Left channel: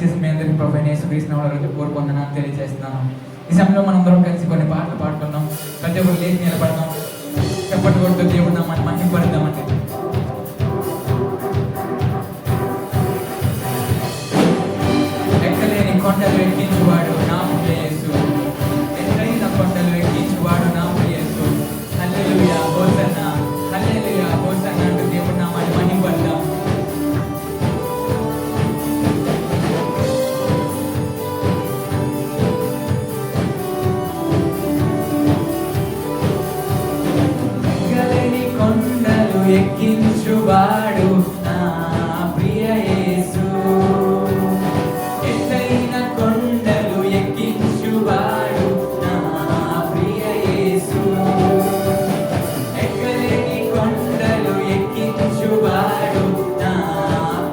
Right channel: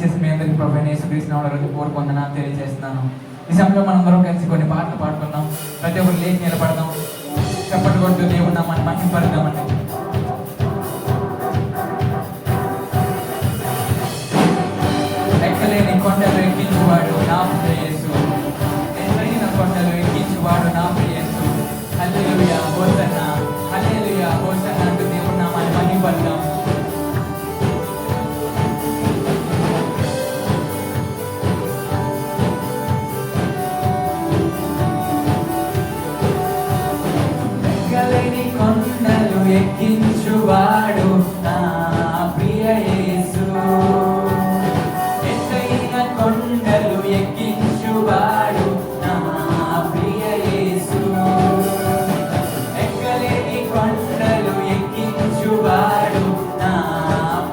ఇచ్చేసి మీ అందరికి ప్రభువైన యేసుక్రీస్తు నామములో కోరుకుంటున్నాను తెలియజేస్తున్నాను. ఈ సమయంలో మనందరం కలిసి కొన్ని పాటలు పాడుకుందాం. ప్రతి ఒక్కరు లేచి నిలబడదాం. చప్పట్లు కొడుతూ దేవుడు నామమును మహిమపడదామండి. ఎక్కలేని కొండలు ఎక్కించువాడు నా ప్రియ యేసు, ఎత్తైన కొండలు ఎక్కించువాడు నా ప్రియ యేసు. హల్లెలూయా హోసన్నా, హల్లెలూయా హోసన్నా అంటూ దేవుడు నామమును మహిమపడదాం. ఎక్కలేని కొండలు ఎక్కించువాడు నా ప్రియ యేసు, ఎత్తైన కొండలు ఎక్కించువాడు నా ప్రియ యేసు. ఎక్కలేని కొండలు ఎక్కించువాడు నా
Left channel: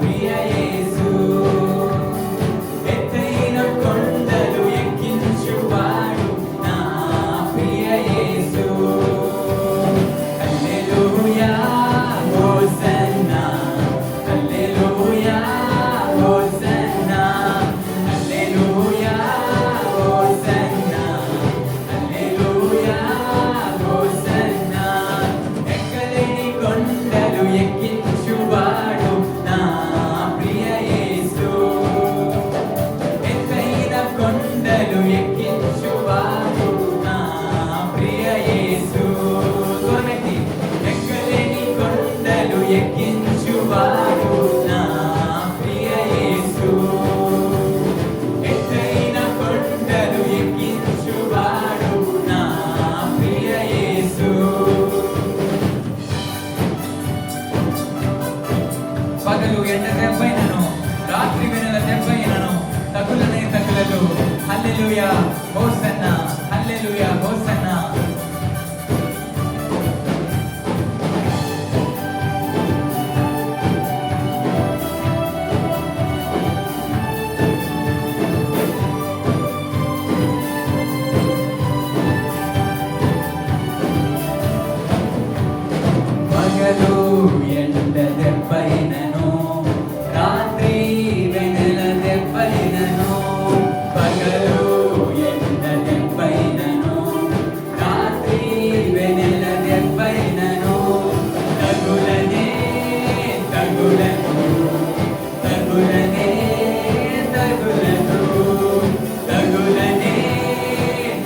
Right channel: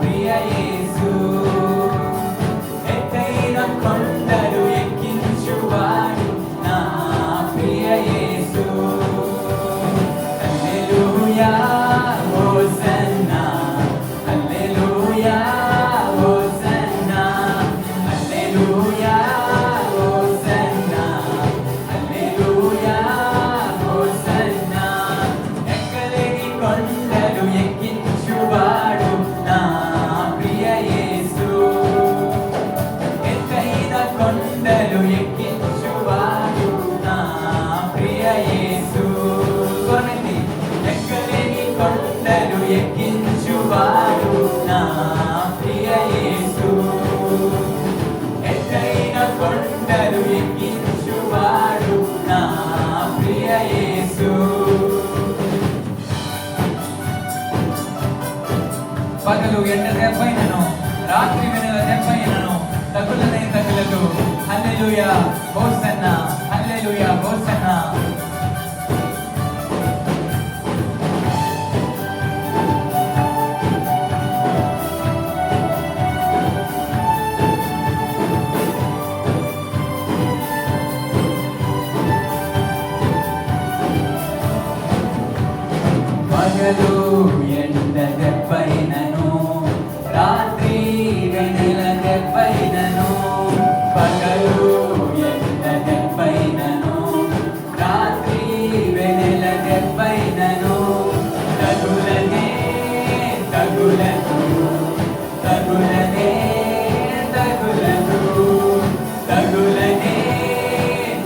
ప్రియ యేసు, ఎత్తైన కొండలు ఎక్కించువాడు నా ప్రియ యేసు. హల్లెలూయా హోసన్నా, హల్లెలూయా హోసన్నా, హల్లెలూయా హోసన్నా, హల్లెలూయా హోసన్నా. ఎక్కలేని కొండలు ఎక్కించువాడు నా ప్రియ యేసు, ఎత్తైన కొండలు ఎక్కించువాడు నా ప్రియ యేసు. ఎక్కలేని కొండలు ఎక్కించువాడు నా ప్రియ యేసు, ఎత్తైన కొండలు ఎక్కించువాడు నా ప్రియ యేసు. పగలు ఎండ దెబ్బైనను, రాత్రి వెన్నెల దెబ్బైనను తగులనే తగులదు. హల్లెలూయా హోసన్నా, హల్లెలూయా హోసన్నా. పగలు ఎండ దెబ్బైనను, రాత్రి వెన్నెల దెబ్బైనను. పగలు ఎండ దెబ్బైనను, రాత్రి వెన్నెల దెబ్బైనను తగులనే తగులను, తగులనే తగులను, తగులనే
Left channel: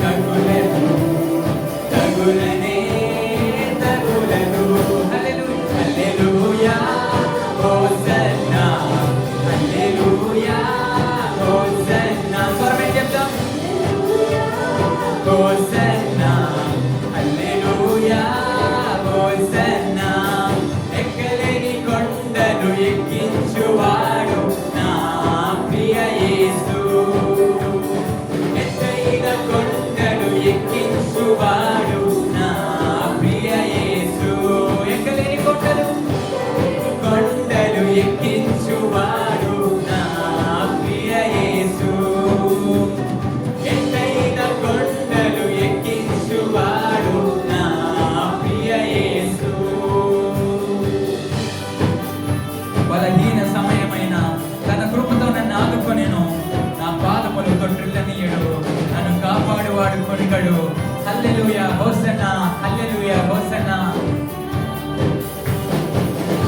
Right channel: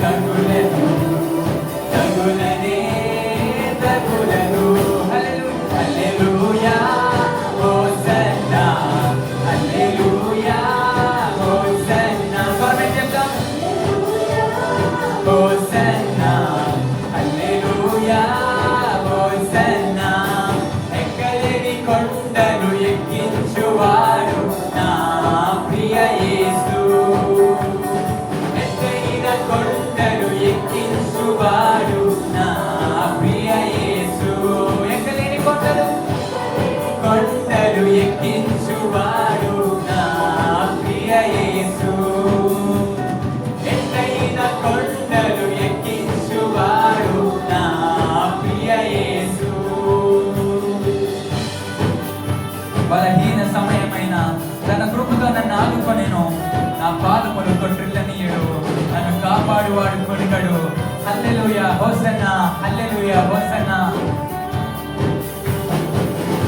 తగులను, తగులనే తగులను. హల్లెలూయా హోసన్నా, హల్లెలూయా హోసన్నా. స్వరమేం చెప్తాం? హోసన్నా, హల్లెలూయా హోసన్నా. ఎక్కలేని కొండలు ఎక్కించువాడు నా ప్రియ యేసు, ఎత్తైన కొండలు ఎక్కించువాడు నా ప్రియ యేసు. ఎక్కలేని కొండలు కొండలు ఎక్కించువాడు నా ప్రియ యేసు, ఎత్తైన కొండలు ఎక్కించువాడు నా ప్రియ యేసు. బలహీన సమయమైన తన కృపతో నన్ను ఆదుకొనెను, నా పాదములు తొట్టిల్లనీయుడు, నన్ను కాపాడువాడు కొనిగడు. హల్లెలూయా హోసన్నా, హల్లెలూయా హోసన్నా.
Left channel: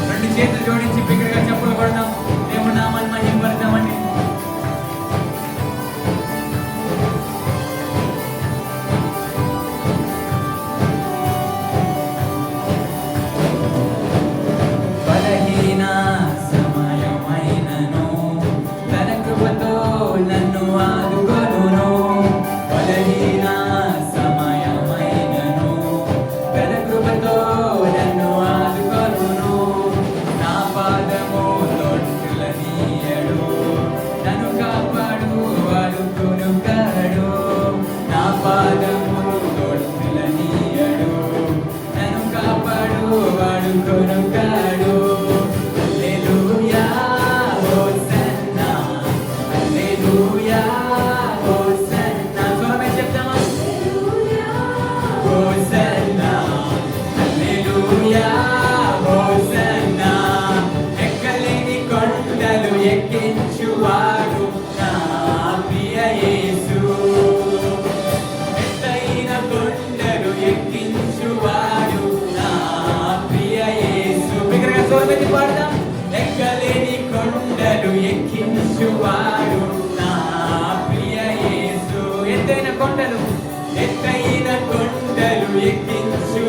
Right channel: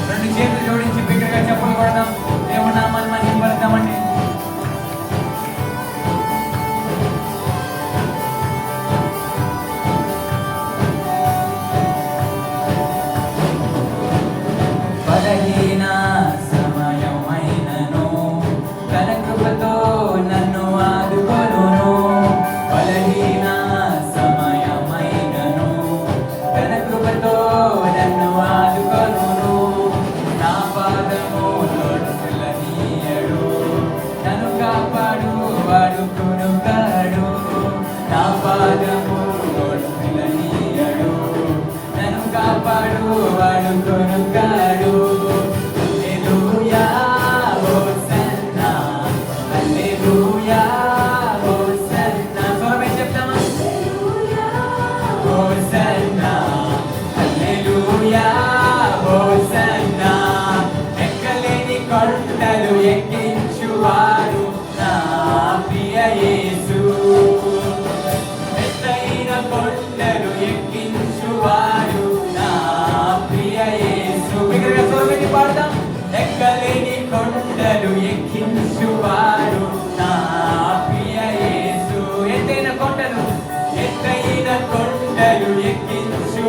రెండు చేతులు జోడించి బిగ్గరగా చెప్పులు కొడదాం. దేవుని నామమును మహిమపడదామండి. బలహీన సమయమైనను తన కృపతో నన్ను ఆదుకొనును. బలహీన సమయమైనను తన కృపతో నన్ను ఆదుకొనును. నా పాదము తొట్టిల్ల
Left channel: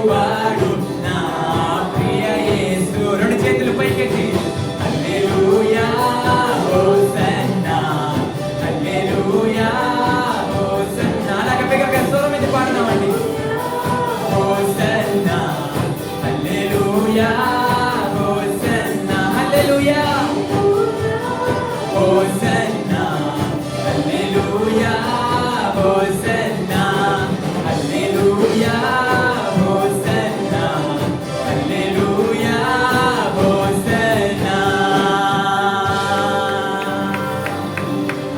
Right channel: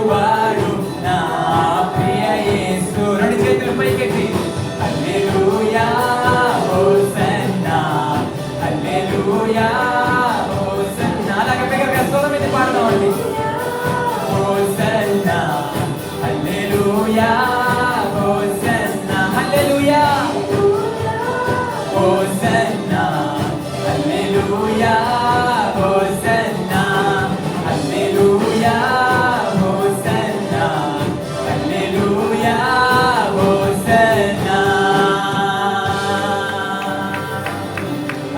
చేయువాడు నా ప్రియ యేసు. రెండు చేతులు పైకెత్తి హల్లెలూయా హోసన్నా హల్లెలూయా హోసన్నా. అలాగే బిగ్గరగా స్వరం మీద పాడదామండి. హోసన్నా హల్లెలూయా హోసన్నా హల్లెలూయా హోసన్నా హల్లెలూయా హోసన్నా హల్లెలూయా హోసన్నా హల్లెలూయా హోసన్నా.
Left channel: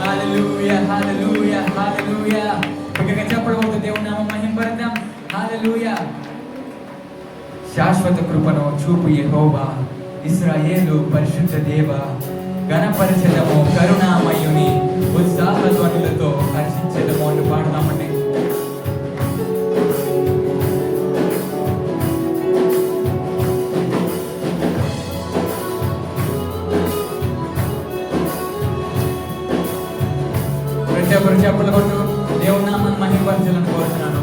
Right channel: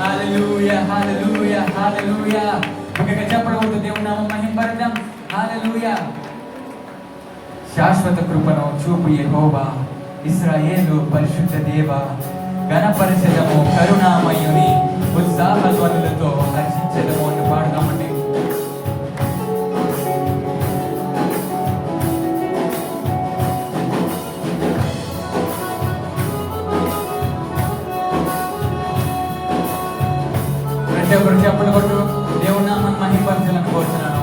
హల్లెలూయా హల్లెలూయా హల్లెలూయా. బిగ్గరగా చెప్పడం అవుతుంది. దేవుని నామం మహిమపరచం. హల్లెలూయా. శాశ్వత కృపను చూపు యెహోవా, ఇశ్రాయేలు పరిశుద్ధ దేవ. ఘనపరచెదము కరుణామయుని, ఉత్సాహ ధ్వనులతో హర్షించెదము అని పాడదామండి. ప్రతి ఒక్కరు చెప్పలు కొట్టు. దేవుని నామాన్ని మహిమపరచాలని కోరుతున్నాను.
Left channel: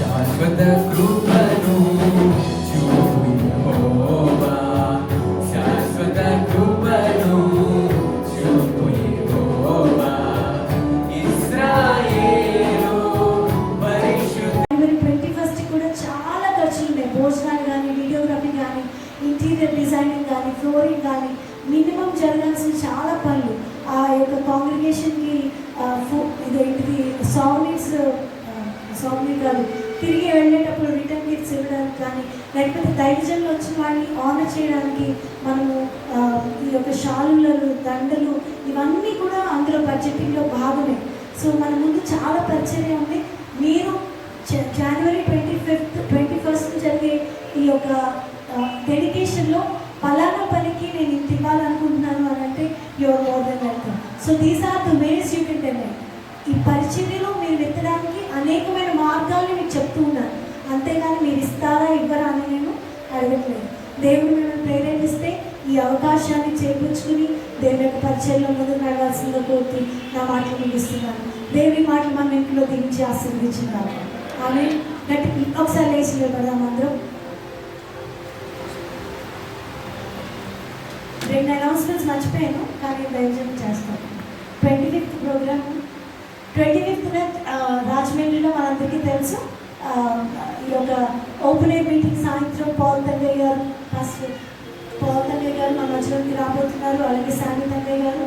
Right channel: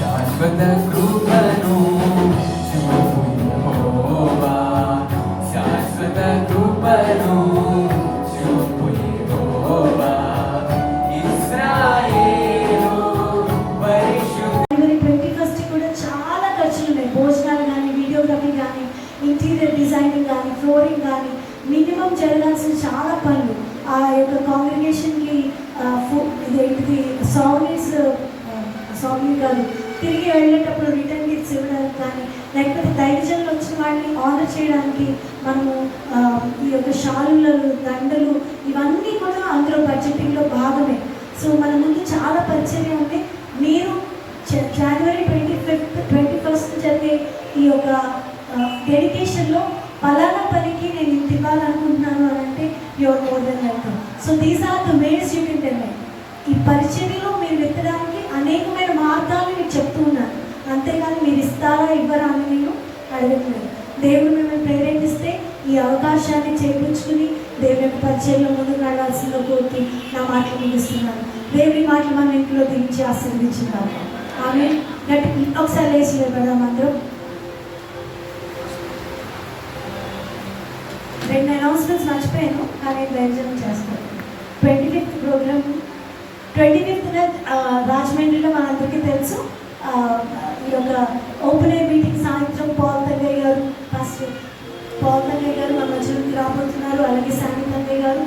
శాశ్వత కృపను చూపు యెహోవా, శాశ్వత కృపను చూపు యెహోవా, ఇశ్రాయేలు పరిశుద్ధ. జనవరి 21 కూడా చాలా ఖర్చులు ఉన్నాయి. భోజనాలు కానీ, వీడియోగ్రఫీ కానీ, ఇంటీరియర్ డిజైనింగ్ కానీ, ఫ్లోరింగ్ కానీ, మినిమం జరగాల్సిన చాలా పనులు. ఆ యొక్క కాంగ్రిగేషన్కి ఇదేంటిది సాంగ్లీ కాదు, తిరిగి వెళ్ళేటప్పుడు రిటర్న్ గిఫ్ట్స్ ఇవ్వడానికి కానీ, లేకపోతే దైవజనులు వచ్చిన వాడిని ఆనర్ చేయడానికి మనము ఈ యొక్క షాలులు, దండలు, ఇవన్నీ కూడా అందులో బడ్జెటింగ్లో భాగమే. సో మన ముందు చాలా పరిచయం ఉంది. మీరు జనవరి 21 జరిగే ఈ యొక్క డెడికేషన్లో పలానా పనికి నేను ఇంత ఇవ్వాలనుకుంటున్నాను అని అంటే you're more than welcome. So these are the ways you can tell. ఈ పరిచర్యలో మీరు ఎత్తడానికి అనేకమైన మార్గాలు మీకు చెప్తూ ఉన్నాను. అంతేగాని మీరు ఇస్తారా ఇవ్వరా అని నేను అడగట్లేదు. దేవుడు మిమ్మల్ని ప్రేరేపిస్తే ఈ అవకాశాన్ని చేయించుకుని దేవుని యొక్క పరిచయంలో ముందుకు నడవాల్సిందో కోరుతూ నా మాటలు ముగిస్తున్నాను. దేవుని మాటలు మనం ఇంట్లో దించి ఆశీర్వదించున్నాను. ఆమె గట్టి ఒకసారి లేచి నిలబడదాం అందరం. 2 అనౌన్స్మెంట్స్ మర్చిపోయాను, కానీ దయచేసి చేస్తాను. 25th ప్రోగ్రామ్ 25th రాజమండ్రిలో మనందరికీ తెలుసు. ఈ యొక్క ఓపెన్ ఎయిర్ మీటింగ్ సాయంత్రం పాల్ తంగయ్య గారు, పాస్టర్ పాల్ తంగయ్య గారు మన మధ్యలోకి రాబోతున్నారు. అలాగే శాంతి తంగయ్య గారు.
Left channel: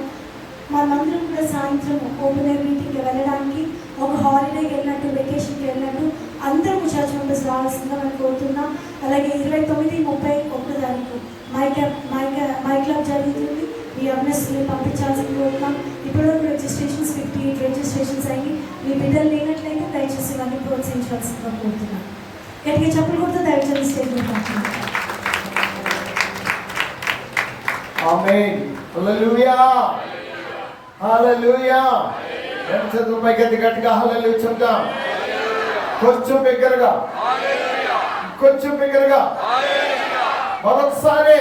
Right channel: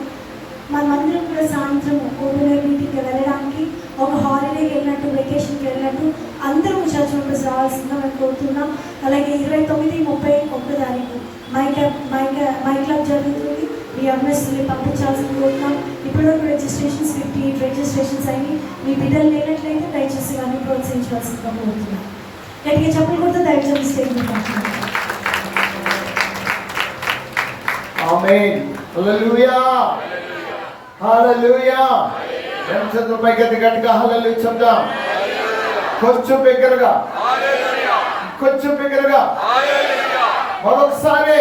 మనమందరం కూడా సాయంత్రం ఓపెన్ ఎయిర్ మీటింగ్కి వెళ్ళడానికి ఒక హాలిడేకి వెళ్ళినట్టు, వెకేషన్కి వెళ్ళినట్టు అందరూ చర్చ్ మెంబర్స్ రావాల్సిందిగా మనం కోరుతున్నాం. అలాగే 29, 30, 1 తారీఖు మై క్లబ్ జరుగుతుంది. మీ అవేర్నెస్ని పంపించాల్సింది కోరుతున్నాం. ఇప్పటివరకు రిజిస్ట్రేషన్స్ 58 రిజిస్ట్రేషన్స్ అయ్యి మీ బిడ్డలు లేనట్లయితే దయచేసి ఇవన్నీ ప్రోత్సహించాల్సిందిగా కోరుతున్నాం. గట్టిగా చెప్పులు కూడా దయచేసి స్టేట్మెంట్ పంపించాలి. ఆమేన్. హల్లెలూయా హల్లెలూయా. ఎంతసేపు పైకి గట్టిగా హల్లెలూయా చెప్తాం. కొంచెం బిగ్గరగా, కొంచెం బిగ్గరగా, మరొకసారి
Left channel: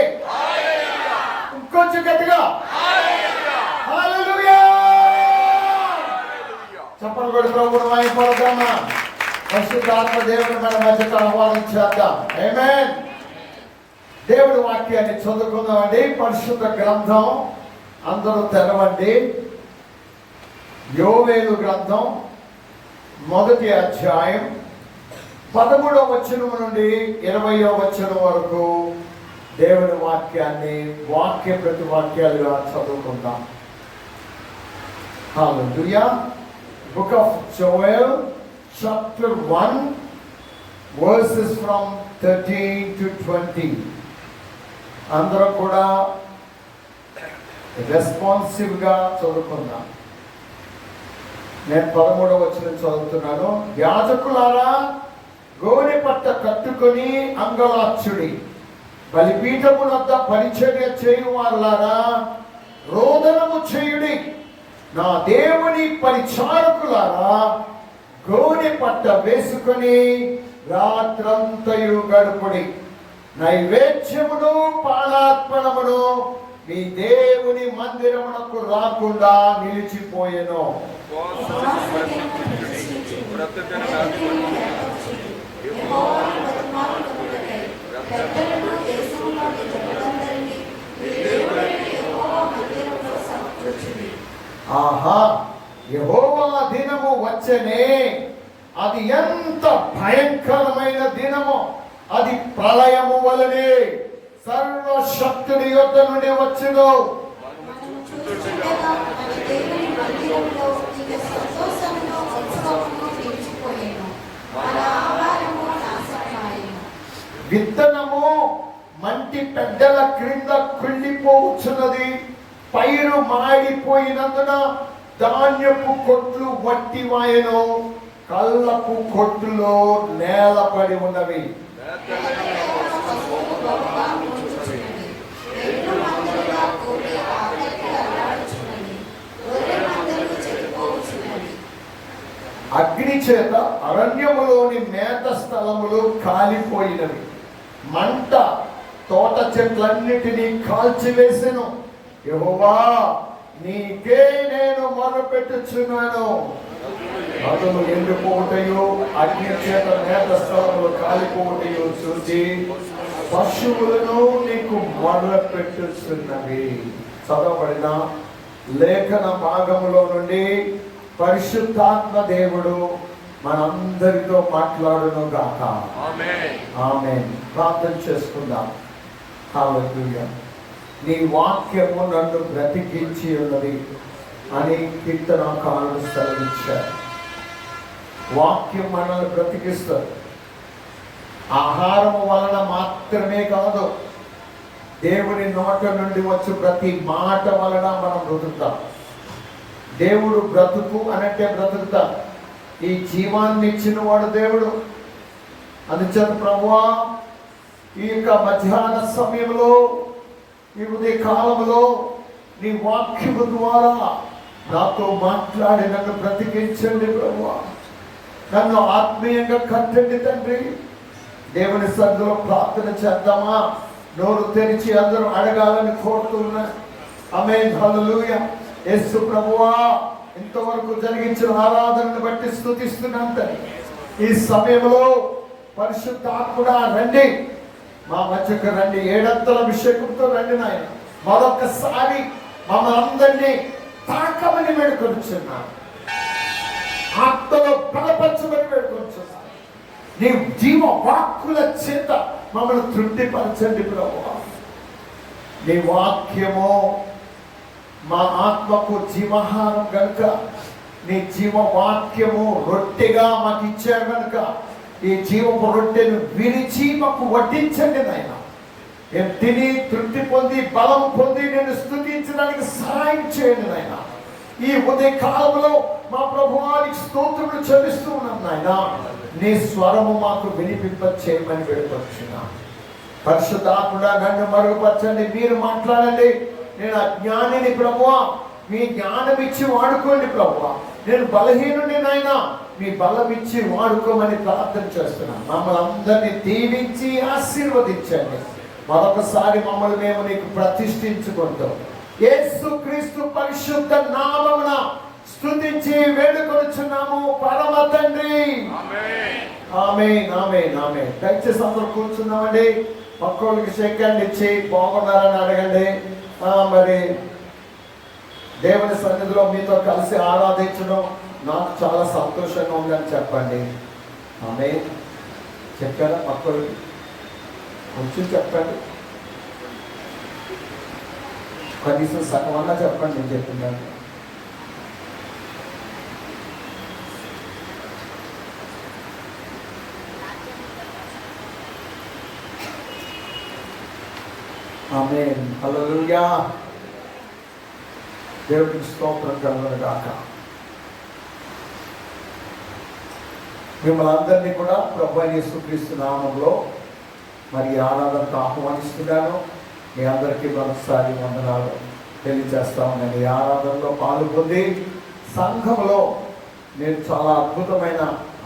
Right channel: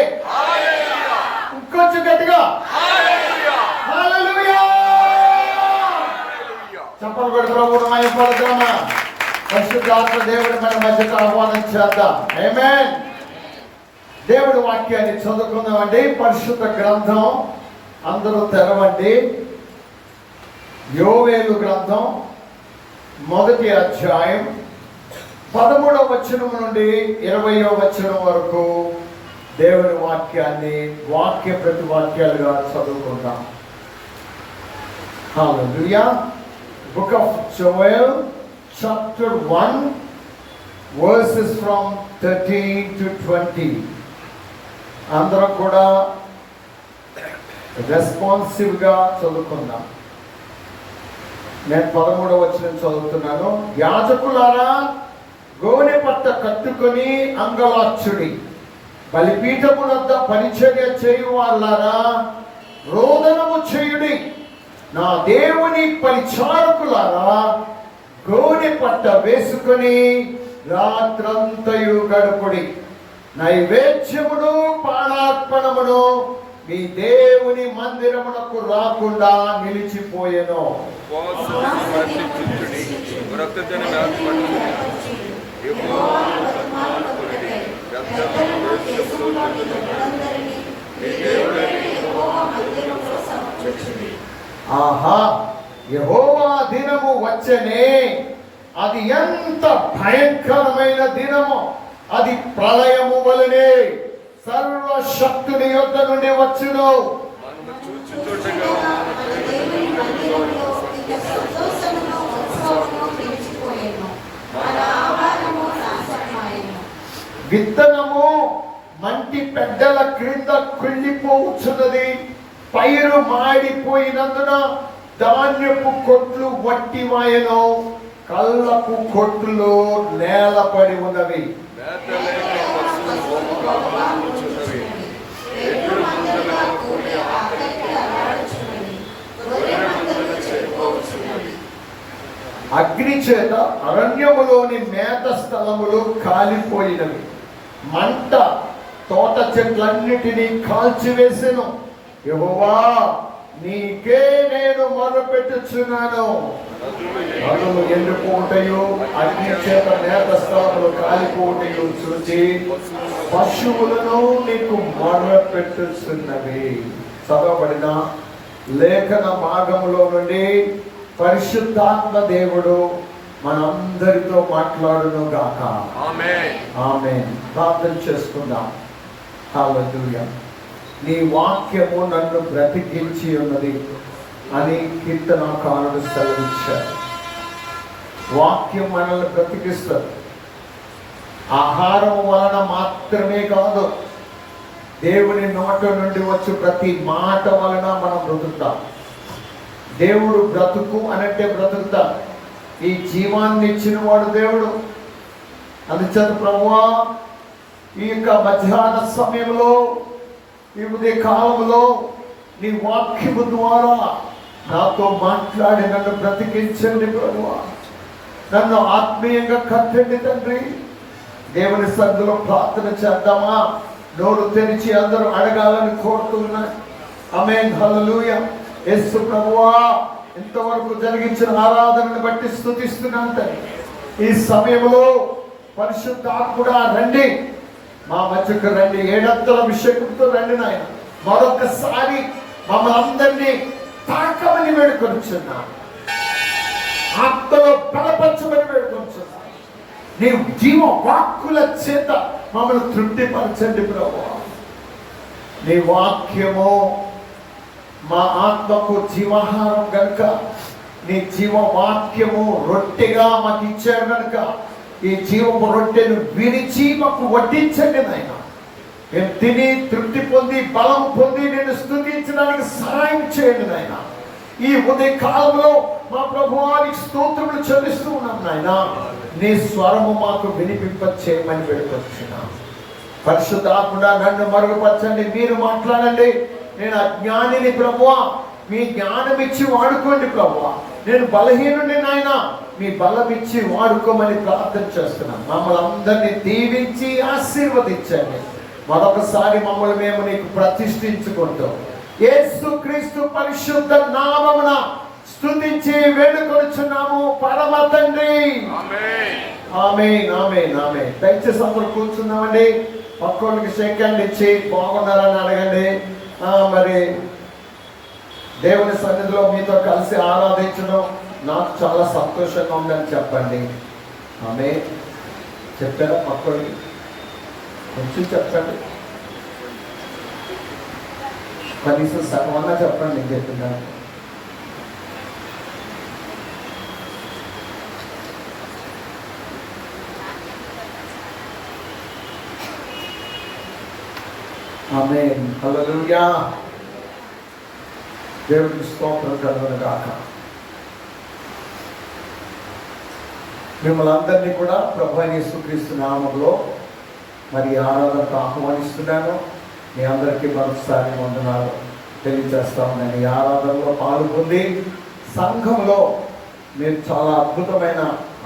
కొంచెం గట్టిగా హల్లెలూయా. చెప్పలు కూడా ప్రభువుని మహిమపడదామా. పరిశుద్ధాత్మ దేవుడు మన మధ్యకు ఆహ్వానం చేద్దాం. ఆమేన్. దేవుడి వాక్యాన్ని చదువుకుందామండి. పరిశుద్ధ గ్రంథం అందరూ తెరవండి. యోవేలు గ్రంథం 1వ అధ్యాయం 13వ వచనం నుండి 20వ వచనం వరకు దేవుని వాక్యాన్ని వాక్య ప్రతి వాక్యాలుగా చదువుకుందాం. హల్లెలూయా. Book of Joel chapter 1 verses from 13 to 20. అందరూ కూడా రెస్పాన్సివ్గా చదువుకుందాం. నేను 13వ వచనం చదువుతున్నాను. యాజకులారా, గోనె పట్ట కట్టుకొని అంగలార్చుడి. బలిపీఠము వద్ద పరిచర్య చేయువారులారా, రోదనము చేయుడి. నా దేవుని పరిచారకులారా, గోనె పట్ట వేసుకొని రాత్రంతయు గడుపుడి. నైవేద్యమును పానార్పణమును మీ దేవుని మందిరమునకు రాకుండా నిలిచిపోయెను. ఆహా, యెహోవా దినము వచ్చెనే, అది ఎంత భయంకరమైన దినము! అది ప్రళయము వలనే సర్వశక్తుని యొద్ద నుండి వచ్చును. విత్తనము మంటి పెద్దల క్రింద కుళ్ళిపోవచ్చున్నది. పైరు మాడిపోయినందున ధాన్యపు కొట్లు వట్టివాయను, కళ్ళపు కొట్లు నేలపడి ఉన్నవి. అగ్ని చేత అరణ్యములోని మేత స్థలములు కాలిపోయినవి. మంట తోట చెట్లన్నిటినీ కాల్చివేసెను. యెహోవా, నీకే నేను మొరపెట్టుచున్నాను. నదులు ఎండిపోవుటయు అగ్ని చేత మేత స్థలములు కాలిపోవుటయు చూసి పశువులను నీకు మొరపెట్టుచున్నవి. చదవబడిన లేఖన భాగములో నుండి పరిశుద్ధాత్మ దేవుడు మనందరితో మాట్లాడును గాక. ఆమేన్. ప్రార్థన చేసుకుందాం. హల్లెలూయా. నీ వాక్యము నన్ను బ్రతికించి ఉన్నది అని కీర్తనకారుడు సెలవిచ్చారు. వాక్యం మనల్ని బ్రతికిస్తుంది. ఆహారం వలన మాత్రమే కాదు, దేవుని నోట నుండి వచ్చి ప్రతి మాట వలన మనం బ్రతుకుతాం. దేవుడు బ్రతుకు అనంటే బ్రతుకుతాం. ఈ జీవాన్ని ఇచ్చిన వాడు దేవుడు. అందుచేత ప్రభువా, ఈ యొక్క మధ్యాహ్న సమయంలో, ఈ ఉదయ కాలంలో నీ వాక్యము ద్వారా నాతో మాట్లాడి నన్ను బ్రతికించండి ప్రభువా. నన్ను ఆత్మీయంగా కట్టండి తండ్రి. దేవుని సన్నిధిలో ప్రార్థన చేద్దామా? నోరు తెరిచి అందరూ అడగాలని కోరుతున్నారు. ఆమేన్. హల్లెలూయా. యేసు ప్రభువా, ఇంతవరకు జరిగించిన ఆరాధనను బట్టి స్తుతిస్తున్నాను తండ్రి. ఈ సమయంలో పరిశుద్ధాత్ముడా రండి, మా మధ్యకు రండి. ఏడంతల అభిషేకంతో రండి నాయన. మరొకసారి మమ్మల్ని అందరినీ తాకమని వేడుకొనిచున్నాను. ఆత్మలో బలపరచమని వేడుకొనిచున్నాను. నీ జీవ వాక్కుల చేత మమ్మల్ని తృప్తిపరచండి ప్రభువా. నీ వాక్యము మా ఆత్మకు జీవాహారం గనుక, నీ జీవ వాక్యము రొట్టెగా మాకు ఇచ్చారు కనుక ఈ జీవపు రొట్టెను విరిచి మాకు వడ్డించండి నాయన. మేము తిని తృప్తి పొంది బలం పొంది నేను స్తుతించడానికి సహాయం చేయండి నాయన. ఈ ఉదయ కాలంలో మా ప్రభువానికి స్తోత్రములు చెల్లిస్తూ ఉన్నాం నాయన. నీ స్వరము మాకు వినిపింప చేయమని వేడుకొచ్చున్నాం. పరిశుద్ధాత్ముడా నన్ను మరుగుపరచండి, మీరు మాట్లాడండి. నేను అజ్ఞానిని ప్రభువా, మీ జ్ఞానం ఇచ్చి వాడుకోండి ప్రభువా. నేను బలహీనుడి నాయన, మీ బలం ఇచ్చి వాడుకోమని ప్రార్థన చేస్తున్నాను. మమ్మల్ని అందరినీ దీవించి ఆశీర్వదించండి. మరొకసారి మమ్మల్ని మేము నీకు ప్రతిష్ఠించుకుంటాం. యేసుక్రీస్తు పరిశుద్ధ నామమున స్తుతించి వేడుకొనుచున్నాము పరమ తండ్రి. ఆమేన్. ఆమేన్. ఆమేన్. దయచేసి అందరూ కూర్చున్నామండి. పక్కోళ్ళకి షేక్ హ్యాండ్ ఇచ్చి బాగున్నారని అడగండి. మరి దేవుని సన్నిధిలో మీతో కలిసి ఆరాధించడం నాకు చాలా సంతోషంగా ఉందని చెప్పండి. ఆమేన్. చెప్పారా? పక్కోళ్ళకి కొంచెం చెప్పండి, కనీసం సగమన్నా చెప్పండి. నేను చెప్తున్నాను. ఆమేన్. హల్లెలూయా. దేవునికి స్తోత్రం కలుగును గాక. మిమ్మల్ని అందరినీ కూడా ప్రభువైన యేసుక్రీస్తు నామములో మరి ఆరాధనకు ఆహ్వానిస్తున్నాను. మీ అందరికీ మరొకసారి వందనాలు తెలియజేస్తా ఉన్నాను. ఈ ఆరాధనలో పాల్గొంది సంఘంలో మీరు చాలా అద్భుతమైన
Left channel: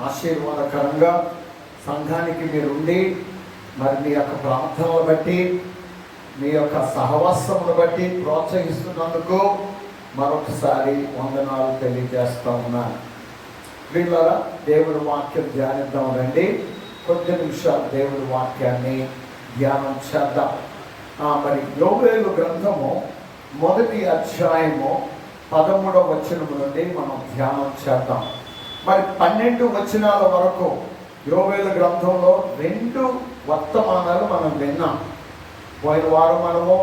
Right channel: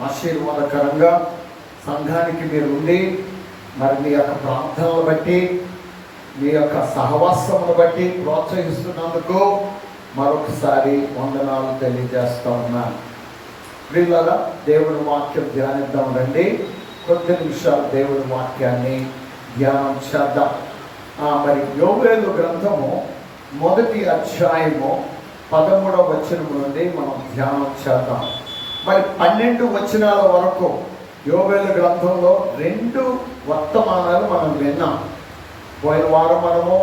ఆశీర్వాదకరంగా సంఘానికి మీరు ఉండి మరి మీ యొక్క ప్రార్థనలు బట్టి, మీ యొక్క సహవాసమును బట్టి ప్రోత్సహిస్తున్నందుకు మరొకసారి వందనాలు తెలియజేస్తా ఉన్నాను. వీళ్ళరా దేవుని వాక్యం ధ్యానిద్దాం రండి. కొద్ది నిమిషాలు దేవుని వాక్యాన్ని ధ్యానం చేద్దాం. మరి యోవేలు గ్రంథము 1వ అధ్యాయము 13వ వచనం నుండి మనం ధ్యానం చేద్దాం. మరి 12 వచనాల వరకు యోవేలు గ్రంథంలో 2 వర్తమానాలు మనం విన్నాం. పోయిన వారం మనము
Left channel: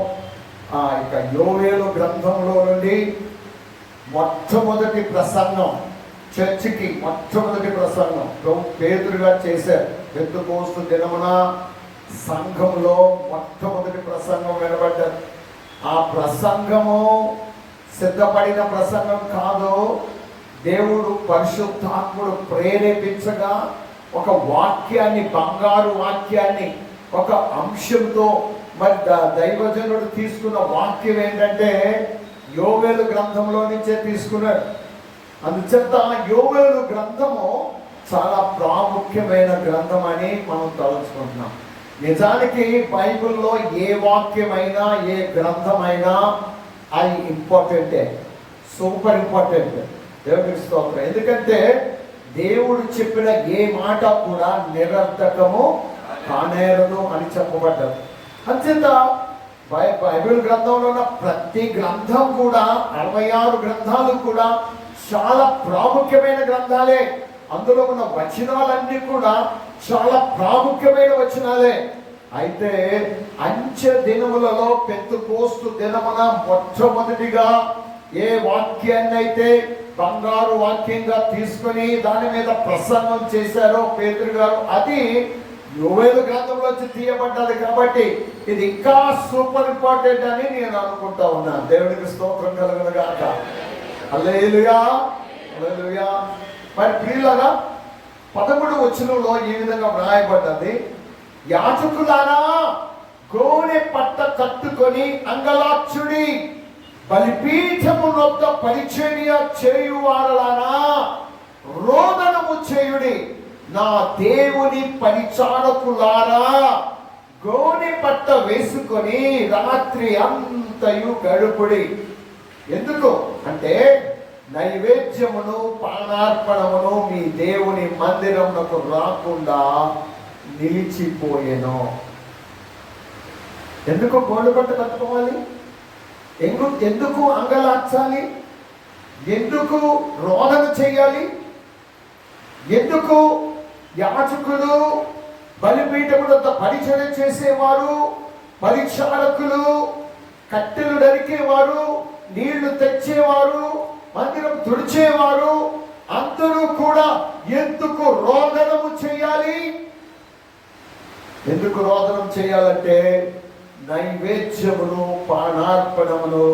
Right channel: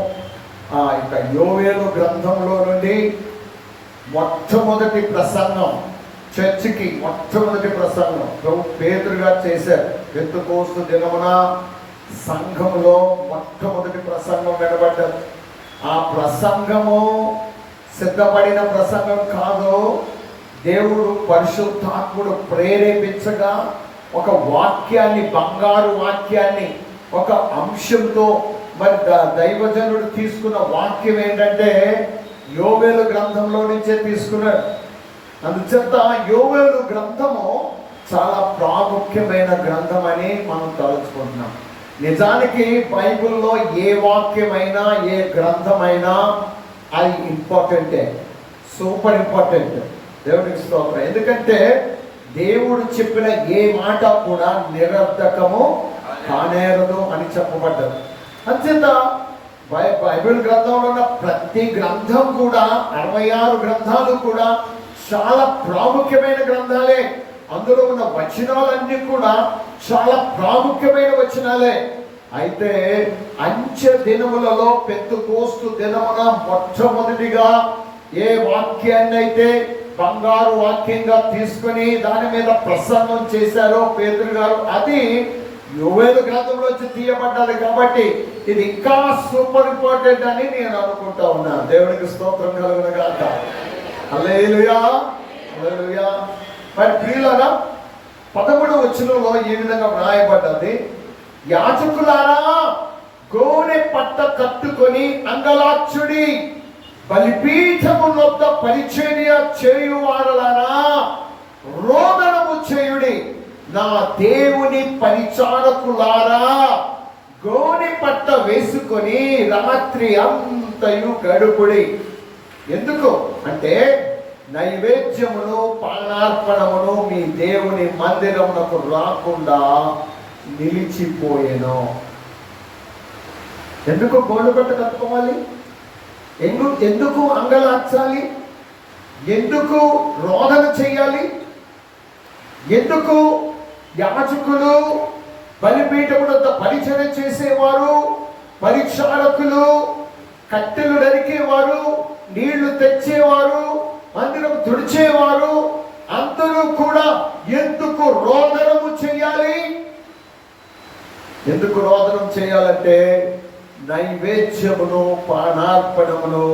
ఇక యోవేలు గ్రంథంలో నుండి మొట్టమొదటి ప్రసంగం, చర్చికి మొట్టమొదటి ప్రసంగం పేతురు గారు చేశారు. పెంతెకోస్తు దినమున సంఘంలో మొట్టమొదటి ప్రసంగం వినబడ్డది. ఆ ప్రసంగము సిద్ధపడిన ప్రసంగం కాదు, దేవుడు పరిశుద్ధాత్ముడు ప్రేరేపించగా ఒక వాక్యాన్ని, బంగారు వాక్యాన్ని, ఒక అంశంతో మరి దైవజనుడు తీసుకున్న వాక్యం ఏంటంటే యోవేలు గ్రంథంలో నుంచే తీసుకున్నాడు. అందుచేత యోవేలు గ్రంథము చాలా ప్రాముఖ్యమైన గ్రంథం అని మనం తలుచుకుంటున్నాం. నిజానికి బైబిల్లో ఏ వాక్యమైనా, ఏ గ్రంథమైనా అది ఇంపార్టెంటే, సూపర్ ఇంపార్టెంట్. దేవుడికి స్తోత్రం. ఎందుకంటే దేవుడు చెప్పిన ఏ మాట కూడా నిరర్ధకము కానేరదు అని చెప్పబడ్డది. అంచేత బైబిల్ గ్రంథంలో ఉన్న ప్రతి గ్రంథం కూడా, 66 గ్రంథాలు కూడా చాలా ప్రాముఖ్యమైన గ్రంథాలే. అందులో ఉన్న వచనాలన్నీ కూడా చాలా ప్రాముఖ్యమైన వచనాలే. అయితే అంచె దినములలో పెంతెకోస్తు దినమున మొట్టమొదటిగా ఏ వాక్యాన్ని అయితే బంగారు వాక్యంగా తీసుకొని దాని మీద ప్రసంగం చేశారో పేతురు గారు, అది యోవేలు గ్రంథంలో వచ్చి తీయబడ్డది. కాబట్టి ఇది ఇంకా సూపర్ ఇంపార్టెంట్ అని నేను అనుకుంటా ఉన్నా. దేవుడికి స్తోత్రం కలుగును గాక. హల్లెలూయా, హల్లెలూయా. మరి ప్రియులారా, 11వ వచనంలో ఈ విధంగా వ్రాయబడ్డది, యాజకులారా గోనె పట్ట కట్టుకొని అంగలార్చుడి, బలిపీఠము వద్ద పరిచర్య చేయువారలారా రోదనము చేయుడి, నా దేవుని పరిచారకులారా గోనె పట్ట వేసుకొని రాత్రి అంతయు గడుపుడి. ఎందుకు అంటే నైవేద్యమును పానార్పణమును మీ దేవుని మందిరమునకు రాకుండా నిలిచిపోయెను. ఎందుకు గోనె పట్ట కట్టుకోవాలి? ఎందుకు అంగలార్చాలి? ఎందుకు రోదన చేయాలి? ఎందుకు యాజకులు, బలిపీఠము వద్ద పరిచర్య చేసేవారు, పరిచారకులు, కట్టెలు నరికేవారు, నీళ్లు తెచ్చేవారు, మందిరం తుడిచేవారు అందరూ కూడా ఎందుకు రోదనము చేయాలి? ఎందుకు రోదనం చేయాలంటే నైవేద్యమును పానార్పణమును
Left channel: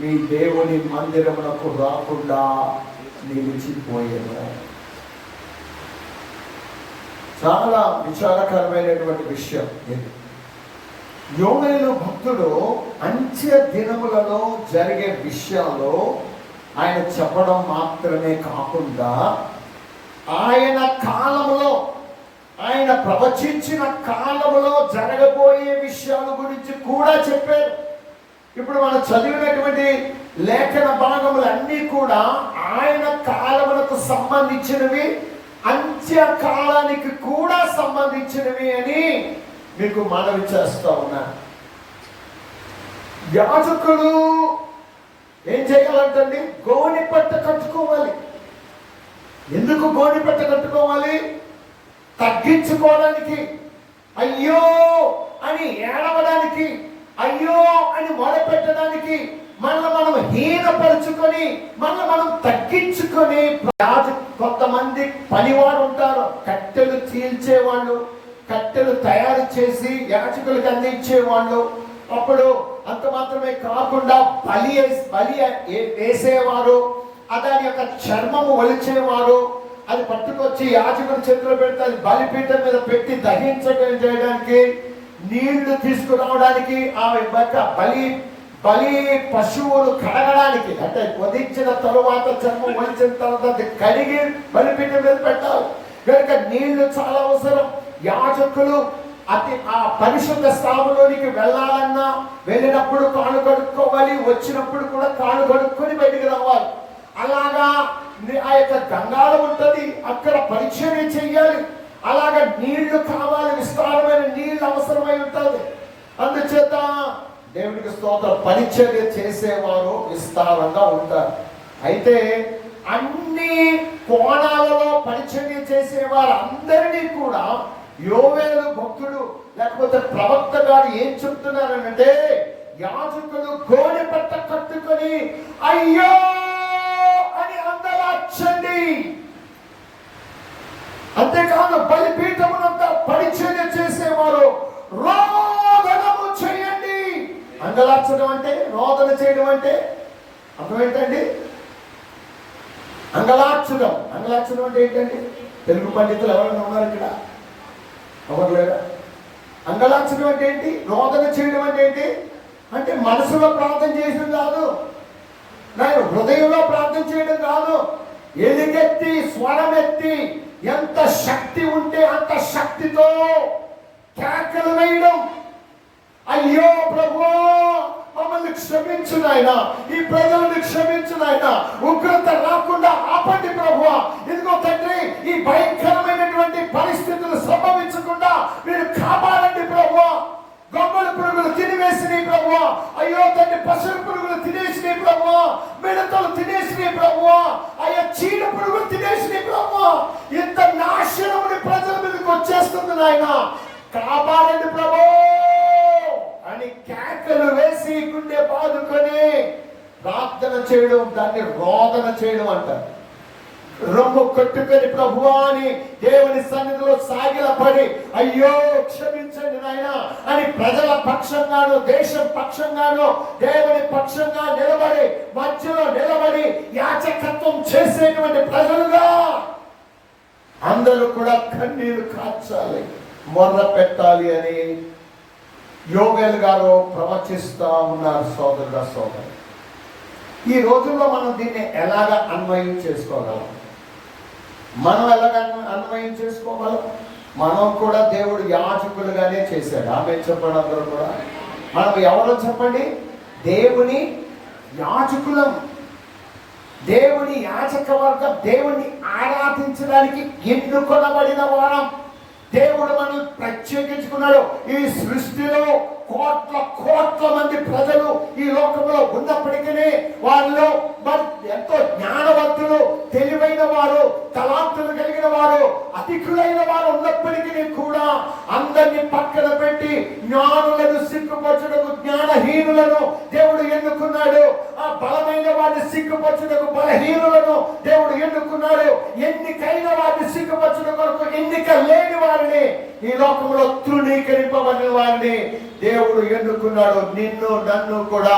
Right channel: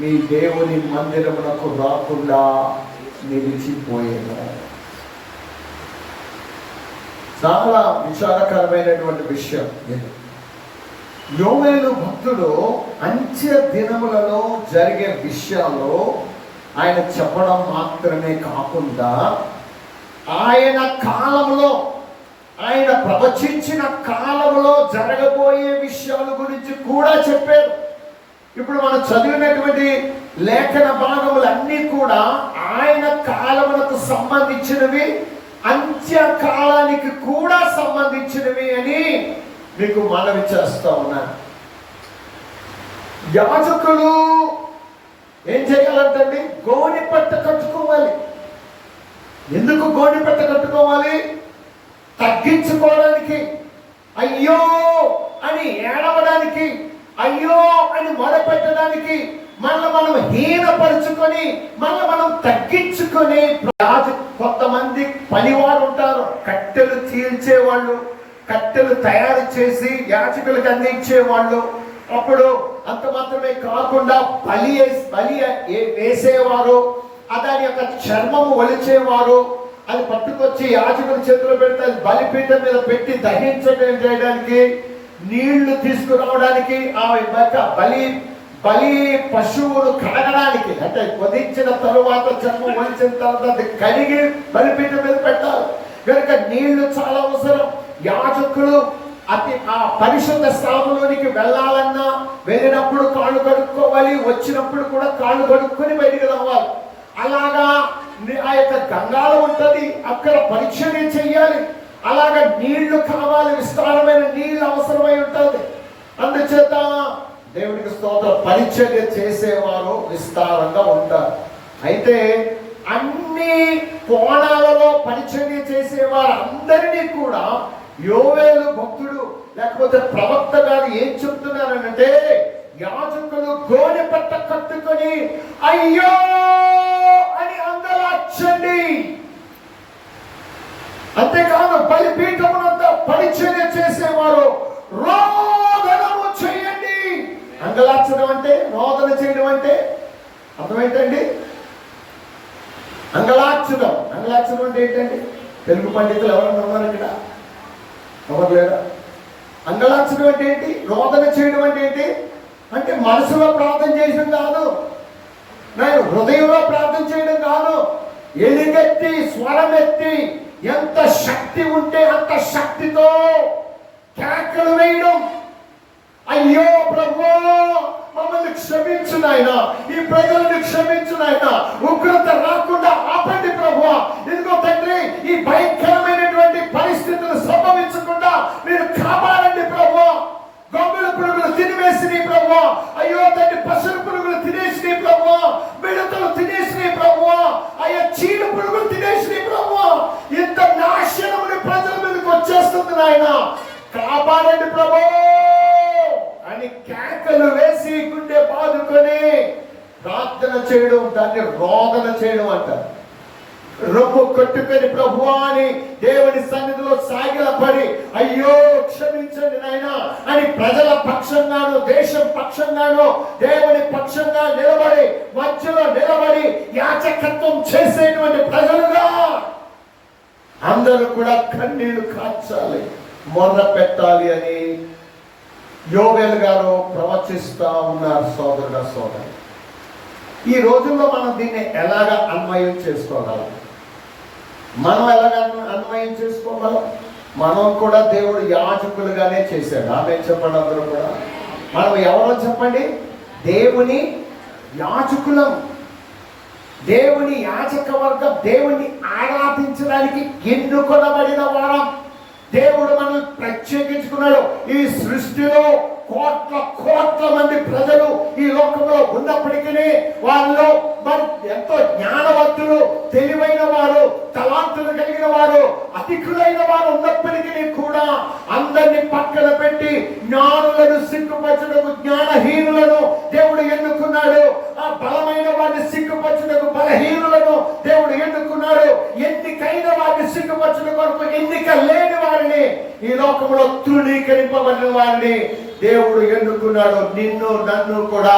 మీ దేవుని మందిరమునకు రాకుండా నిలిచిపోయేను. చాలా విచారకరమైనటువంటి విషయం ఇది. యోవేలు భక్తుడు అంత్య దినములలో జరిగే విషయాల్లో ఆయన చెప్పడం మాత్రమే కాకుండా ఆయన కాలంలో, ఆయన ప్రవచించిన కాలంలో జరగబోయే విషయాల గురించి కూడా చెప్పారు. ఇప్పుడు మనం చదివినటువంటి లేఖన భాగములన్నీ కూడా ఆయన కాలములకు సంబంధించినవి, అంత్యకాలానికి కూడా సంబంధించినవి అని మీకు మనవి చేస్తా ఉన్నాను. యాజకులు ఏం చేయాలంటండి? గోనె పట్ట కట్టుకోవాలి. ఎందుకు గోనె పట్ట కట్టుకోవాలి? తగ్గించుకోవడానికి, అయ్యో అని ఏడవడానికి, అయ్యో అని మొదపెట్టడానికి, మనం హీనపరుచుకొని మనం తగ్గించుకొని. కొంతమంది పనివారు ఉంటారు, కట్టెలు చీల్చేవాళ్ళు, కట్టెలు తయారు చేసి యాజకులకు అందించేవాళ్ళు. అప్పుడు అంత మాత్రమే కాకుండా బలి వేసేవారు, దాని యొక్క చర్మము వలిచేవారు, అది పట్టుకొచ్చి యాజకుల చేతిలో పెడితే అది బలిపీఠం మీద పెట్టి దహించడం చేయడానికి, నీళ్లు తీసుకురావడానికి, ఆ బలి పశువును కడగడానికి, అంటే వధించిన తరువాత చర్మం వలిచిన తర్వాత అది కడిగి బలిపీఠం మీద పెట్టాలి. కనుక నీళ్లు చాలా అవసరం. యాజకులు ఆ పరిశుద్ధ స్థానంలోనికి వెళ్ళాలన్నా వెళ్ళినప్పుడు కాళ్ళు కడుక్కోవాలి, వచ్చినప్పుడు కూడా కాళ్ళు కడుక్కొని బయటికి రావాలి. అలాగా ఆ యొక్క గంగాళం ఉంటుంది, అక్కడ పరిచర్య చెయ్యాలి. అలాగా నీళ్లు కావాలి, విస్తారమైన నీళ్లు అవసరమై ఉంటుంది. అందుచేత దేవునికి స్తోత్రం, పరిచర్య చేసేవారు విస్తారంగా ఉంటారు. అయితే అన్ని కోణాలలో పరిచర్య చేసేవారు అందరినీ కూడా యోవేలు భక్తుడు లేకపోతే ప్రవక్త గారు ఏం చెప్తున్నారంటే, యాజకులు గోనె పట్ట కట్టుకొని అయ్యో అని అందరచ్చండి. అంతేకాదు బలిపీఠమునంతా పరిచర్య చేసేవారు రోదనము చేయండి. అంగలార్చడం అంటే, రోదన చేయడం అంటే అర్థం ఏంటండి? అంగలార్చడం అంటే ఏంటండి? తెలుగు పండితులు ఎవరైనా ఉన్నారు ఇక్కడ? ఎవరు లేరా? అంగలార్చడం అంటే ఏంటి? రోదన చేయడం అంటే ఏంటి? అంటే మనసులో ప్రార్థన చేయడం కాదు, నేను హృదయంలో ప్రార్థన చేయడం కాదు. ఎలుగెత్తి స్వరం ఎత్తి ఎంత శక్తి ఉంటే అంత శక్తితో కేకలు వేయడం. అయ్యో ప్రభువా మమ్మల్ని క్షమించు నాయనా, ఈ ప్రజలను క్షమించు నాయనా, ఉగ్రత రాకుండా ఆపండి ప్రభువా. ఇదిగో తండ్రి, ఈ భయంకరమైనటువంటి పరిస్థితులు సంభవించకుండా మీరు కాపాడండి ప్రభువా. గొంగళ పురుగులు తినివేసినాయి ప్రభువా. అయ్యో తండ్రి, పశువుల పురుగులు తినేసినాయి ప్రభువా. మిడతలు తినేసినాయి ప్రభువా. అయ్యో చీడ పురుగులు తినేసినాయి ప్రభువా. ఇంత నాశనముని ప్రజల మీదకి వచ్చేస్తుంది నాయన, కాపాడండి ప్రభు అని కేకలు వేసి గుండె బాదుకొని ప్రార్థన చేయడం, దాన్ని రోదన చేయడం అంటారు. రొమ్ము కొట్టుకొని ప్రభువా అని దేవుని సన్నిధిలో సాగిలపడి అయ్యో క్షమించండి నాయనా అని ప్రజల పక్షంగాను దేశం పక్షంగాను దేవుని పక్షంగా నిలబడి మధ్యలో నిలబడి యాచకత్వం చేసేటువంటి ప్రజలుగా అందరూ కూడా కన్నీళ్లు కార్చాలి, మొర్ర పెట్టాలి అని యోవేలు గారు ప్రవచిస్తా ఉన్నారు. సోదరి, ఈ రోజుల్లో మనం దీన్ని ఎలాగా అన్వయం చేసుకోగలం? మనం ఎలాగ అన్వయం చేసుకోగలం? మనం కూడా దేవుడు యాజకులుగానే చేశాడు. ఆమె చెప్పండి, అందరూ కూడా మనం ఎవరో చెప్పండి? దేవుని యాజకులం. దేవుని యాజక వర్గం, దేవుని ఆరాధించడానికి ఎన్నుకొనబడిన వారం. దేవుడు మనల్ని ప్రత్యేకించుకున్నాడు. ఈ సృష్టిలో కోట్ల మంది ప్రజలు ఈ లోకంలో ఉన్నప్పటికీ వాళ్ళు మరి ఎంతో జ్ఞానవంతులు, తెలివైన వారు, తలాంతులు కలిగిన వారు, అధికులైన వారు ఉన్నప్పటికీ కూడా అందరినీ పక్కన పెట్టి జ్ఞానులను సిగ్గుపరచుటకు జ్ఞానహీనులను దేవుడు ఎన్నుకున్నాడు. ఆ బలమైన వారిని సిగ్గుపరచుటకు బలహీనులను దేవుడు ఎన్నుకున్నాడు. ఎన్నికైన వారిని సిగ్గుపరచుట కొరకు ఎన్నిక లేని వారిని, ఈ లోకంలో తృణీకరింపబడిన వారిని దేవుడు ఎన్నుకున్నాడు. నిన్ను నన్ను కూడా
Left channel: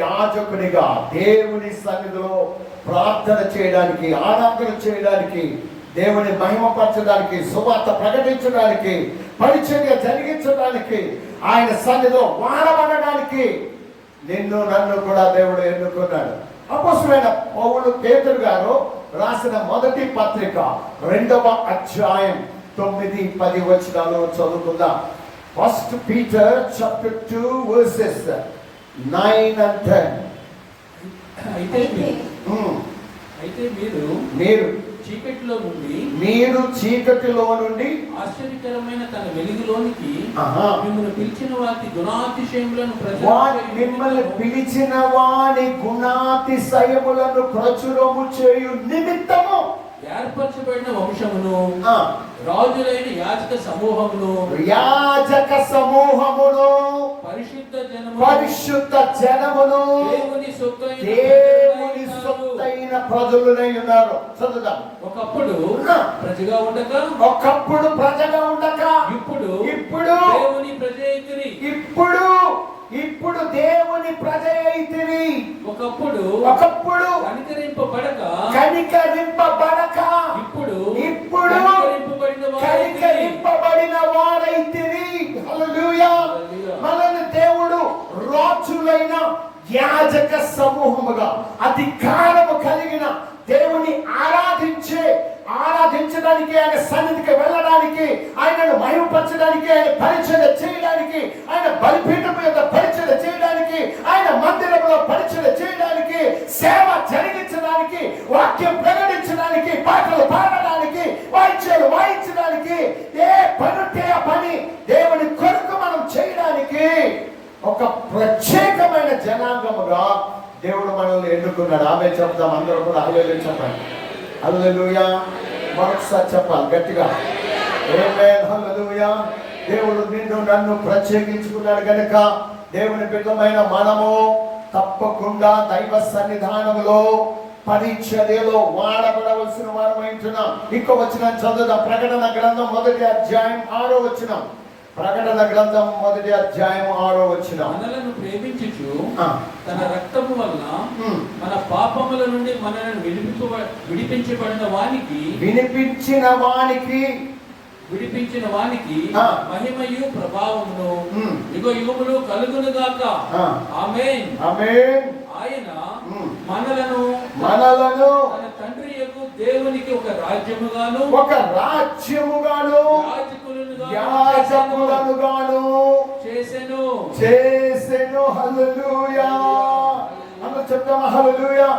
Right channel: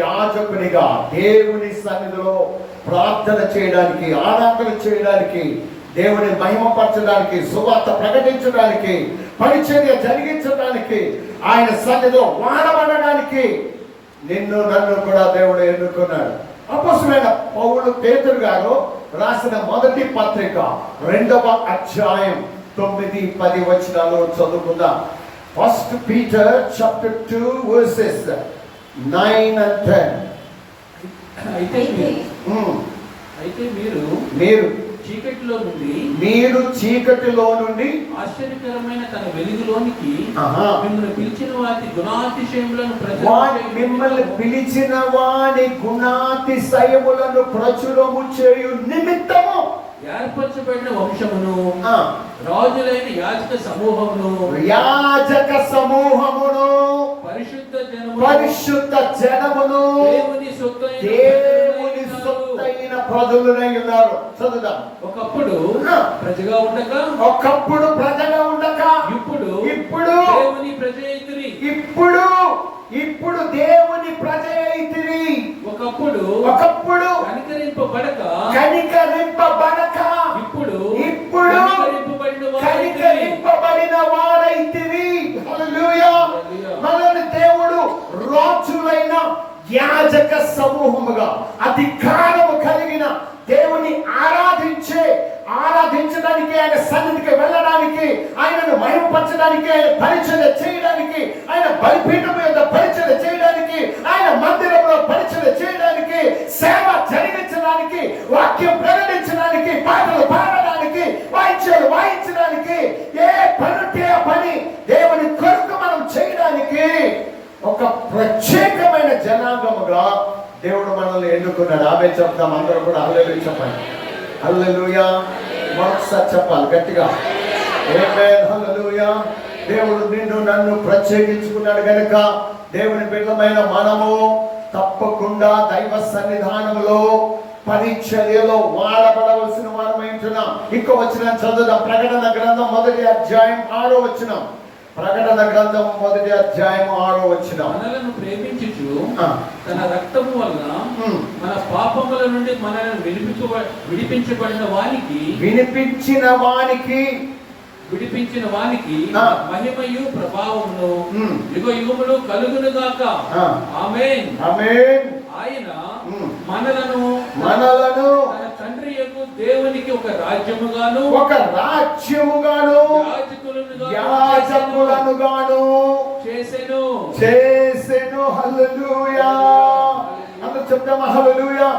యాజకునిగా దేవుని సన్నిధిలో ప్రార్థన చేయడానికి, ఆరాధన చేయడానికి, దేవుని మహిమపరచడానికి, సువార్త ప్రకటించడానికి, పరిచర్య జరిగించడానికి, ఆయన సన్నిధిలో వాడబడడానికి నిన్ను నన్ను కూడా దేవుడు ఎన్నుకున్నాడు. అపోస్తలుడైన పౌలు పేతురు గారు రాసిన మొదటి పత్రిక 2వ అధ్యాయం 9-10 వచనాలు చదువుకుందాం. 1 Peter chapter 2 verses 9 and 10. అయితే మీరు చీకటిలో నుండి ఆశ్చర్యకరమైన తన వెలుగులోనికి మిమ్మల్ని పిలిచిన వారి గుణాతిశయములను ప్రచురము చేయు నిమిత్తము ఏర్పరచబడిన వంశమును, రాజులైన యాజక సమూహమును, పరిశుద్ధ జనమును, దేవుని సొత్తైన ప్రజలునై ఉన్నారు. చదువుదాం. ఒకప్పుడు ప్రజగా ఉండక ఇప్పుడు దేవుని ప్రజ అయితిరి. ఇప్పుడు దేవుని ప్రజ అయితిరి. ఒకప్పుడు కనికరింపబడక ఇప్పుడు కనికరింపబడిన వారైతిరి. హల్లెలూయా. మనల్ని దేవుడు రాజులైన యాజక సమూహముగా, అధికారము కలిగిన దేవుని ఆరాధించడానికి, ఆయన సన్నిధికి వెళ్ళడానికి, ఆయనను మహిమపరచడానికి చేయడానికి, ఆయన పరిచర్య చేయడానికి, ఆయన బలిపీఠం మీద పరిచర్య చేయడానికి, ఆయన మందిరంలో పరిచర్య చేయడానికి, సేవ జరిగించడానికి, వాక్యం ప్రకటించడానికి, పాటలు పాడడానికి, వాయిద్యాలు వాయించడానికి, ఏ పని ఉంటే ఆ పని దేవుని కొరకు మనం చేయడానికి ఒక ప్రత్యేకమైన జనాంగముగా దేవుడు మనల్ని ఎన్నుకున్నాడు. ఆమె చెప్తాం, అందరూ కూడా హల్లెలూయా చెప్పండి. హల్లెలూయా మరొకసారి చెప్పాలి గట్టిగా. ఆమేన్, హల్లెలూయా. దేవుడు నిన్ను నన్ను ప్రత్యేకించుకున్నాడు కనుక దేవుని బిడ్డలమైన మనము తప్పకుండా దైవ సన్నిధానంలో పరిచర్యలో వాడబడవలసిన వారమైంటున్నాం. ఇంకో వచనం చదువుదాం. ప్రకటన గ్రంథం 1వ అధ్యాయం 6వ వచనం. ప్రకటన గ్రంథం 1వ అధ్యాయం 6వ వచనం. మనలను ప్రేమించుచు తన రక్తము వలన మన పాపముల నుండి మనల్ని విడిపించిన వానికి మహిమయు ప్రభావమును యుగ యుగములు కలుగును గాక. ఆమేన్. ఆమేన్. ఆయన మనలను తన తండ్రి యొక్క దేవునికి ఒక రాజ్యముగాను యాజకులను చేసెను. హల్లెలూయా. అందరూ చెప్తామా హల్లెలూయా.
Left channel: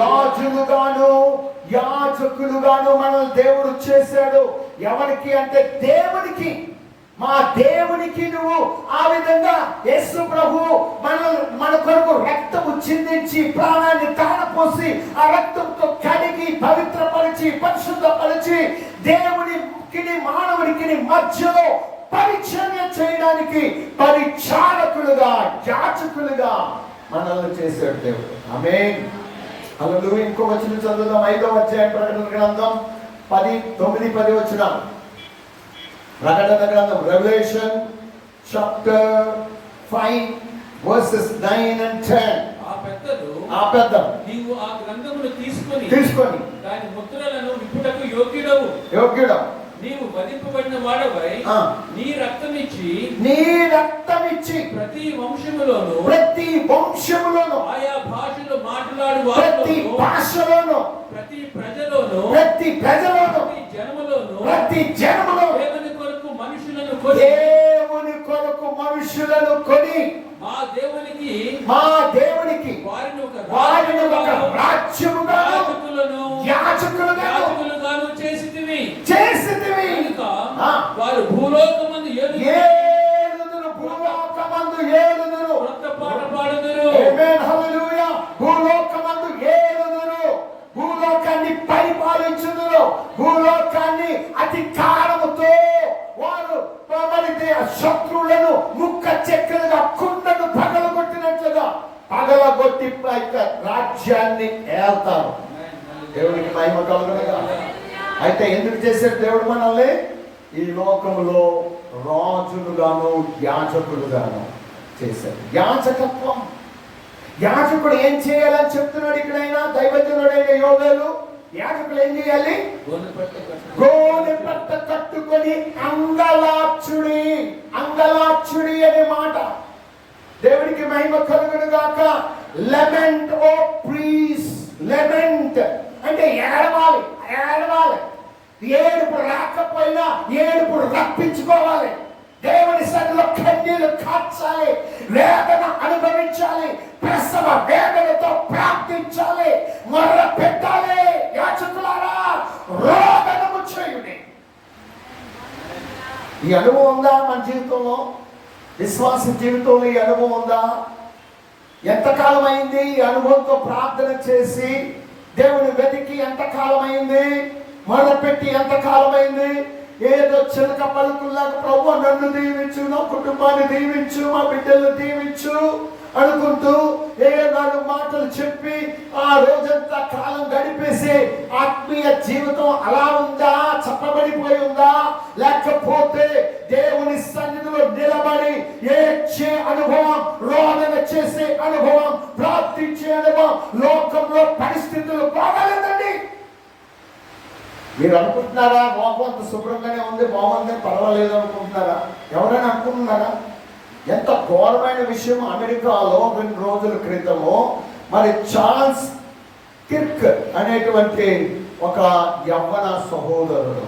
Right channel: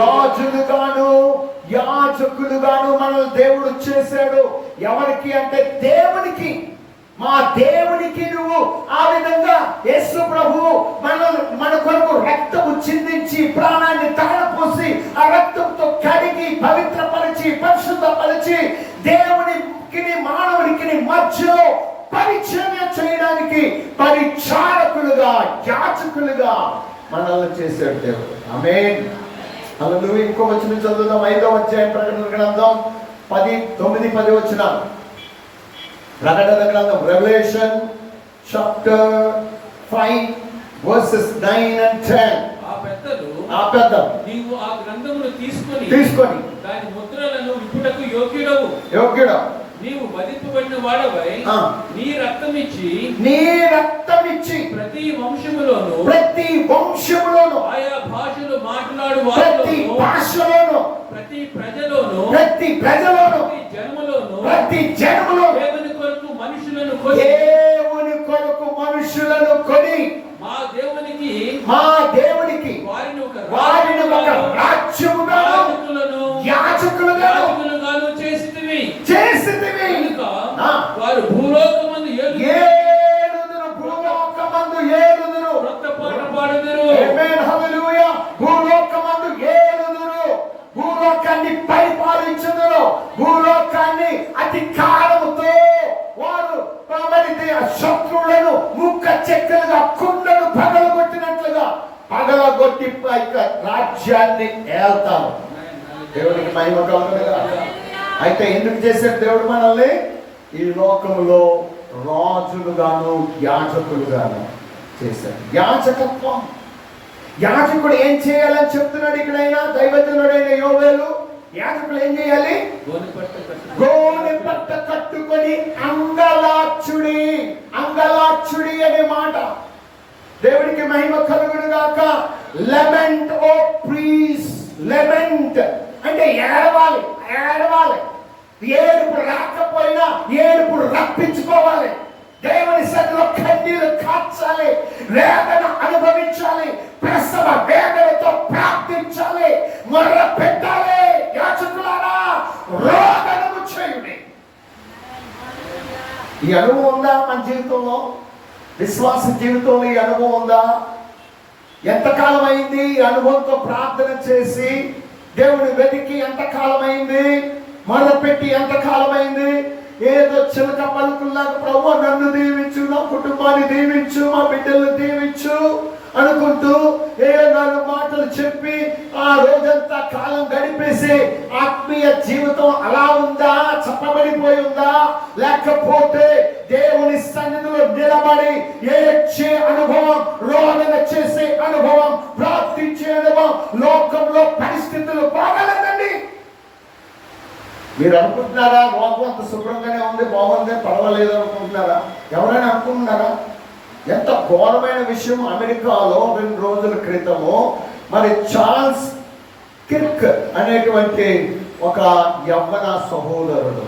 రాజులుగాను యాజకులుగాను మనల్ని దేవుడు చేశాడు. ఎవరికి అంటే దేవునికి. మా దేవునికి నువ్వు ఆ విధంగా యేసు ప్రభువు మన కొరకు రక్తము చిందించి ప్రాణాన్ని తాళపోసి ఆ రక్తంతో కడిగి పవిత్రపరిచి పరిశుద్ధపరిచి దేవునికి మానవునికి మధ్యలో పరిచర్య చేయడానికి పరిచారకులుగా యాజకులుగా మనల్ని చేశాడు దేవుడు. ఆమేన్. హల్లెలూయా. ఇంకో వచనం చదువుదాం. 5వ అధ్యాయం ప్రకటన గ్రంథం 9-10 వచనాలు. ప్రకటన గ్రంథం రెవల్యూషన్ చాప్టర్ 5 verses 9 and 10. ఆ పెద్దలు నీవు ఆ గ్రంథమును తీసుకొని దాని ముద్రలను విప్పుటకు యోగ్యుడవు. నీవు వధింపబడిన వాడవై నీ రక్తమిచ్చి ప్రతి వంశములోను ఆయా భాషలో మాట్లాడు వారిలోను ప్రతి ప్రజలోను ప్రతి జనములోను దేవుని కొరకు మనుషులను కొని మా దేవునికి వారిని ఒక యాజకులుగాను చేసితివి. వారు భూలోకమందు ఏలుదురు. కొత్త పాట పాడుదురు. ఆమేన్. హల్లెలూయా. భూలోకమందు ఏలుదురు. భూలోకాన్ని పరిపాలించుదురు. భూలోకాన్ని అధికారముతో వారు శత్రువులను ముక్క చెక్కలుగా కుండను పగలగొట్టినట్లుగా పగలగొట్టి రాజ్యాన్ని ఏల్తారు. దేవుడికి మహిమ కలుగునుగా. అయితే ఎందుకు చేశాడు దేవుడు మనల్ని? ఈ లోకములో రాజులుగాను యాజకులుగాను చేశాడు. యాజకత్వం. యాజకుడు ఏం చేయాలని చెప్తున్నాడు ఇక్కడైనా దైవజనుడైన యోవేలు. యాజకులు ఏం చేయాలి? గోనె పట్ట కట్టుకొని అంగలార్చుడి అనే మాట. దేవుడికి మహిమ కలుగును గాక. లెమెంట్ ఓ ప్రీస్. లెమెంట్ అంటే ఏడవాలి. ఏడుపు రాకపోయినా ఏడుపు రప్పించుకోవాలి. దేవుని సన్నిధిలో కన్నీళ్లు కార్చాలి. వేదన అనుభవించాలి. ప్రసవ వేదనతో ప్రార్థించాలి. మొర్ర పెట్టాలి. యాజకులారా రోదనము చేయుడి. ఈ అనుభవం ఉందా మన జీవితంలో? విశ్వాస జీవితంలో ఈ అనుభవం ఉందా? ఎంతకాలం అయింది ఈ అనుభవంతో ప్రార్థన చేసి దేవుని వెతికి? ఎంతకాలం అయింది మొదలుపెట్టి? ఎంతకాలం అయింది? ఏదో చిలక పలుకుల్లాగా ప్రభు నన్ను దీవించు, నా కుటుంబాన్ని దీవించు, మా బిడ్డలను దీవించు అనుకుంటూ ఏ 4 మాటలు చెప్పి ఆ రోజంతా కాలం గడిపేసి ఆత్మీయ జీవితం అలా ఉందా? చెప్పబడిపోయి ఉందా? లేకపోతే దేవుని సన్నిధిలో నిలబడి ఏడ్చే అనుభవం, రోదన చేసే అనుభవం, ప్రార్థించే అనుభవం లోకంలో పరిస్థితులు బాగాలేదండి. మీరు అనుకుంటున్నారా లోకం అంత శుభ్రంగానే ఉంది, బాగుంది, పర్వాలేదు అనుకుంటున్నారా? ఎవరైనా అనుకుంటున్నారా? ఎంత ఘోరమైన విషయం. అమెరికాలో 2 రోజుల క్రితము మరి చార్ల్స్ కిర్క్ అనేటువంటి ఒక యవ్వన సహోదరుడు,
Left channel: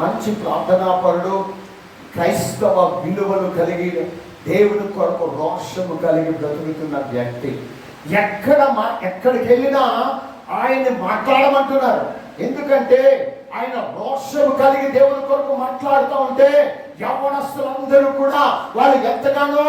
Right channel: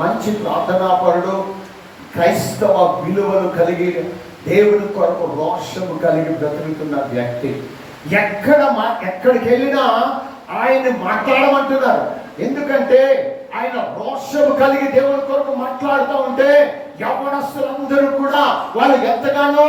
మంచి ప్రార్థనాపరుడు, క్రైస్తవ విలువలు కలిగి దేవుని కొరకు రోషము కలిగి బ్రతుకుతున్న వ్యక్తి ఎక్కడికి వెళ్ళినా ఆయన్ని మాట్లాడమంటున్నారు. ఎందుకంటే ఆయన రోషము కలిగి దేవుని కొరకు మాట్లాడుతూ ఉంటే యవ్వనస్తులందరూ కూడా వాళ్ళు ఎంతగానో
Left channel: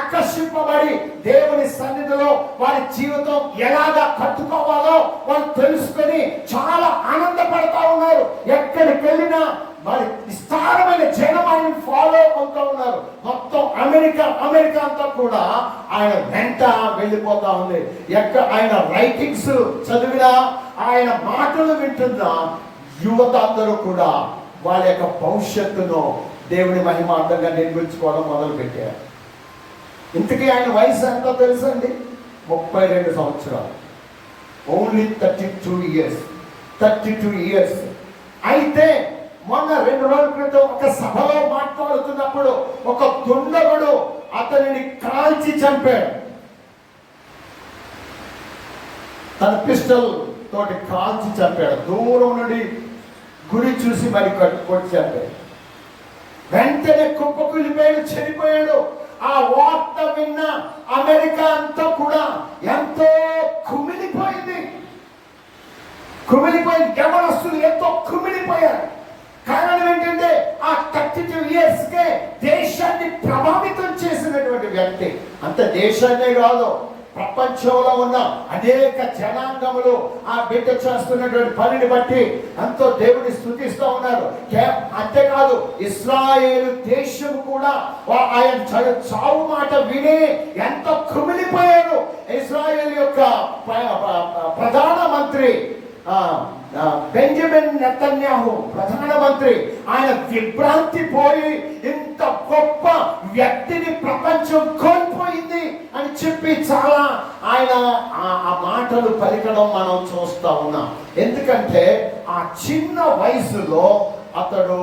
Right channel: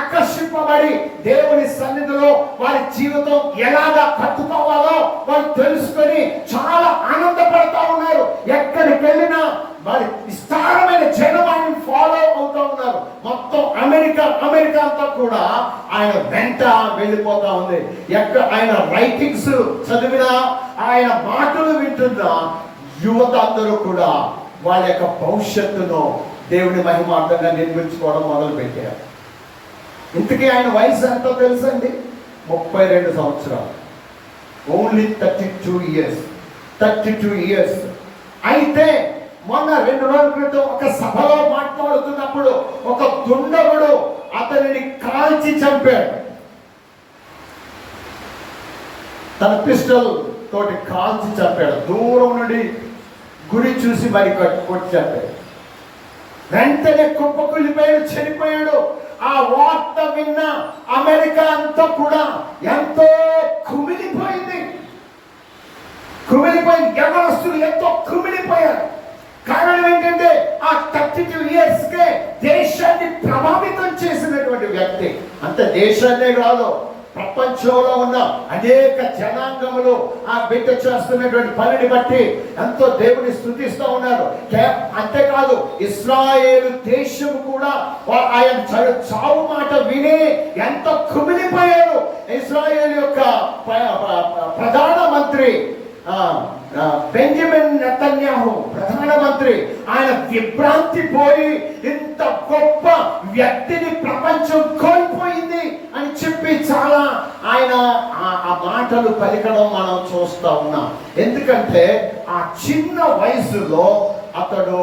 ఆకర్షింపబడి దేవుని సన్నిధిలో వారి జీవితం ఎలాగా కట్టుకోవాలో వాళ్ళు తెలుసుకొని చాలా ఆనందపడతా ఉన్నారు. ఎక్కడికి వెళ్ళినా వారి విస్తారమైన జనం ఆయన ఫాలో అవుతూ ఉన్నారు. మొత్తం అమెరికా అంతా కూడా ఆయన వెంట వెళ్ళిపోతా ఉంది. ఆయన రైటింగ్స్ చదివినా, ఆయన మాటలు వింటున్నా యువత అందరూ కూడా వాళ్ళ యొక్క భవిష్యత్తును దేవుని మహిమార్థంగా నిర్మించుకోవడం మొదలు పెట్టారు. ఇంతకీ ఆయన వయసు ఎంతో తెలుసండి? 32 సంవత్సరాలు. Only 32 years. అయితే మొన్న 2 రోజుల క్రితం ఒక సభలో మాట్లాడుతున్నప్పుడు ఒక దుండగుడు అతనిని కాల్చి చంపాడు. తన పిస్టల్ తోటి కాల్చి చంపాడు. దూరం నుండి గుడి చూసి మరి కొట్టి చంపాడు. వెంటనే కుప్పకూలిపోయాడు, చనిపోయాడు. ఆ వార్త విన్న అమెరికా అంతా కూడా ఎంతో కుమిలిపోయింది. యవనస్తులు ఎంతో కుమిలిపోయారు. కారణం ఏంటంటే ఆ 32 ఇయర్స్కే దేశాన్ని ప్రభావితం చేసినటువంటి వ్యక్తి. అంతే దేశాన్నే కాదు, ప్రపంచంలో ఉన్న అనేక జనాంగములు ఆ బిడ్డ చేస్తున్నటువంటి పనిని బట్టి ఎంతో దేవుని స్తుతిస్తూ ఉన్నారు. అంతేకాదు ఇశ్రాయేలు దేశం కూడా ఆయన చావు మాట విని ఎంతో కుమిలిపోయారు. ఇశ్రాయేల్ యొక్క ప్రధానమంత్రి బెంజమిన్ నెతన్యాహు ప్రధానమంత్రి, ఆయన విభ్రాంతి పోయి ఇంత గొప్ప వ్యక్తిని ప్రపంచం కోల్పోయింది అని చెప్పి చాలా ఆయన ఆ మాటలు పలికడం మనం చూస్తా ఉన్నాం. ఎందుకంటే ఆ చిన్న వయసులో అతడు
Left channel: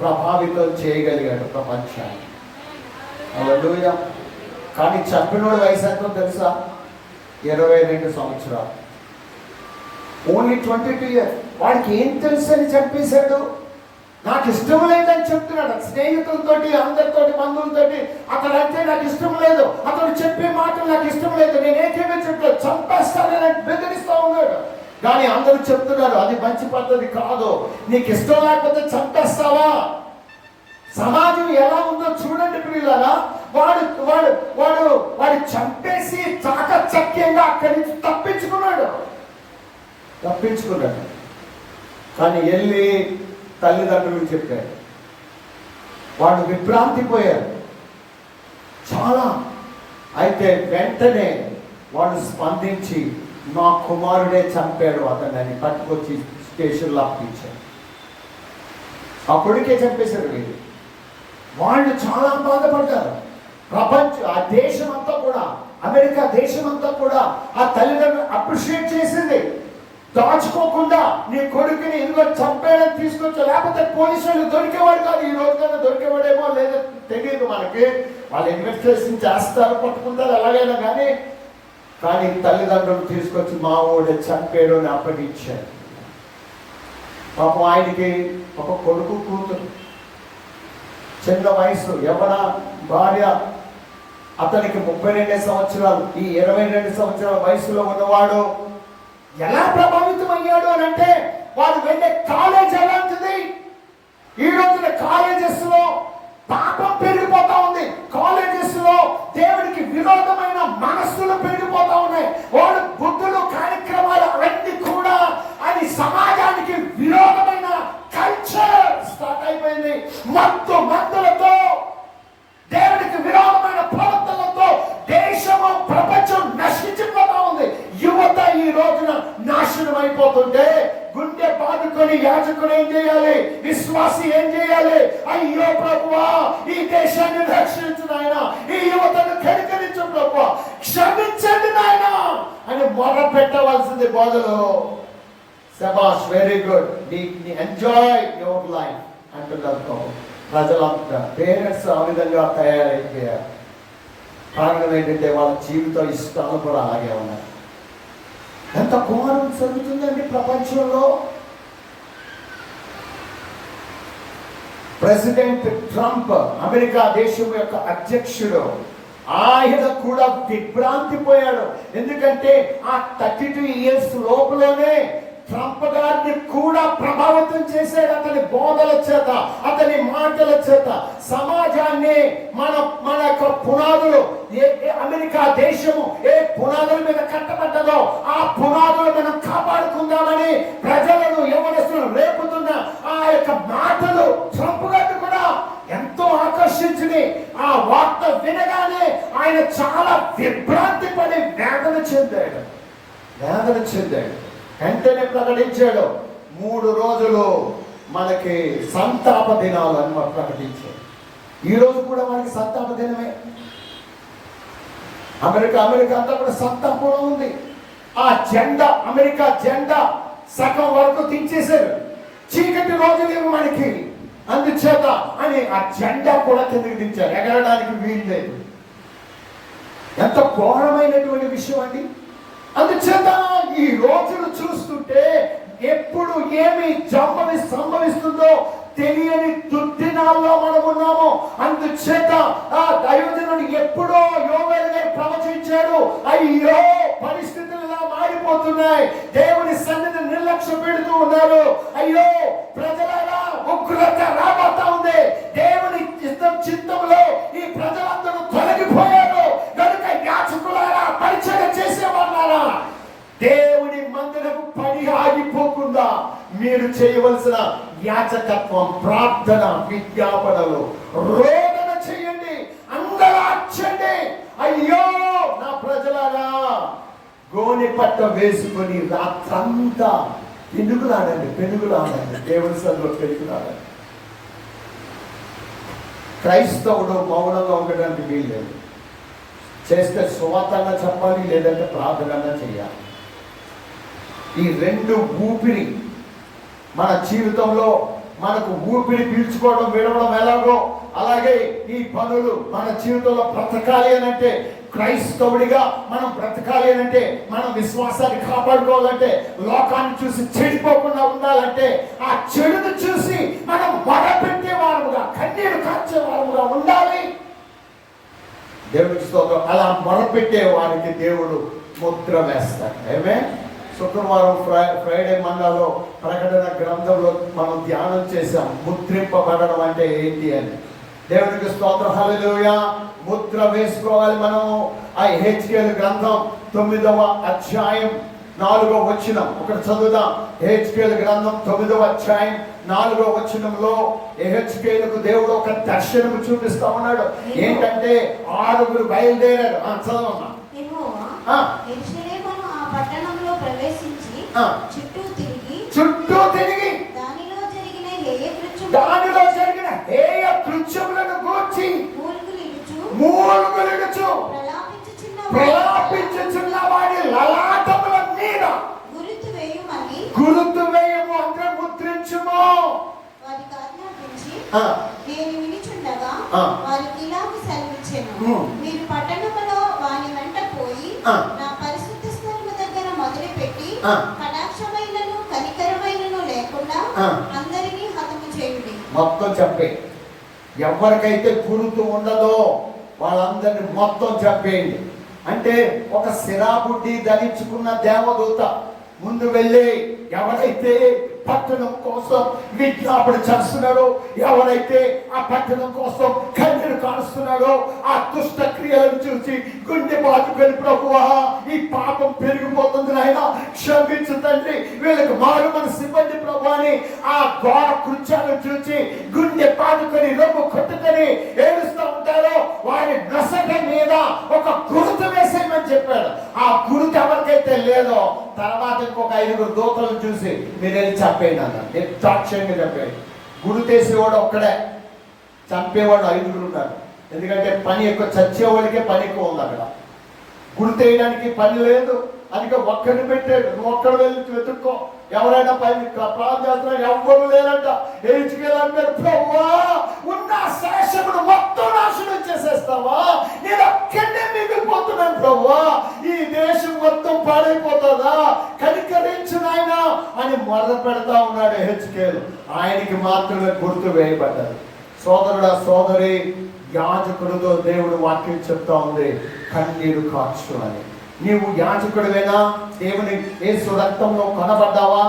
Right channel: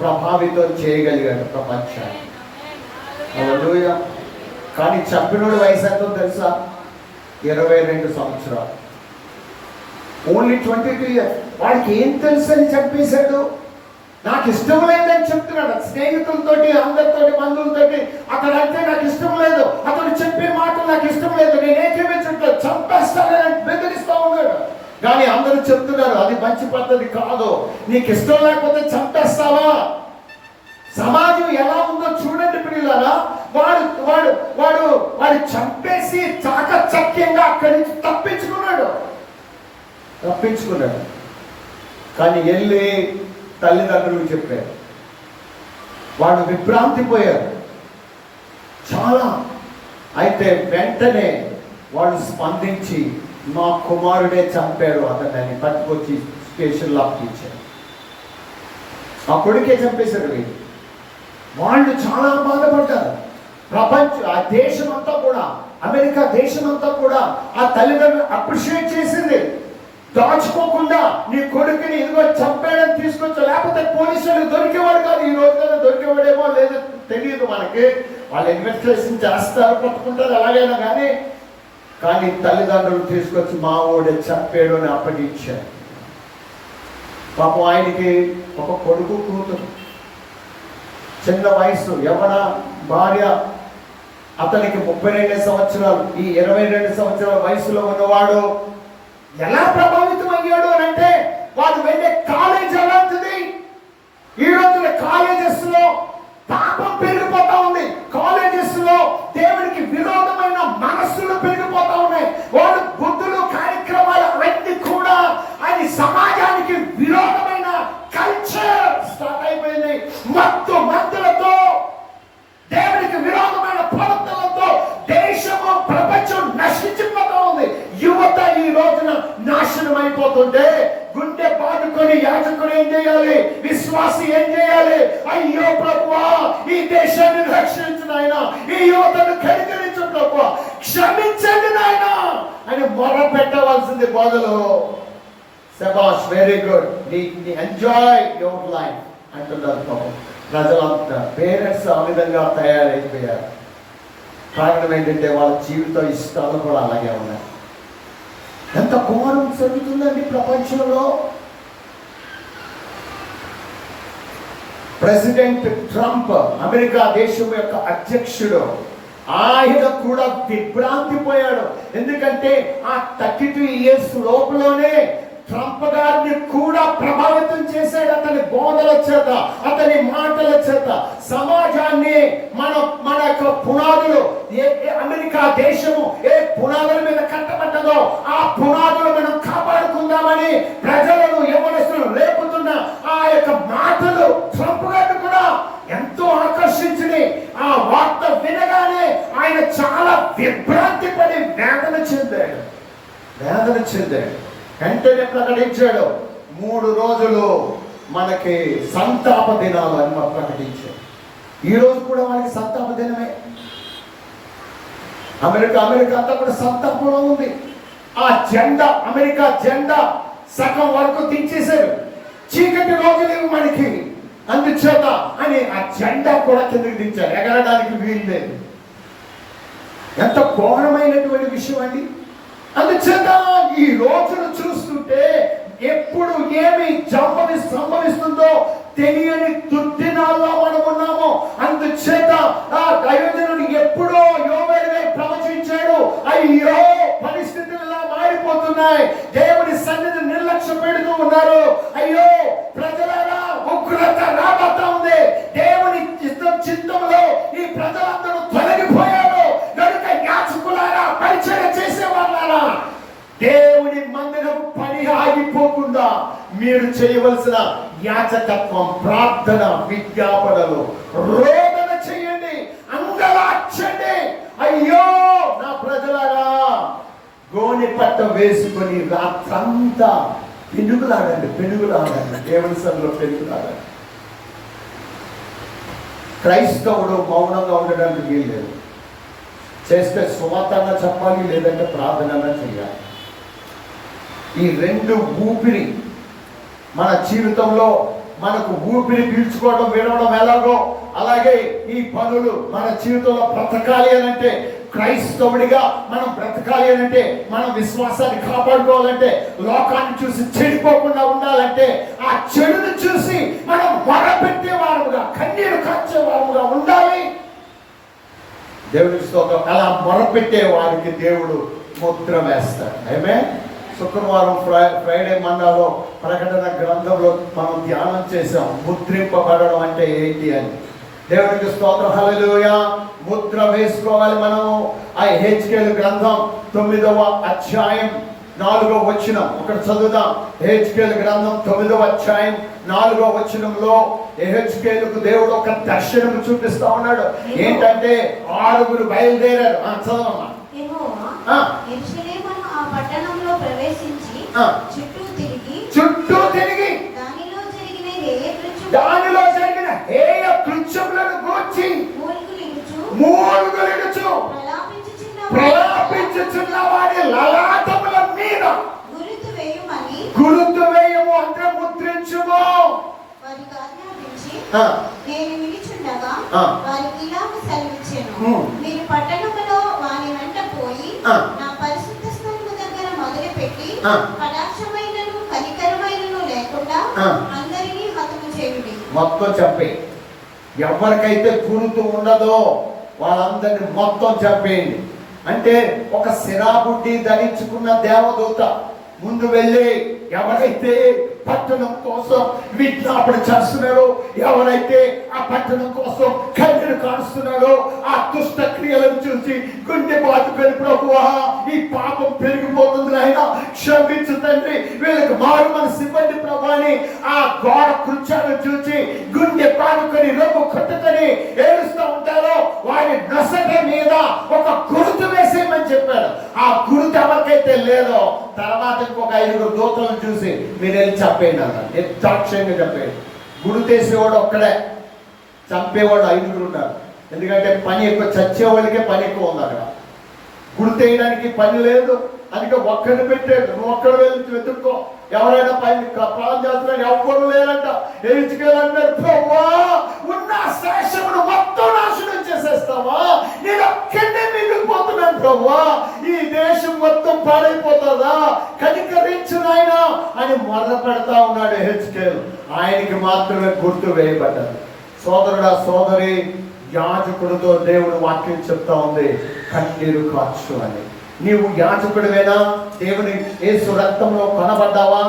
ప్రభావితం చేయగలిగాడు ప్రపంచాన్ని. హల్లెలూయా. కానీ చంపినోడి వయసు ఎంతో తెలుసా? 22 సంవత్సరాలు. Only 22 years. వాడికి ఏం తెలుసు అని చంపేశాడు? నాకు ఇష్టం లేదని చెప్తున్నాడు. స్నేహితులతోటి, అందరితోటి, బంధువులతోటి అతడంటే నాకు ఇష్టం లేదు, అతడు చెప్పే మాటలు నాకు ఇష్టం లేదు, నేనేకేమీ చెప్పలేదు, చంపేస్తానని బెదిరిస్తూ ఉన్నాడు. కానీ అందరూ చెప్తున్నారు అది మంచి పద్ధతి కాదు, నీకు ఇష్టం లేకపోతే చంపేస్తావా? సమాజం ఎలా ఉందో చూడండి పిల్లలారా. వాడు చంపేసి చాకచక్యంగా అక్కడి నుంచి తప్పించుకున్నాడు. కానీ వెళ్ళి తల్లిదండ్రులకు చెప్పారు. వాళ్ళు విభ్రాంతి పోయారు చాలా. అయితే వెంటనే వాళ్ళు స్పందించి నా కుమారుడే చంపాడు అతన్ని పట్టుకొచ్చి స్టేషన్లో అప్పించారు. ఆ కొడుకే చంపేశారు వీళ్ళు. వాళ్ళు చాలా బాధపడ్డారు. ఆ దేశం అంతా కూడా, అమెరికా దేశం అంతా కూడా ఆ తల్లిదండ్రులు అప్రిషియేట్ చేసింది. దాచుకోకుండా నీ కొడుకుని ఇదిగో చంపాడని తీసుకొచ్చా, లేకపోతే పోలీసులు దొరికేవాడు కాదు. ఈ రోజున దొరికేవాడేమో లేదో తెలియదు మనకి. వాళ్ళు ఇన్వెస్టిగేషన్ చేస్తారు, పట్టుకుంటారు ఎలాగైనా కానీ తల్లిదండ్రులు తీసుకొచ్చి మా వాడే చంపాడు అని అప్పగించారు. పాపం ఆయనకి ఒక కొడుకు కూతురు, చిన్న వయసు, యవ్వన భార్య. అతనికి 32 సంవత్సరాలు. ఈ 22 సంవత్సరాల వయసులో ఉన్నవాడు ఎలా ప్రభావితం అయ్యాడు అని అంటే, వాడు వెళ్ళే కాలేజ్ అలాంటిది. ఈ రోజున కాలేజెస్ లో పాపం పెరిగిపోతా ఉంది. కాలేజెస్ లో దేవునికి విరోధమైన మనస్సులు పెరిగిపోతా ఉన్నాయి. వాడు బుద్ధులు, కార్యక్రమాలు అవన్నీ కూడా అది సమాజానికి విరోధమైన కల్చర్ స్టార్ట్ అయిపోయింది. మందులతో, దేవునికి విరోధమైన ప్రవర్తనలతో దేశము, ప్రపంచం నశించిపోతా ఉంది. యువత ఈ రోజున నాశనం అయిపోతుంటే గుండె బాదుకొని యాజకుడు ఏం చేయాలి? విశ్వాసి ఏం చేయాలి? అయ్యో ప్రభువా, ఈ దేశాన్ని రక్షించు నాయన, ఈ యువతను కనికరించు ప్రభువా, క్షమించండి నాయన అని మొర పెట్టవలసింది బదులు శబాష్, very good, enjoy your life అంటున్నారు ప్రజలంతా. పేరెంట్స్ ఆ విధంగా తయారైపోయారు. కారణం ఏంటంటే వాళ్ళ జీవిత ఇష్టాలు కూడా అలాగే ఉన్నాయి. ఎంత ఘోరం జరుగుతుందండి ప్రపంచంలో. ప్రెసిడెంట్ ట్రంప్, అమెరికా దేశం యొక్క అధ్యక్షుడు, ఆయన కూడా దిగ్భ్రాంతి పోయాడు. ఎందుకంటే ఆ 32 years లోపలనే ట్రంప్ గారిని కూడా ప్రభావితం చేశాడు. అతని బోధల చేత, అతని మాటల చేత సమాజాన్ని మన యొక్క పునాదులు, అమెరికా దేశము ఏ పునాదుల మీద కట్టబడ్డదో ఆ పునాదులు మనం కాపాడుకుందామని ప్రజలను యవనస్తులు రేపుతున్న ఆ యొక్క మాటలు ట్రంప్ గారిని కూడా ఎంతో ఆకర్షించింది. ఆ వార్త వినగానే ఆయన చాలా విభ్రాంతి పడి వేదన చెందాడు. వెంటనే ప్రకటించాడు, 3 రోజులు మనకి సంతాప దినాలు అని ప్రకటించాడు. ఈ రోజు కూడా మనకి సంతాప దినమే. అమెరికా అంతా కూడా సంతాపంలో ఉంది. ఆ జెండా, అమెరికా జెండా సగం వరకు దించేశారు. చీకటి రోజులు మనకి, అందుచేత అని ఆ జెండా కూడా కిందకి దించారు. ఎగరడానికి వీలు లేదు. ఎంత ఘోరమైనటువంటి విషయం అండి. అందుచేత ఈ రోజును చూస్తుంటే ఎప్పుడు ఏమి సంభవిస్తుందో తెలియని దుర్దినాల్లో మనం ఉన్నాము. అందుచేత ఆ దైవజనుడు ఎప్పుడో యోవేలు గారు ప్రవచించాడు, అయ్యో పరిస్థితులు ఇలా మారిపోతున్నాయి, దేవుని సన్నిధి నిర్లక్ష్య పెడుతూ ఉన్నారు, అయ్యో ప్రజలారా ఉగ్రత రాబోతా ఉంది, దేవుని చిత్తంలో ఈ ప్రజలందరూ తొలగిపోయారు కనుక యాజకులారా, పరిచయం చేసే వాళ్ళారా, దేవుని మందిరం పని ఆగిపోకుండా మీరు చేయవలసిన యాజకత్వం, ప్రార్థన, విజ్ఞాపనలు, రోదన చేయండి, అంగలార్చండి. అయ్యో నా ప్రజలారా, గోనె పట్ట వేసుకొని రాత్రంతా పెనుగులాడండి. దేవుని సన్నిధిలో పెనుగులాడండి. క్రైస్తవుడు మౌనంగా ఉండడానికి వీల్లేదు. చేస్తే సువార్తగా చెప్పాలి, లేదంటే ప్రార్థనగా చేయాలి. ఈ 2 ఊపిరి మన జీవితంలో, మనకు ఊపిరి పీల్చుకోవడం, వినడం ఎలాగో అలాగే ఈ పనులు మన జీవితంలో బ్రతకాలి అనంటే, క్రైస్తవుడిగా మనం బ్రతకాలి అనంటే, మనం విశ్వాసాన్ని కాపాడుకోవాలంటే, లోకాన్ని చూసి చెడిపోకుండా ఉండాలంటే, ఆ చెడుని చూసి మనం మొరపెట్టే వారుగా, కన్నీరు కార్చే వారుగా ఉండాలి. దేవుడికి స్తోత్రం. అలా మొరపెట్టే వారికి దేవుడు ముద్ర వేస్తాడు. ఆమేన్. శుక్రవారం ఫ్రైడే మండలో ప్రకటన గ్రంథంలో మనం ధ్యానం చేసాం, ముద్రింపబడడం అంటే ఏంటి అని. దేవుడికి స్తోత్రం. హల్లెలూయా. ముద్ర వేసుకోవాలి మనము. ఆ హెచ్కేలు గ్రంథం 9వ అధ్యాయం 4వ వచనం ఒకటి చదువుదాం. హెచ్కేలు గ్రంథం 9వ అధ్యాయం 4వ వచనంలో హెచ్కేలుకు దేవుడు ఒక దర్శనం చూపిస్తా ఉన్నాడు. ఏంటంటే 6 బయలుదేరారు. చదవమ్మా. పట్టణంలో ప్రవేశించి చుట్టూ తిరిగి దానిలో జరిగిన హేయ కృత్యములను గూర్చి మూలుగులిడుచు ప్రలాపించుచున్న వారి లలాటముల మీద గురుతు వేయము అంటే ముద్రించుము. వారికి ఆజ్ఞాపించి నేను నిలుచుండగా వారికి ఇలాగ సెలవిచ్చాను, మీరు పట్టణములో వాని వెంట పోయి నా పరిశుద్ధ స్థలము దగ్గర మొదలుపెట్టి కటాక్షమైనను కనికరమైనను లేకుండా అందరినీ హతము చేయుడి. మొత్తం చెప్పే, ఎవరికైతే గురుతు ఉండదో వాళ్ళందరినీ మొత్తం చెప్పేయండి. అంటే ఒక సిరాబుడ్డి ధరించుకున్న దేవదూత ముందు వెళ్ళి ఎవరైతే పట్టణం కోసం విజ్ఞాపన చేస్తున్నారో, ఎవరైతే ఆ పట్టణం కోసం కన్నీరు కారుస్తున్నారో, ఆ దుష్ట క్రియలను చూసి గుండె బాదుకొని, ప్రభువా ఈ పాపం పెరిగిపోతుంది నాయనా, క్షమించు తండ్రి, వీళ్ళకి మారు మనసు ఇవ్వండి ప్రభు అని ఆ ఘోర కృత్యాలను చూసి గుండె బాదుకొని రొమ్ము కొట్టుకొని ఏడుస్తూ ఉంటారో వారి నొసట మీద ఒక గుర్తు వేసేయమని చెప్పాడు. ఆ గుర్తు ఎవరికైతే లేదో తర్వాత ఇంకొక 5 దూతలను చూసి మీరు వెళ్ళి చంపేయండి అన్నారు. నిర్దాక్ష్యంగా చెప్పేది. గుడితేసేవాడు ఒక్కడే, చంపేవాడు 5 ఉన్నారు. ఎందుకంటే పని ఎక్కువ, చచ్చేవాడికే పని ఎక్కువ ఉంది అక్కడ. గుడితేయడానికి పని లేదు, అందుకే ఒక్కడిని పెట్టాడు. నువ్వు ఒక్కడు వెళ్ళి వెతుక్కో, ఎవరైనా పని ప్రాణం చేస్తున్నారు, ఎవ్వరు లేరంట. ఏడ్చుకెళ్ళారు, ప్రభువా ఉన్న శేషమును మొత్తం నాశనం చేసేస్తావా, నేను ఒక్కడే మిగిలిపోతున్నాను ప్రభువా, ఈ దేశం మొత్తం పాడైపోతుందా, కనికరించు నాయనా అని మొదలు పెడతా ఉన్నాడు హెచ్కేలు. ఆయనకి మాత్రమే గుర్తు వేయబడ్డాడు. సోదరుడా సోదరి, యాజకుడితో దేవుడు వాక్యం చెప్తా ఉంది, కన్నీరు కార్చు అని. నీవు యాజకుడివేనా? దేవుని యేసు రక్తంలో కనబడ్డావా?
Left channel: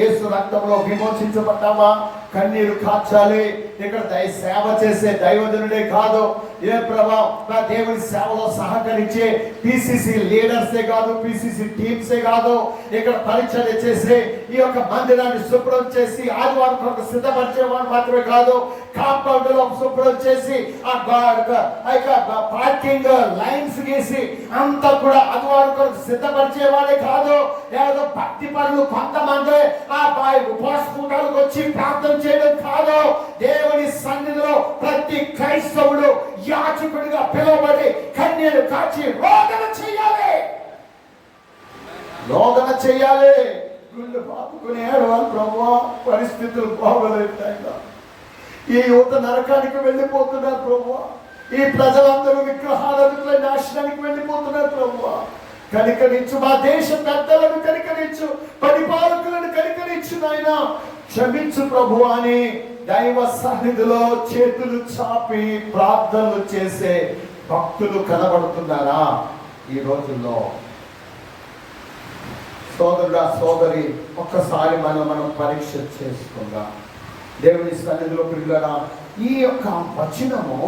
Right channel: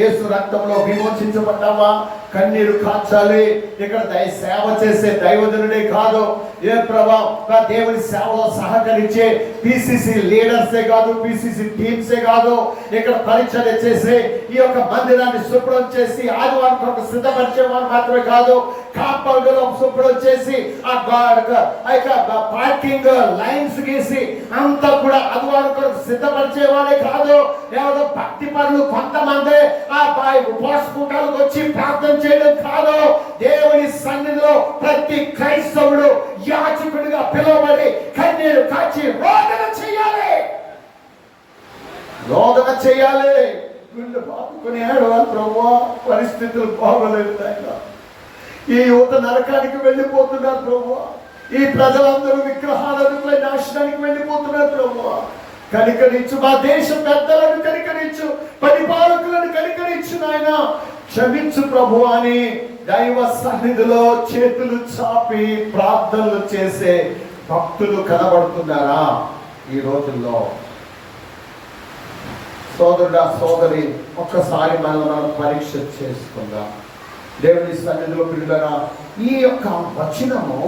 యేసు రక్తంలో విమోచించబడ్డావా? కన్నీరు కార్చాలి. ఇక్కడ సేవ చేసే దైవజనుడే కాదు, ఏ ప్రభా దేవుని సేవలో సహకరించే పిసిసి లీడర్సే కాదు, పిసిసి టీమ్సే కాదు, ఇక్కడ పరిచర్య చేసే ఈ యొక్క మందిరాన్ని శుభ్రం చేసి ఆదివారం కొరకు సిద్ధపరిచే వారు మాత్రమే కాదు, కాంపౌండ్ లో శుభ్రం చేసి పార్కింగ్ లైన్స్ గీసి అంతా కూడా ఆదివారం కొరకు సిద్ధపరిచే వారే కాదు. ఏదో భక్తి పనులు కొంతమంది ఆ ఉపవాసకూటాలకు వచ్చి ప్రార్థన చేయడం కాదు. దేవుని సన్నిధిలో ప్రతి క్రైస్తవుడు యాజకుడిగా పిలువబడి కన్నీరు కాచి రోదన చేయాలి. రోదన చేయాలి. గుండె బాదుకుని ఏడవాలి, ప్రభువా పరిస్థితులు బాగోలేదు నాయనా, ఈ యువత నరకానికి వెళ్ళిపోతున్నారు ప్రభువా, ఈ ప్రజలందరూ విగ్రహాలకు నాశనానికి వెళ్ళిపోతున్నారు ప్రభువా, కనికరించు. మా దేశ పెద్దలను కనికరించు, పరిపాలకులను కనికరించు నాయన, క్షమించు ప్రభు అని దైవ సన్నిధిలో చేతులు చాపి ప్రార్థనలు చేసే భక్తులు కనబడుతున్నారా ఈ రోజుల్లో? సోదరుడా సోదరి, ఒక్కసారి మనం పరీక్ష చేసుకుందాం. దేవుని సన్నిధిలో పిల్లరా, ఈ యొక్క వచనము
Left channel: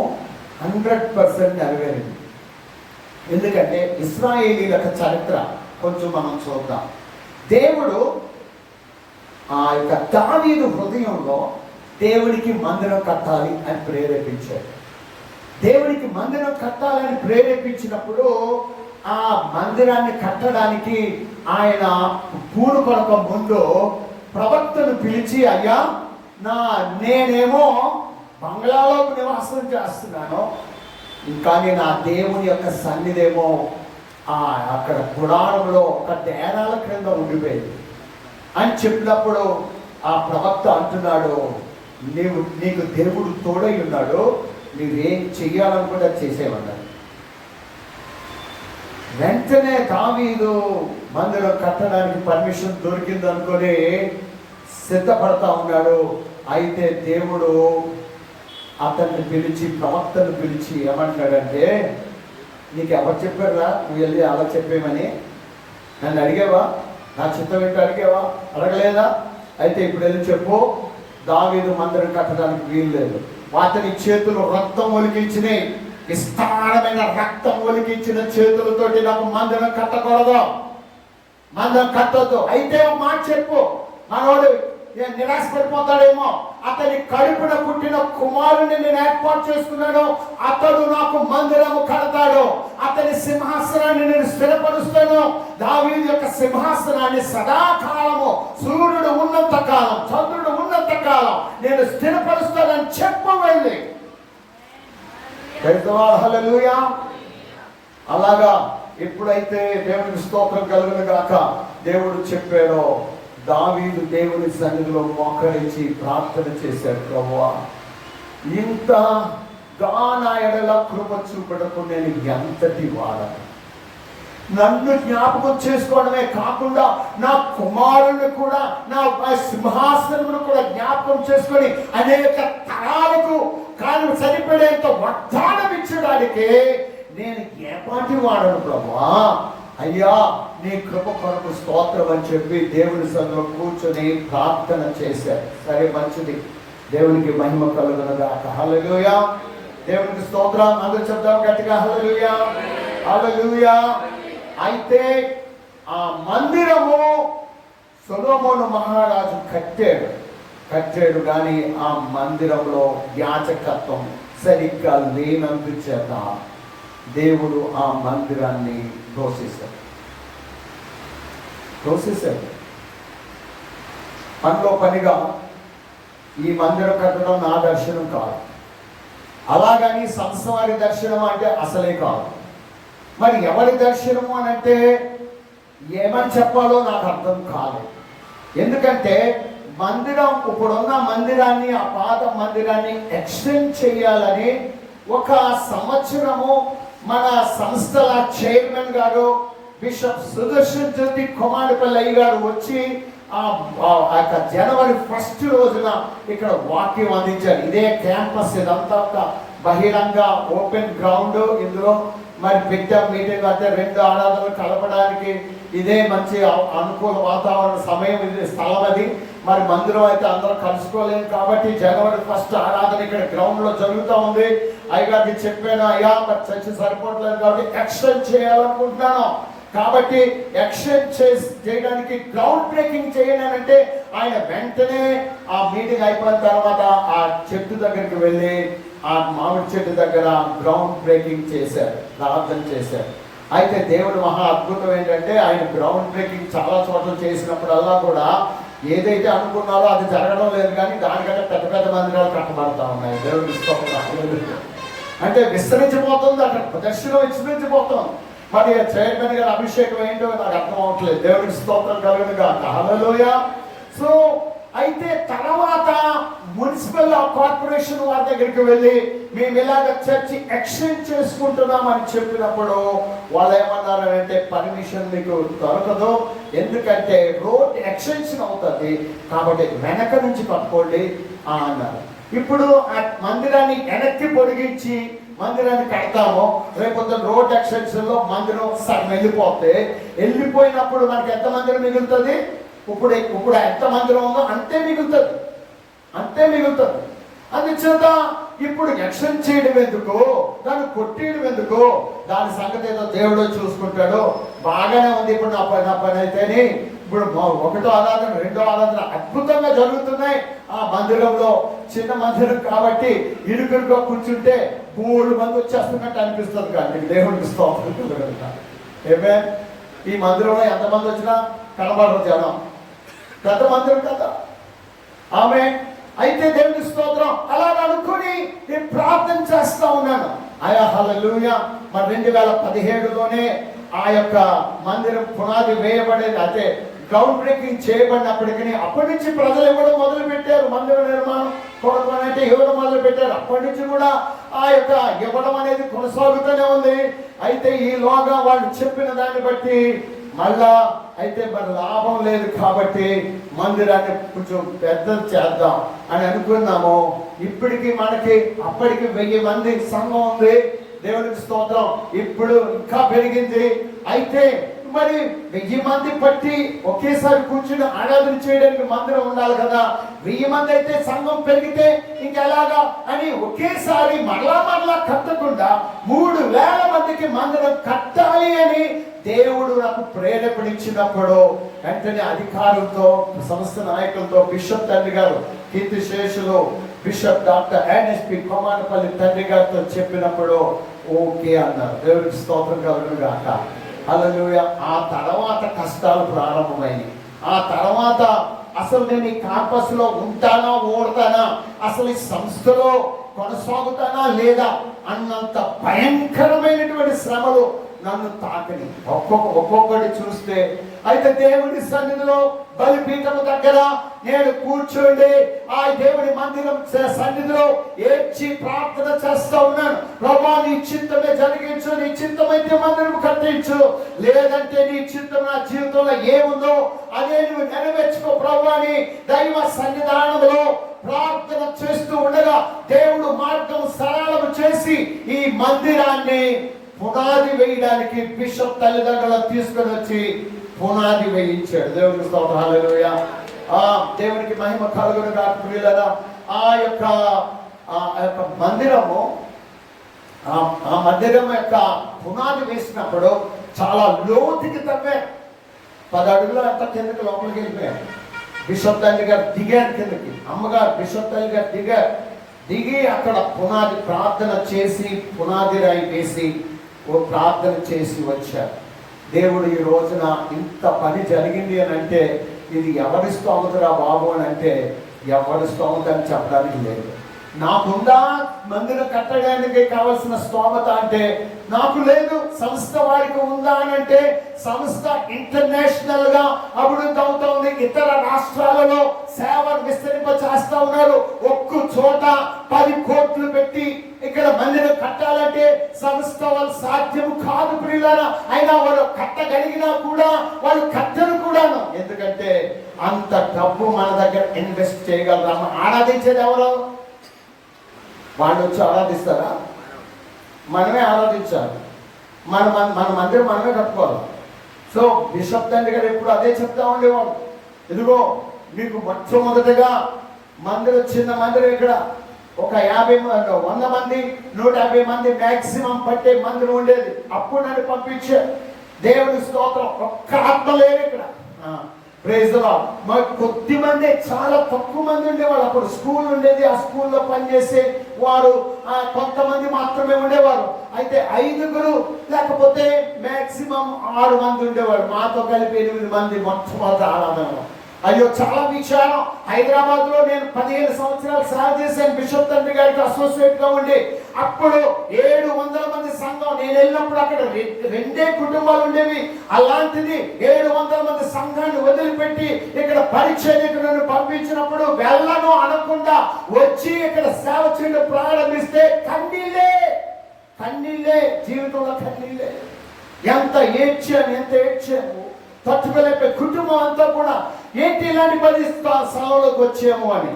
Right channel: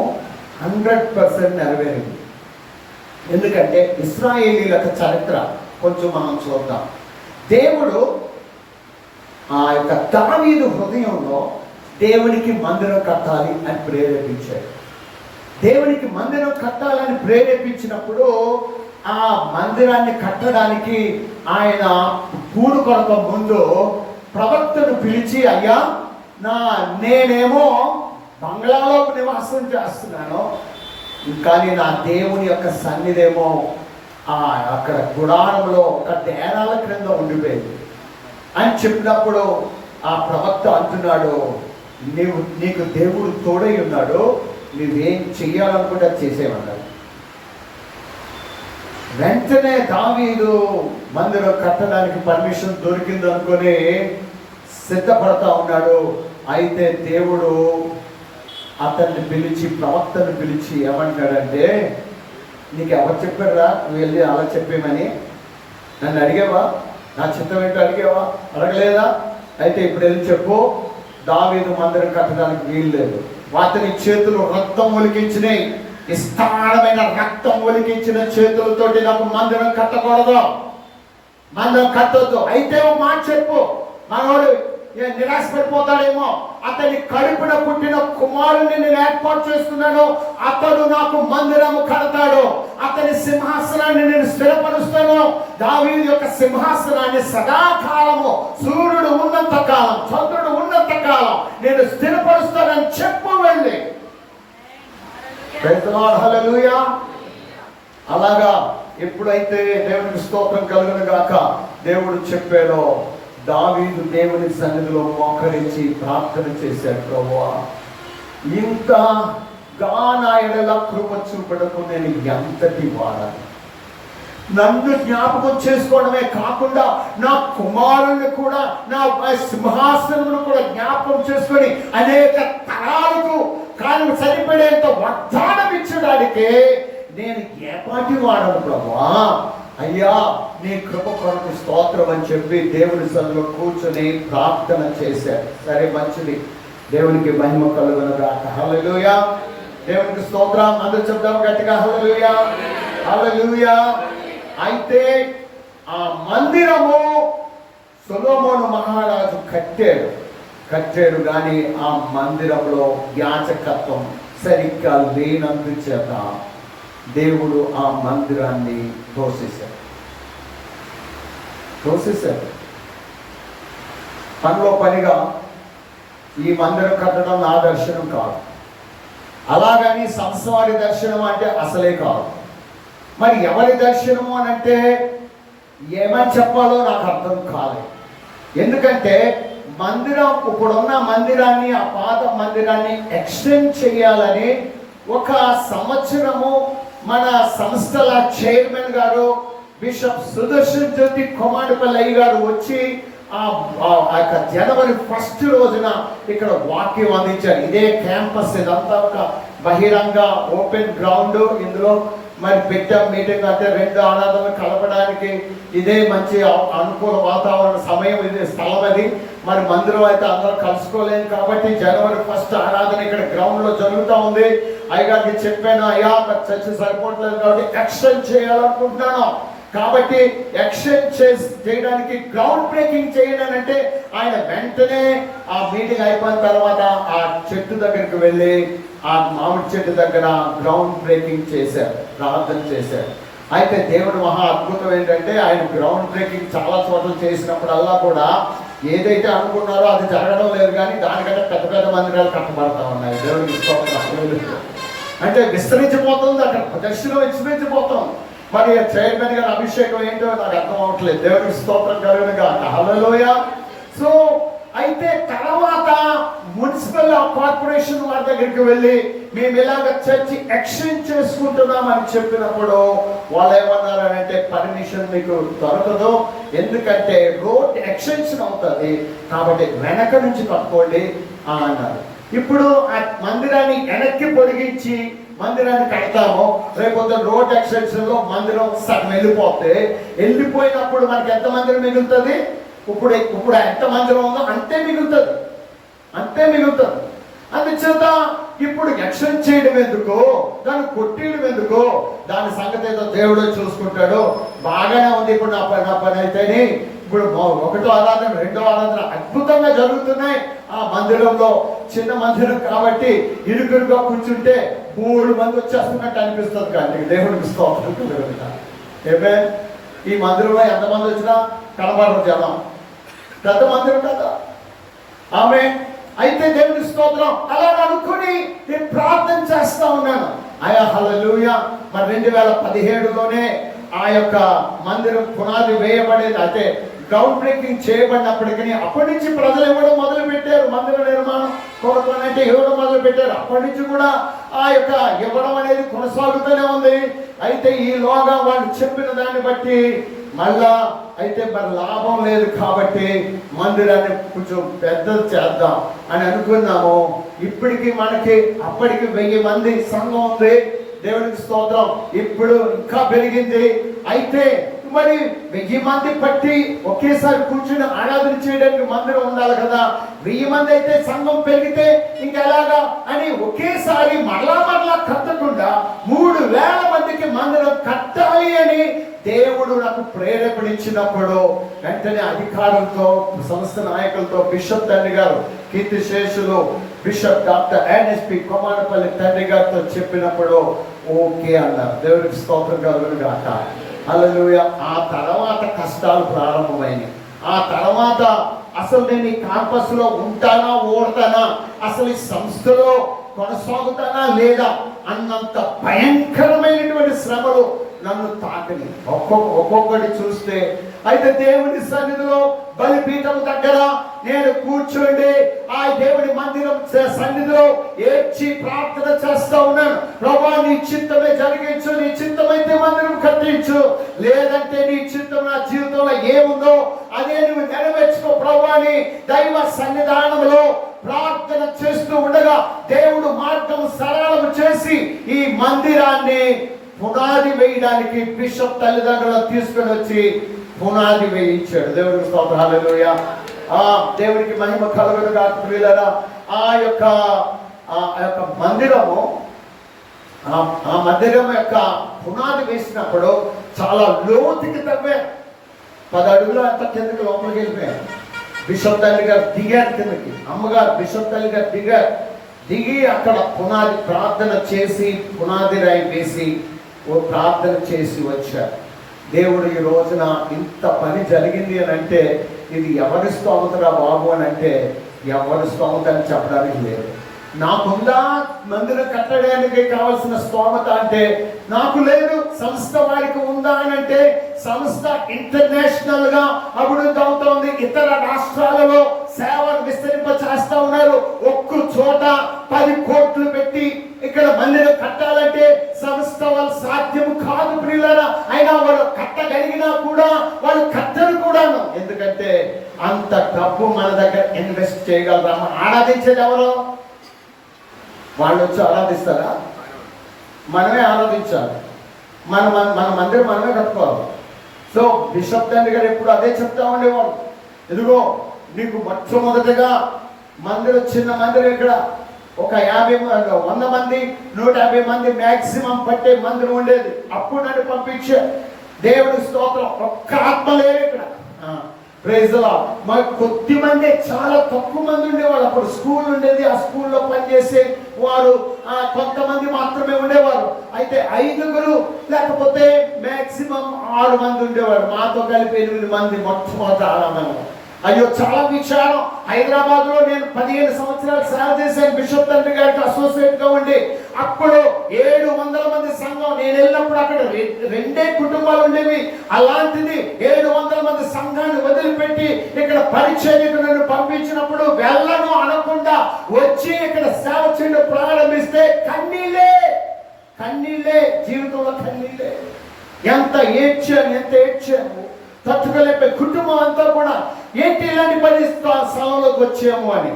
100% నెరవేరింది. ఎందుకంటే ఇశ్రాయేలీల చరిత్ర కొంచెం మనం చూద్దాం. దేవుడు ఆ యొక్క దావీదు హృదయంలో దేవునికి మందిరం కట్టాలి అని ప్రేరేపించాడు. దేవునికి మందిరం కట్టాలని ప్రేరేపించినప్పుడు ఆ మందిరాన్ని కట్టడానికి ఆయన పూనుకొనక ముందు ప్రవక్తను పిలిచి, అయ్యా నేనేమో బంగ్లాలో నివాసం చేస్తున్నాను, కానీ నా దేవుని యొక్క సన్నిధేమో అక్కడ గుడారంలో ఒక డేరాల క్రింద ఉండిపోయింది అని చెప్పినప్పుడు ఆ ప్రవక్త అంటున్నాడు, నీకు దేవుడు తోడై ఉన్నాడు, నువ్వేం చెయ్యాలనుకుంటే చేసేవన్నాడు. వెంటనే దావీదు మందిరం కట్టడానికి పర్మిషన్ దొరికింది అనుకొని సిద్ధపడతా ఉన్నాడు. అయితే దేవుడు అతన్ని పిలిచి, ప్రవక్తను పిలిచి ఏమంటాడంటే, నీకు ఎవరు చెప్పారా నువ్వు వెళ్ళి అలా చెప్పేమని? నన్ను అడిగావా? నా చిత్తం ఏంటో అడిగావా? అడగలేదా? అయితే ఇప్పుడు వెళ్ళి చెప్పు, దావీదు మందిరం కట్టడానికి వీలు లేదు. అతని చేతులు రక్తం ఒలికించినాయి, విస్తారమైన రక్తం ఒలికించిన చేతులతోటి నాకు మందిరం కట్టకూడదు, మందిరం కట్టొద్దు. అయితే ఒక మాట చెప్పు, మనోడు నిరాశపడిపోతాడేమో, అతని కడుపున పుట్టిన కుమారుని నేను ఏర్పాటు చేస్తున్నాను, అతడు నాకు మందిరము కడతాడు, అతని సింహాసనాన్ని నేను స్థిరపరుస్తాను. దావీదు యొక్క సింహాసనాన్ని సదాకాలము, సూర్యుడు ఉన్నంత కాలం, చంద్రుడు ఉన్నంత కాలం నేను స్థిరపరుస్తానని చెప్పు వెళ్ళి. హల్లెలూయా. అలాగా ఎప్పుడైతే దేవునికి స్తోత్రం కలుగును గాక దేవుడు చెప్పాడో, దావీదు దేవుని సన్నిధిలో మోకరించి ప్రార్థన చేశాడు, ప్రభువా ఇంతగా నా ఎడల కృప చూపడకు నేను ఎంతటి వాడను, నన్ను జ్ఞాపకం చేసుకోవడమే కాకుండా నా కుమారుని కూడా, నా సింహాసనమును కూడా జ్ఞాపకం చేసుకొని అనేక తరాలకు కానీ సరిపడేంత వాగ్దానం ఇచ్చడానికి నేను ఏపాటి వాడను ప్రభువా, అయ్యా నీ కృప కొరకు స్తోత్రం అని చెప్పి దేవుని సన్నిధిలో కూర్చొని ప్రార్థన చేశారు. సరే మంచిది, దేవునికి మహిమ కలుగును గాక. హల్లెలూయా. దేవునికి స్తోత్రం. అందరూ చెప్తాం గట్టిగా హల్లెలూయా, హల్లెలూయా. అయితే ఆ మందిరము సొలొమోను మహారాజు కట్టాడు కానీ ఆ మందిరంలో యాజకత్వం సరిగ్గా లేనందుచేత దేవుడు ఆ మందిరాన్ని తోసేశాడు. పనిలో పనిగా ఈ మందిరం కట్టడం నా దర్శనం కాదు, అలాగని సంసారి దర్శనం అంటే అసలే కాదు. మరి ఎవరి దర్శనము అని అంటే ఏమని చెప్పాలో నాకు అర్థం కాలేదు. ఎందుకంటే మందిరం, ఇప్పుడున్న మందిరాన్ని, ఆ పాత మందిరాన్ని ఎక్స్టెండ్ చేయాలని ఒక సంవత్సరము మన సంస్థల చైర్మన్ గారు బిషప్ సుదర్శన్ జ్యోతి కుమారపల్లి గారు వచ్చి యొక్క జనవరి 1 రోజున ఇక్కడ వాక్యం అందించారు. ఇదే క్యాంపస్, ఇదంతా ఒక బహిరంగ ఓపెన్ గ్రౌండ్. ఇందులో మరి పెద్ద మీటింగ్ అంటే 2 ఆరాధనలు కలపడానికి ఇదే మంచి అనుకూల వాతావరణ సమయం, ఇది స్థలం. అది మరి మందిరం అయితే అందరూ కలుసుకోలేము కాబట్టి జనవరి 1 ఆరాధన ఇక్కడ గ్రౌండ్ లో జరుగుతూ ఉంది. అయ్యగారికి చెప్పాను, అయ్యా మరి చర్చ సరిపోవట్లేదు కాబట్టి ఎక్స్టెండ్ చేయాలనుకుంటున్నాను, కాబట్టి ఎక్స్టెండ్ చేయడానికి గ్రౌండ్ బ్రేకింగ్ చేయాలంటే ఆయన వెంటనే ఆ మీటింగ్ అయిపోయిన తర్వాత ఆ చెట్టు దగ్గరికి వెళ్ళి ఆ మామిడి చెట్టు దగ్గర గ్రౌండ్ బ్రేకింగ్ చేశారు, ప్రార్థన చేశారు. అయితే దేవుడు మహా అద్భుతం ఏంటంటే ఆయన గ్రౌండ్ బ్రేకింగ్ చాలా చోట్ల చేసినప్పుడల్లా కూడా ఏదైతే అనుకున్నారో అది జరగడం లేదు, కానీ దానికంటే పెద్ద పెద్ద మందిరాలు కట్టబడతా ఉన్నాయి. దేవుడు అంటే విస్తరించిపోతుంది, అక్కడ దర్శనం విస్తరించిపోతుంది. మరి చైర్మన్ గారి అభిషేకం ఏంటో నాకు అర్థం అవ్వట్లేదు. దేవుడికి స్తోత్రం కలుగునుగా. హల్లెలూయా. సో అయితే తర్వాత మున్సిపల్ కార్పొరేషన్ వారి దగ్గరికి వెళ్ళి మేము ఇలాగ చర్చి ఎక్స్టెండ్ చేసుకుంటున్నామని చెప్పినప్పుడు వాళ్ళు ఏమన్నారంటే పర్మిషన్ మీకు దొరకదు, ఎందుకంటే రోడ్ ఎక్స్టెన్షన్ అవుతుంది కాబట్టి వెనక నుంచి కట్టుకోండి అన్నారు. ఇప్పుడు ఆ మందిరాన్ని వెనక్కి పొడిగించి మందిరాన్ని కడతాము, రేపు రోడ్ ఎక్స్టెన్షన్ లో మందిరం వెళ్ళిపోయినప్పుడు మనకి ఎంత మందిరం మిగులుతుంది? ఇప్పుడు ఎంత మందిరం ఉందో అంతే మిగులుతుంది. అందుచేత ఇప్పుడు ఎక్స్టెండ్ చేయడం ఎందుకు, దాన్ని కొట్టేయడం ఎందుకు, దాని సంగతి ఏదో దేవుడు చూసుకుంటాడు. బాగానే ఉంది. ఇప్పుడు నా పని అయితేనే ఇప్పుడు 1వ ఆరాధన 2వ ఆరాధన అద్భుతంగా జరుగుతున్నాయి. ఆ మందిరంలో చిన్న మందిరం కాబట్టి ఇరుకురుగా కూర్చుంటే 3 మంది వచ్చేస్తున్నట్టు అనిపిస్తుంది. కానీ దేవుడికి స్తోత్రం కలుగుతారు. ఈ మందిరంలో ఎంతమంది వచ్చినా కనబడరు జనం, పెద్ద మందిరం కదా ఆమె. అయితే దేవుడి స్తోత్రం అలా అనుకుని నేను ప్రార్థన చేస్తా ఉన్నాను. అయా హల్లెలూయా. మరి 2017లోనే ఆ యొక్క మందిరం పునాది వేయబడేది, అయితే గ్రౌండ్ బ్రేకింగ్ చేయబడినప్పటికీ అప్పటి నుంచి ప్రజలు ఇవ్వడం మొదలు పెట్టారు. మందిర నిర్మాణం కొరకొనంటే ఇవ్వడం మొదలు పెట్టారు. అప్పటి నుంచి కూడా ఆ యొక్క ఇవ్వడం అనేది కొనసాగుతూనే ఉంది. అయితే ఈలోగా వాళ్ళు చెప్పిన దాన్ని బట్టి మళ్ళా అయితే మరి లాభం లేదు కాబట్టి మందిరాన్ని కొంచెం పెద్దది చేద్దాం అని అనుకున్నాము. ఇప్పటికి మనకి అప్పటికి 1000 మంది సంఘం ఉంది. దేవుడికి స్తోత్రం. ఇప్పుడు ఇంకా పెరిగింది. అయితే మరి 1000 మంది పట్టి ఒకేసారి కూర్చుని ఆరాధన చేయడానికి మందిరం ఉండాలి కదా. 1000 మంది అయితే సంఘం పెరిగితే ఇంకెలాగా అని ఒకేసారి మరలా కట్టకుండా 3000 మందికి మందిరం కట్టాలి అని దేవుడు నాకు ప్రేరేపణించినప్పుడు వెంటనే అధికారులతో, సంస్థ నాయకులతో, బిషప్ తండ్రి గారు కీర్తిశేషులు బిషప్ డాక్టర్ ఎన్ఎస్పి కొమారపల్లి తండ్రి గారితో చెప్పినప్పుడు ఓకే అన్నారు. దేవుడికి స్తోత్రం కలుగును గాక. హల్లెలూయా. ఆ తర్వాత కష్టాలు ప్రారంభమైనవి. ఆ తర్వాత అసలు నేను ఈ క్యాంపస్ లో ఉంటానా ఓడతానా, అసలు ఈ సంస్థలో కొనసాగుతానా లేదా అన్నంత భయంకరమైనటువంటి శ్రమలు నన్ను తాకని ఒక్కొక్కటి చూస్తే. అయితే దేవుని సన్నిధిలో బలిపీఠం దగ్గర నేను కూర్చోండి ఆ దేవుడి మందిరం సన్నిధిలో ఏడ్చి ప్రార్థన చేస్తా ఉన్నాను. ప్రభా నీ చిత్తమే జరిగించు, నీ చిత్తమైతే మందిరం కట్టించు, లేదంటే నీ చిత్తం నా జీవితంలో ఏముందో అదే నువ్వు నెరవేర్చుకో ప్రభా అని దైవ సన్నిధానంలో ప్రార్థన చేస్తూ ఉండగా దేవుడు మార్గం సరళం చేసి ఈ మందిరాన్ని పునాది వేయడానికి బిషప్ తల్లిదండ్రులు తీసుకుని వచ్చి పునాది వేయించాడు. దేవుడికి స్తోత్రం. హల్లెలూయా. దేవుడికి మహిమ కలుగును గాక. ప్రియులారా, ఆ యొక్క మందిరము ఆ మందిరం యొక్క పునాది వేసినప్పుడు చాలా లోతుకి తవ్వారు. 10 అడుగులు అంత కిందకి లోపలికి వెళ్ళిపోయారు. బిషప్ తల్లి గారు దిగారు కిందకి, అమ్మగారు బిషప్ తల్లి గారు దిగి అక్కడ పునాది ప్రార్థన చేసి పునాది రాయి వేసి ప్రార్థన చేసి వచ్చారు. దేవుడు ఈ రోజున ఇంత పని జరిగింది అని అంటే ఇది ఎవరి స్తోమతరా బాబు అని అంటే ఎవరి స్తోమత అని చెప్పడానికి లేదు. నాకుందా మందిరం కట్టడానికి కావలసిన స్తోమత అంటే నాకు లేదు. సంస్థ వారికి ఉందా అని అంటే సంస్థ ఇంటర్నేషనల్ గా అభివృద్ధి అవుతోంది. ఇతర రాష్ట్రాలలో సేవలు విస్తరింప చేస్తా ఉన్నారు. ఒక్క చోట 10 కోట్లు పెట్టి ఇక్కడ మందిరం కట్టాలంటే సంస్థ వాళ్ళు సాధ్యం కాదు ప్రియులారా. అయినా వాళ్ళు కట్టగలిగినా కూడా వాళ్ళు కట్టరు కూడాను. ఎందుకంటే అంత ఇన్వెస్ట్ చేయగలరా? ఆరాధించేది ఎవరు? వాళ్ళు వచ్చి ఆరాధిస్తారా? మనమే ఆరాధించాలి. మన మందిరం మనమే కట్టుకోవాలి. సో బిషప్ తండ్రి గారు ఎప్పుడు అదే చెప్తా ఉండేవాడు, ఇదిగో నీకు మొట్టమొదటిగా మందిరం, చిన్న మందిరం ఇక్కడ ఒక 100 మంది 150 మంది మ్యాక్సిమం పట్టే మందిరం ఉండేది. అప్పుడు నన్ను పంపించే దేవుడి స్తోత్రం. ఒక్క ఆత్మ లేరు ఇక్కడ. Praise the lord. మరి కొద్ది మంది, చాలా తక్కువ మంది ఉండేవాళ్ళు. అప్పుడు స్కూల్ ఉండేది, ఆ స్కూల్లో పనిచేసే వారు కొంతమంది మాత్రమే ఉండేవారు. అయితే 5 లేకపోతే మ్యాక్సిమం 6 మంది ఉండేవారు. మాతో కలిపి 8 మంది మొట్టమొదటి ఆరాధనలో. అయ్యో చాలా విచారం. హైదరాబాద్ లో నేను 15 సంవత్సరాలు సేవ చేశాను బిషప్ తండ్రి గారికి అసోసియేట్ గా ఉండి. అప్పుడు 700 మంది సంఘం. నేను వెళ్ళినప్పుడు అక్కడ 2 కుటుంబాలు ఉండేవి. అలాంటిది 700 మంది సంఘాన్ని వదిలిపెట్టి ఇక్కడ పరిచర్యకులను పంపించినప్పుడు వెళ్ళను అనకుండా వచ్చి ఇక్కడ సేవ చేయడం ప్రారంభిస్తే కన్నీళ్ళే, జీవితంలో కన్నీళ్ళే. ఎంత ఏడ్చాను, తట్టుకోలేకపోయి కుటుంబం అంతా కూడా ఏంటి ఇలాంటి పరిస్థితి స్థలంలోకి వచ్చాము అని.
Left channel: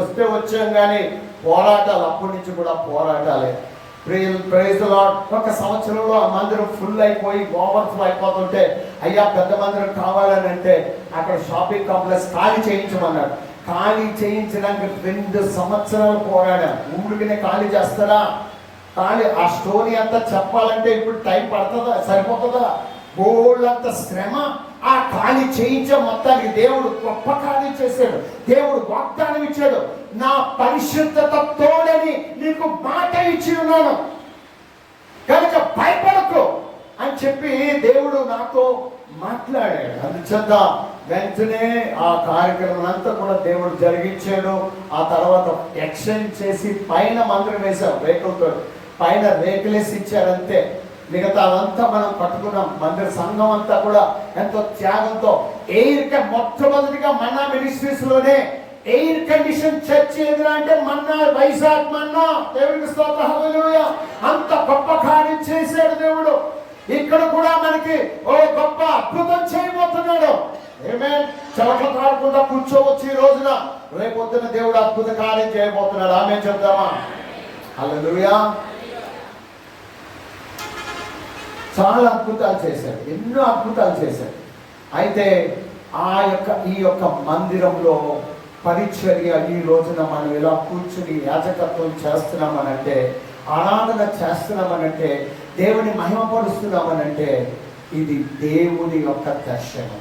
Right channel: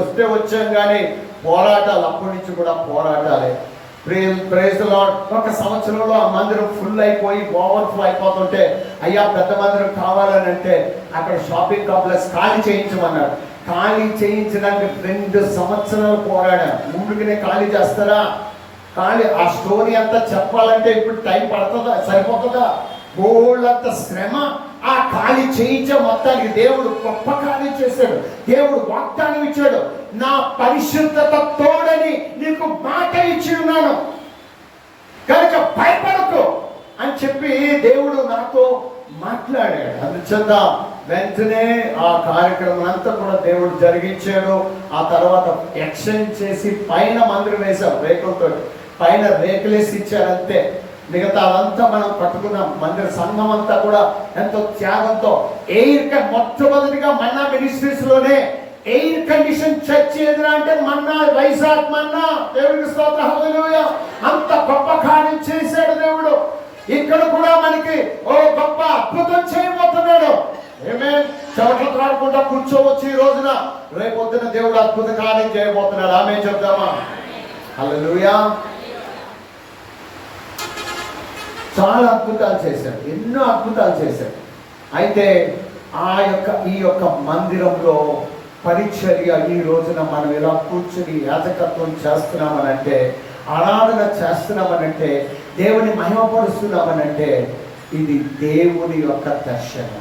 వస్తే వచ్చాం కానీ పోరాటాలు అప్పటి నుంచి కూడా పోరాటాలే. Praise the lord. ఒక సంవత్సరంలో ఆ మందిరం ఫుల్ అయిపోయి ఓవర్ఫ్లో అయిపోతుంటే, అయ్యా పెద్ద మందిరం కావాలని అంటే అక్కడ షాపింగ్ కాంప్లెక్స్ ఖాళీ చేయించమన్నాడు. ఖాళీ చేయించడానికి 2 సంవత్సరాలు పోరాడాను. ఊరికనే ఖాళీ చేస్తారా? ఖాళీ ఆ స్టోరీ అంతా చెప్పాలంటే ఇప్పుడు టైం పడుతుందా? సరిపోతుందా? బోళ్ళంత శ్రమ. ఆ ఖాళీ చేయించే మొత్తానికి దేవుడు గొప్ప కార్యం చేశాడు. దేవుడు వాగ్దానం ఇచ్చాడు, నా పరిశుద్ధత తోడని నీకు మాట ఇచ్చి ఉన్నాను కనుక భయపడకు అని చెప్పి దేవుడు నాతో మాట్లాడాడు. అందుచేత వెంటనే ఆ కార్యక్రమం అంతా కూడా దేవుడు జరిగించాడు. ఆ తర్వాత ఎక్స్టెండ్ చేసి పైన మందిరం వేశాం రేకులతో. పైన రేకులేసి ఇచ్చారంతే. మిగతా అంతా మనం పట్టుకున్నాం. మందిర సంఘం అంతా కూడా ఎంతో త్యాగంతో మొట్టమొదటిగా మన్నా మినిస్ట్రీస్ లోనే ఎయిర్ కండిషన్ చర్చ్ ఎదురా అంటే మన్నా, వైజాగ్ మన్నా. దేవుడికి స్తోత్రం, హల్లెలూయా. అంత గొప్ప కార్యం చేశాడు దేవుడు. ఇక్కడ కూడా మనకి ఓ గొప్ప అద్భుతం చేయబోతున్నాడు. ఆమేన్. చోట్ల కాకుండా కూర్చోవచ్చు ఈ రోజున. రేపొద్దున దేవుడు అద్భుత కార్యం చేయబోతున్నాడు. ఆమేన్ చెప్దామా? హల్లెలూయా. చాలా అద్భుతాలు చేశాడు, ఎన్నో అద్భుతాలు చేశాడు. అయితే ఈ యొక్క మందిరంలో పరిచర్య ఈ రోజున మనం ఇలా కూర్చుని యాజకత్వం చేస్తున్నామనంటే, ఆరాధన చేస్తున్నామనంటే, దేవుని మహిమపరుస్తున్నామనంటే ఇది దేవుని యొక్క దర్శనం.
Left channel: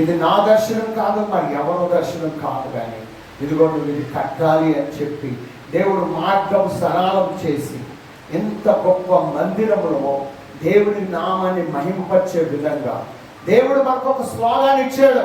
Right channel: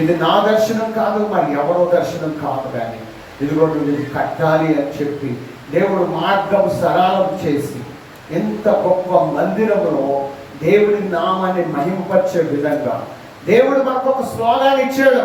ఇది నా దర్శనం కాదు, మరి ఎవరో దర్శనం కాదు. కానీ ఇదిగోండి ఇది కట్టాలి అని చెప్పి దేవుడు మార్గం సరళం చేసి ఎంత గొప్ప మందిరంలో దేవుని నామాన్ని మహిమపరిచే విధంగా దేవుడు మనకు ఒక స్లోగాన్ ఇచ్చాడు.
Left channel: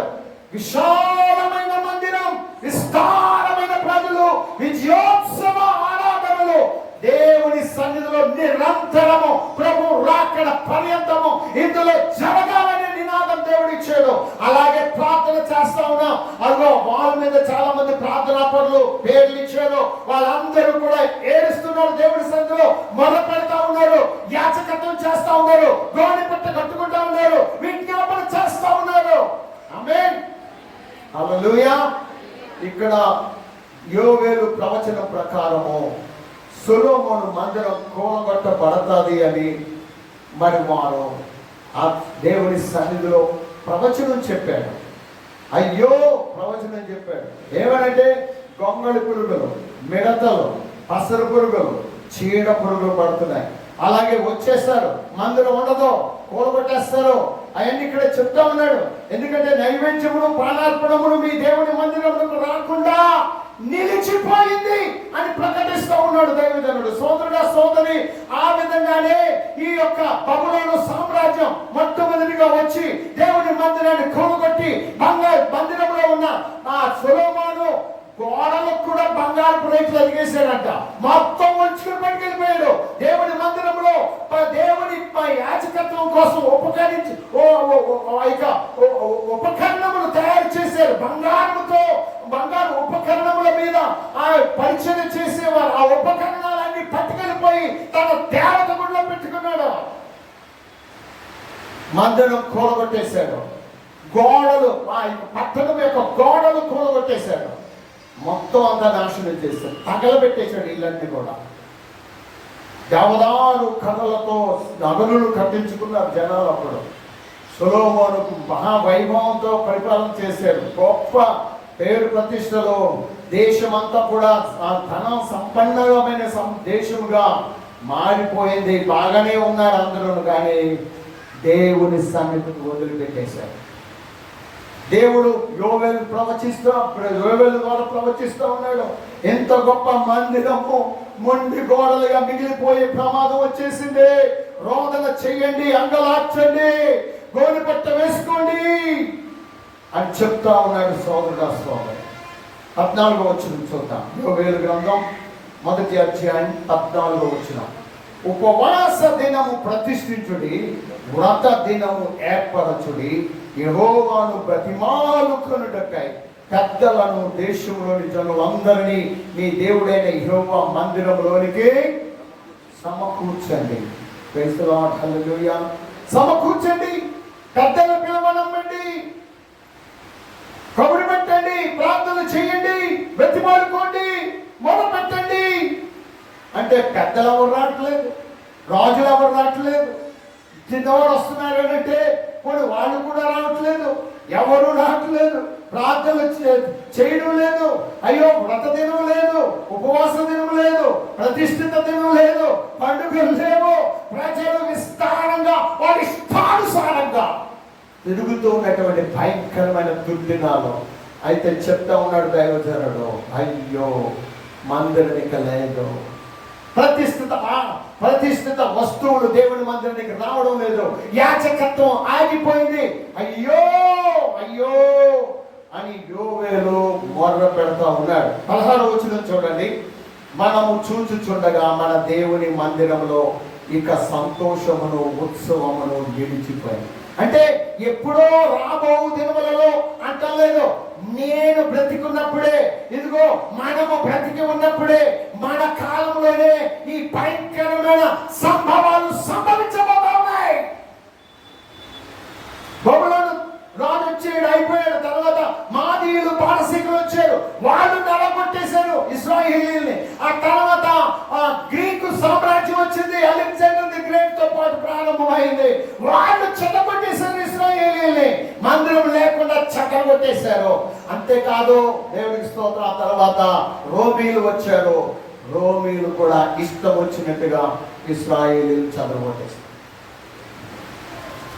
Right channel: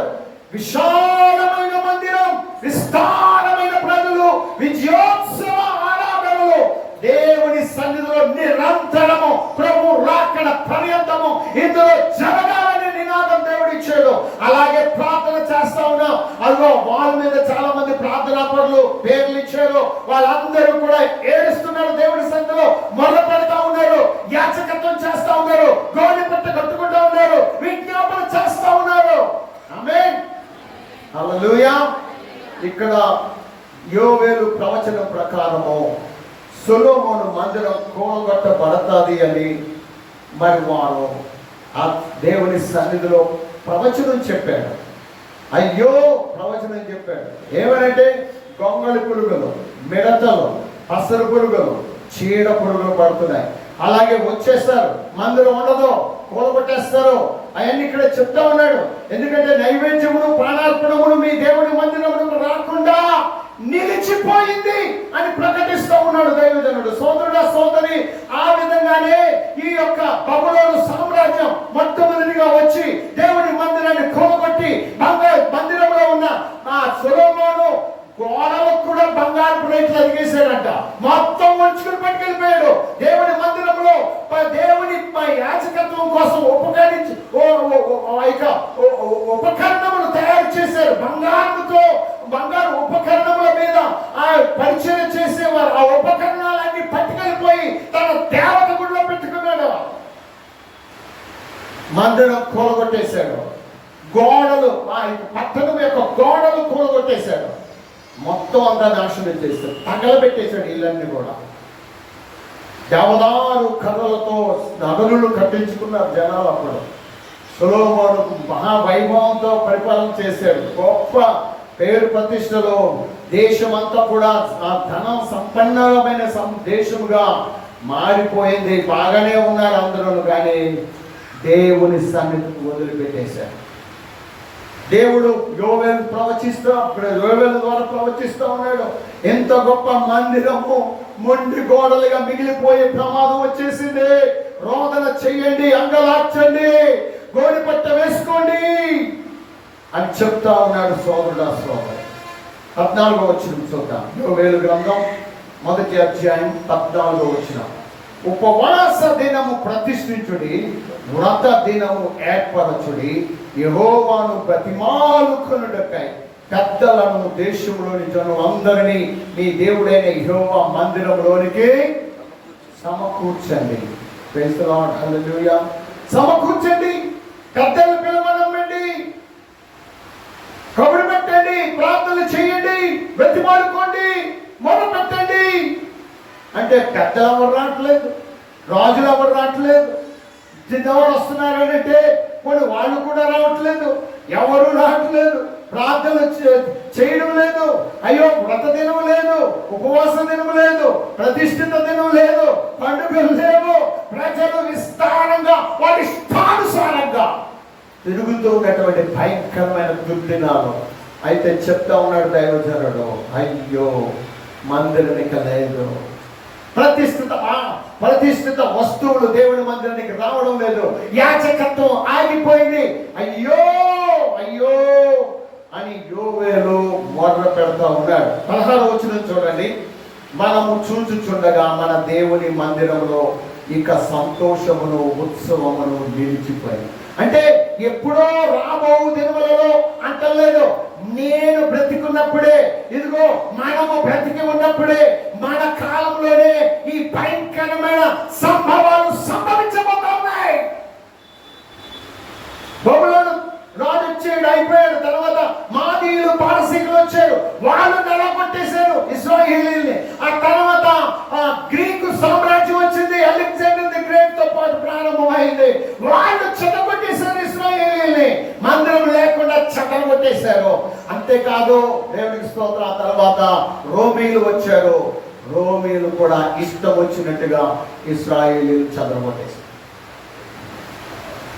విశాలమైన మందిరం, విస్తారమైన ప్రజలు, విజయోత్సవ ఆరాధనలు, దేవుని సన్నిధిలో నిరంతరము, ప్రభు రాకడ పర్యంతము ఇందులో జరగాలని నినాదం దేవుడు ఇచ్చాడు. అలాగే ప్రార్థన చేస్తా ఉన్నాం. అదిగో వాళ్ళ మీద చాలా మంది ప్రార్థనా పరులు పేర్లు ఇచ్చారు. వాళ్ళందరూ కూడా ఏడుస్తున్నారు, దేవుడి సన్నిధిలో మొదలు పెడతా ఉన్నారు, యాచకత్వం చేస్తా ఉన్నారు, గోని పట్ట కట్టుకుంటా ఉన్నారు, విజ్ఞాపన చేస్తా ఉన్నారు. ఆమేన్, హల్లెలూయా. ఇక్కడ యోవేలు ప్రవచనం ప్రకారము సొలొమోను మందిరం కూలగొట్టబడతాది అని మరి వారు ఆ దేవుని సన్నిధిలో ప్రవచనం చెప్పాడు. అయ్యో ప్రవచనం చెప్పాడు. ఏమనంటే గొంగళి పురుగులు, మిడతలు, పసరు పురుగులు, చీడ పురుగులు పడుతున్నాయి. అలాగే వచ్చేస్తారు, మందిరం ఉండదు, కూలగొట్టేస్తారు. అవన్నీ ఇక్కడ చెప్తా ఉన్నాడు. ఎందుకంటే నైవేద్యములు, ప్రాణార్పణములు మీ దేవుడి మందిరంలో రాకుండా నిలిచిపోయింది అని ప్రకటిస్తూ ఉన్నాడు దైవజనుడు. సోదరుడా సోదరి, ఆ విధంగానే ఈ యొక్క బబులోను సామ్రాజ్యం మొట్టమొదటిగా వచ్చి దేవుని మందిరాన్ని కూలగొట్టి మందిరంలో ఉన్న ఆ సొలొమోను గోడలకు కూడా బంగారు రేట్లు అడిగేశాడంట. మొత్తం వంచుకుని పట్టుకెళ్ళిపోయాడు. దేవుని మందిరంలో దేవుని యాజకత్వం కోసం ఉపకరణములు తయారు చేశారు. బంగారు ఉపకరణముల మీద ఆ పరిచయం చేసేవారు. ఆ ఉపకరణాలన్నీ పట్టుకెళ్ళిపోయి తన దేవత గుడిలో పెట్టుకున్నాడు. మందిరం కూలగొట్టేశాడు. గోడలు, ఆ పట్టణం యొక్క గోడలు కూలగొట్టేశాడు. మొత్తం అంతా నాశనం చేశాడు, తగలబెట్టేశాడు ఇళ్ళన్నీ కూడా. దేవదారు కథలతో నగరులు కట్టించుకున్నారు జనాలు. అప్పుడు సొలొమోను మహావైభవంతో పరిపాలన చేశాడు. గొప్ప పేరు ప్రతిష్టలో దేశమంతా కూడా ఆ ధన సంపన్నమైన దేశముగా మారిపోయింది. బాగానే ఉన్నారు అందరూ, కానీ దేవుని సన్నిధిని వదిలిపెట్టేశారు. దేవుడు యోవేలు ద్వారా ప్రవచిస్తూ ఉన్నాడు. ఎంత గొప్ప మందిరము మొండి గోడలుగా మిగిలిపోయే ప్రమాదం వచ్చేసింది. రోదన చెయ్యండి, అంగలార్చండి, గోడిపట్ట వేసుకోండి అని చెప్తా ఉన్నాడు సోదరుడా సోదరు. 14వ వచనం చూద్దాం. యోవేలు గ్రంథం 1వ అధ్యాయం 14వ వచనం. ఉపవాస దినము ప్రతిష్ఠించుడి, వ్రత దినము ఏర్పరచుడి, యెహోవాను బ్రతిమాలుకొనుటకై పెద్దలను దేశంలోని జనులందరినీ మీ దేవుడైన యెహోవా మందిరంలోనికి సమకూర్చండి. ప్రైజ్ ది లార్డ్, హల్లెలూయా. సమకూర్చండి, పెద్దలు పిలవనండి, కబురు పెట్టండి, ప్రార్థన చేయండి, బ్రతిమాలుకోండి, మొరపెట్టండి. అంటే పెద్దలు ఎవరు రావట్లేదు, రాజులు ఎవరు రావట్లేదు, చిన్నవారు వస్తున్నారంటే కొన్ని వాళ్ళు కూడా రావట్లేదు, ఎవరు రావట్లేదు, ప్రార్థన చేయడం లేదు. అయ్యో వ్రత దినం లేదు, ఉపవాస దినం లేదు, ప్రతిష్ఠిత దినం లేదు, పండుగలు లేవు. ప్రజలు విస్తారంగా వారి ఇష్టానుసారంగా తిరుగుతూ ఉన్నటువంటి భయంకరమైన దుర్దినాలు. అయితే చెప్తా ఉన్నాడు దైవజనుడు, అయ్యో మందిరానికి లేదు, ప్రతిష్ఠిత వస్తువులు దేవుడి మందిరానికి రావడం లేదు, యాజకత్వం ఆగిపోయింది, అయ్యో అయ్యో అని యోవేలు మొర్ర పెడతా ఉన్నాడు. 16వ వచనం చూడండి. మనము చూచుచుండగా మన దేవుని మందిరంలో ఇక సంతోషమును ఉత్సవమును నిలిచిపోయింది. అంటే ఎప్పుడో రాబో దినములలో అంటలేదు, నేను బ్రతికున్నప్పుడే, ఇదిగో మనము బ్రతికి ఉన్నప్పుడే, మన కాలంలోనే ఈ భయంకరమైన సంభవాలు సంభవించబోతున్నాయి. బబులోను రాజు వచ్చాడు, అయిపోయాడు. తర్వాత మాదీయులు పారసీకులు వచ్చారు, వాళ్ళు నెలకొట్టేశారు ఇశ్రాయేలీయుల్ని. ఆ తర్వాత గ్రీకు సామ్రాజ్యం వచ్చింది, అలెగ్జాండర్ ది గ్రేట్ తో పాటు ప్రారంభమైంది. వాళ్ళు చెదగొట్టేశారు ఇశ్రాయేలీయుల్ని, మందిరం లేకుండా చెదగొట్టేశారు. అంతేకాదు దేవునికి స్తోత్రం. ఆ తర్వాత రోమీలు వచ్చారు, రోమీలు కూడా ఇష్టం వచ్చినట్టుగా ఇశ్రాయేలీయులు చెదగొట్టేశారు.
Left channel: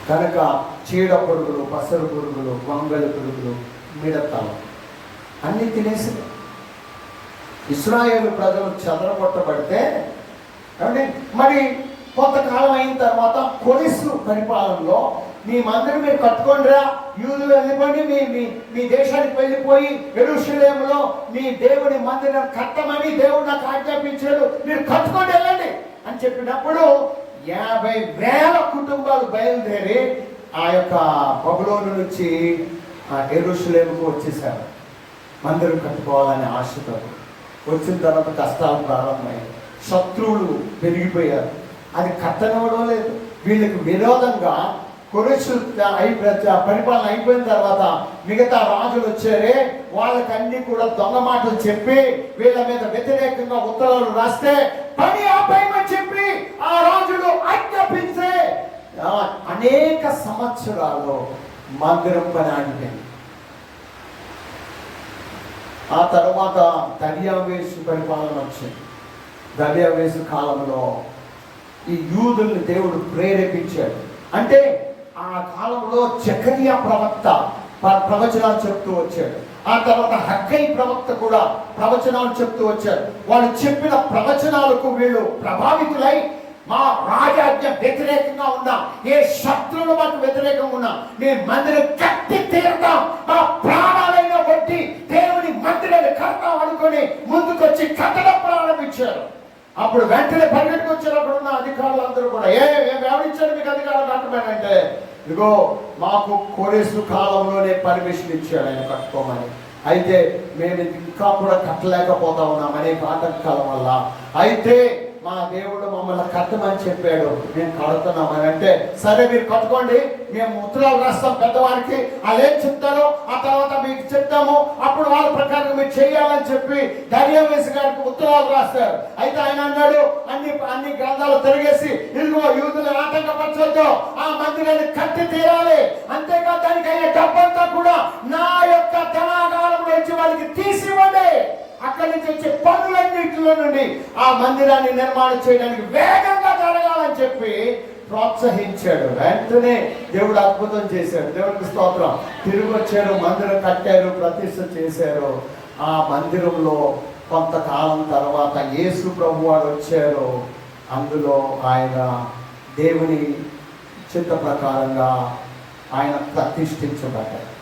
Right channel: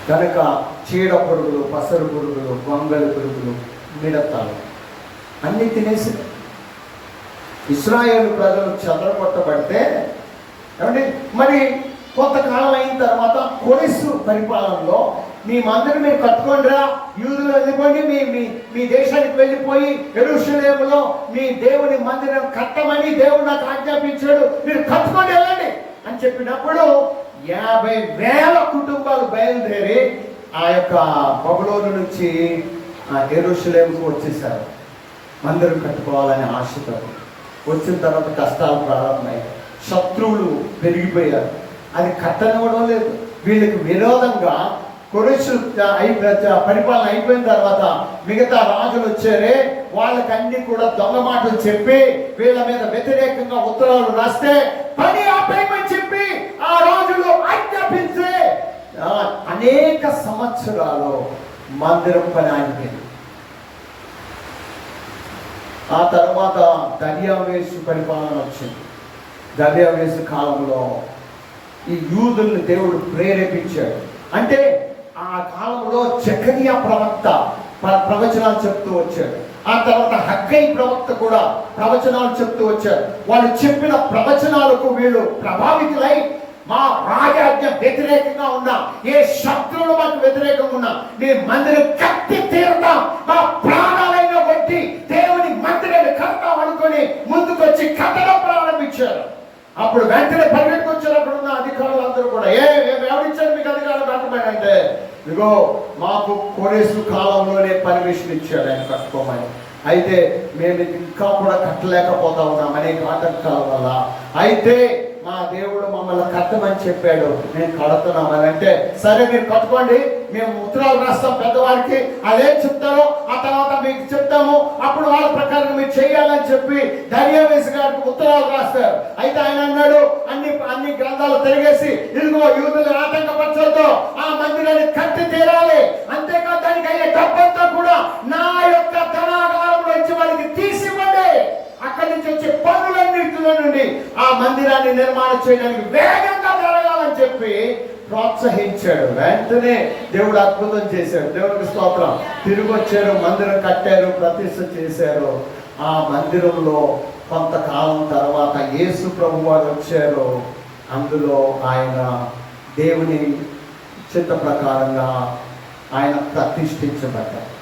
కనుక చీడ పురుగులు, పసరు పురుగులు, గొంగళి పురుగులు, మిడతలు అన్ని తినేసి ఇశ్రాయేలు ప్రజలు చెదరగొట్టబడితే మరి కొంతకాలం అయిన తర్వాత కొరెసు పరిపాలనలో మీ మందిరం మీరు కట్టుకోండిరా, యూదులు వెళ్ళిపోయి మీ దేశానికి వెళ్ళిపోయి యెరూషలేములో మీ దేవుని మందిరం కట్టమని దేవుడు నాకు ఆజ్ఞాపించాడు, మీరు కట్టుకొని వెళ్ళండి అని చెప్పినప్పుడు 50,000 కుటుంబాలు బయలుదేరి ఆ యొక్క బబులోను నుంచి యెరూషలేముకు వచ్చేసారు మందిరం కట్టుకోవాలని ఆశతో. వచ్చిన తర్వాత కష్టాలు ప్రారంభమయ్యాయి, శత్రువులు పెరిగిపోయారు, అది కట్టనివ్వడం లేదు. వీళ్ళకి విరోధంగా కొరెసు పరిపాలన అయిపోయిన తర్వాత మిగతా రాజులు వచ్చారే, వాళ్ళకన్నీ కూడా దొంగ మాటలు చెప్పి వీళ్ళ మీద వ్యతిరేకంగా ఉత్తరాలు రాస్తే పని ఆపేయమని చెప్పి ఆ రాజులు ఆజ్ఞాపించే అనేక సంవత్సరాలు మందిరం పని ఆగిపోయింది. ఆ తర్వాత దర్యావేసు పరిపాలన వచ్చింది. దర్యావేసు కాలంలో ఈ యూదుల్ని దేవుడు ప్రేరేపించాడు. అంటే ఆ కాలంలో జకరియా ప్రవక్త ప్రవచనాలు చెప్తూ వచ్చాడు. ఆ తర్వాత హగ్గై ప్రవక్త కూడా ప్రవచనాలు చెప్తూ వచ్చారు. వాళ్ళు చెప్పిన ప్రవచనాలకు వీళ్ళు ప్రభావితులై మా రాజాజ్ఞ వ్యతిరేకంగా ఉన్నా, ఏ శత్రువులు మాకు వ్యతిరేకంగా ఉన్నా, నేను మందిరం కట్టి తీరుతాం, మా ప్రాణాలైన కొట్టి దేవుని మందిరాన్ని కడతాం అనుకొని ముందుకొచ్చి కట్టడం ప్రారంభించారు. అప్పుడు వెంటనే పరిగెట్టుకొచ్చారు అక్కడ ఉన్న అధికారులు అందరూ కూడా, ఎవరిచ్చారు మీకు అధికారం కట్టమనంటే, ఇదిగో మాకు కొరెసు కాలంలోనే పర్మిషన్ ఇచ్చాడు ఆయన కట్టుకోమని. అయితే మేము ఇంకా కూడా కట్టలేకపోతా ఉన్నాం అనేక ఆటంకాల వల్ల. అయితే మా దేవుడు మమ్మల్ని కట్టమని చెప్పాడు, నేను కడుతున్నామని అంటే, సరే మీరు కట్టుకోండి, మేము ఉత్తరాలు రాస్తాం పెద్దవారికి, అదేం చెప్తారో ఆ తర్వాత మీకు చెప్తాము, అప్పుడు వాళ్ళ ప్రకారం మీరు చేయాలని చెప్పి దర్యావేశ గారికి ఉత్తరాలు రాస్తారు. అయితే ఆయన అన్నాడు, అన్ని గ్రంథాలు తిరిగేసి, ఇదిగో యూదులు ఆటంకపరచొద్దు, ఆ మందిరాన్ని కట్టి తీరాలి, అంతేకాదు దానికి అయ్యే డబ్బంతా కూడా నా యొక్క ధనాగారంలో వచ్చి వాళ్ళకి తీసివ్వండి, అక్కడి నుంచి వచ్చే పనులన్నింటిలో నుండి ఆ మందిరాన్ని నిర్మాణం చేయడానికి వేగంగా జరగాలని చెప్పి ప్రోత్సహించాడు. వెంటనే దేవుడు అద్భుతం చేశాడు. దేవుడికి స్తోత్రం. తిరిగి వచ్చారు, మందిరం కట్టారు, ప్రతిష్ఠ చేశారు. ఆ మందిరంలో కొంతకాలం తర్వాత యేసు ప్రభు వారు వచ్చారు. అందులో ఆయన దేవుని చిత్త ప్రకారంగా ఆయన ప్రతిష్ఠించబడ్డారు.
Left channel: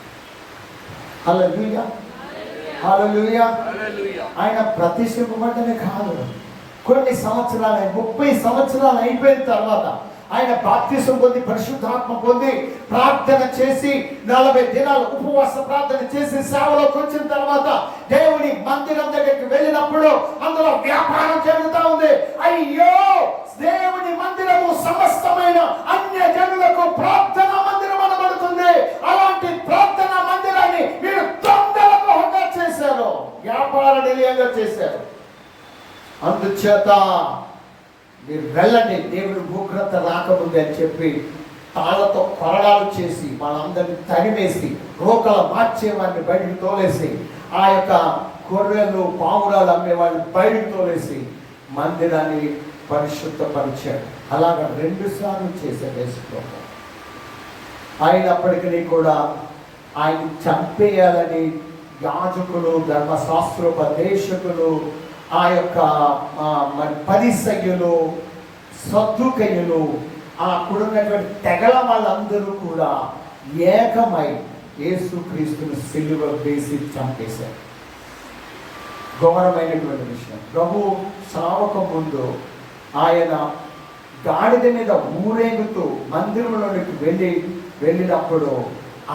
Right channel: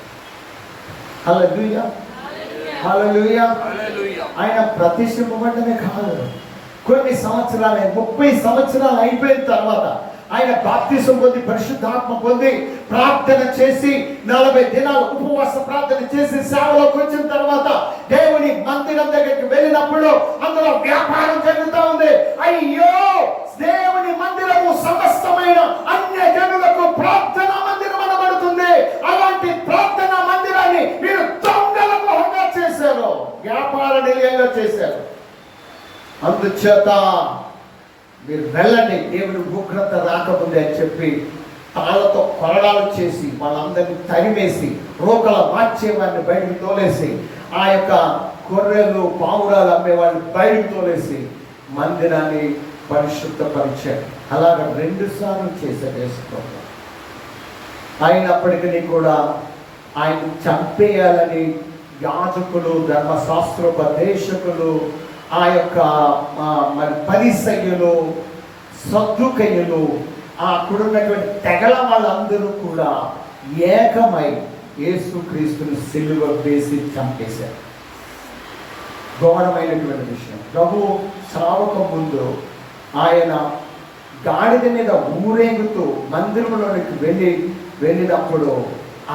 హల్లెలూయా, హల్లెలూయా. ఆయన ప్రతిష్ఠింపబడ్డమే కాదు, కొన్ని సంవత్సరాలు 30 సంవత్సరాలు అయిపోయిన తర్వాత ఆయన బాప్తిసం పొంది, పరిశుద్ధాత్మ పొంది, ప్రార్థన చేసి 40 దినాలు ఉపవాస ప్రార్థన చేసి సేవలోకి వచ్చిన తర్వాత దేవుని మందిరం దగ్గరికి వెళ్ళినప్పుడు అందులో వ్యాపారం జరుగుతూ ఉంది. అయ్యో, దేవుని మందిరము సమస్తమైన అన్య జనులకు ప్రార్థనా మందిరం అనబడుతుంది. అలాంటి ప్రార్థనా మందిరాన్ని మీరు దొంగల గృహంగా చేశారు, వ్యాపార నిలయంగా చేశారు. అందుచేత మీరు వెళ్ళండి, దేవుని ఉగ్రత రాకముందే అని చెప్పి తాళ్లతో కొరడాలు చేసి వాళ్ళందరినీ తరిమేసి రోకల మార్చేవాడిని బయటకు తోలేసి, ఆ యొక్క గొర్రెలు పావురాలు అమ్మేవాడిని బయటకు తోలేసి మందిరాన్ని పరిశుద్ధపరిచాడు. అలాగ 2 సార్లు చేశాడు యేసుప్రభు. అయినప్పటికీ కూడా ఆయన చంపేయాలని యాజకులు, ధర్మశాస్త్రోపదేశకులు, ఆ యొక్క మరి పరిసయ్యులు, సద్దుకయ్యులు, అక్కడున్నటువంటి తెగల వాళ్ళందరూ కూడా ఏకమై యేసుక్రీస్తుని సిలువ వేసి చంపేశారు. ఘోరమైనటువంటి విషయం. ప్రభు సావక ముందు ఆయన గాడిద మీద ఊరేగుతూ మందిరంలోనికి వెళ్ళినప్పుడు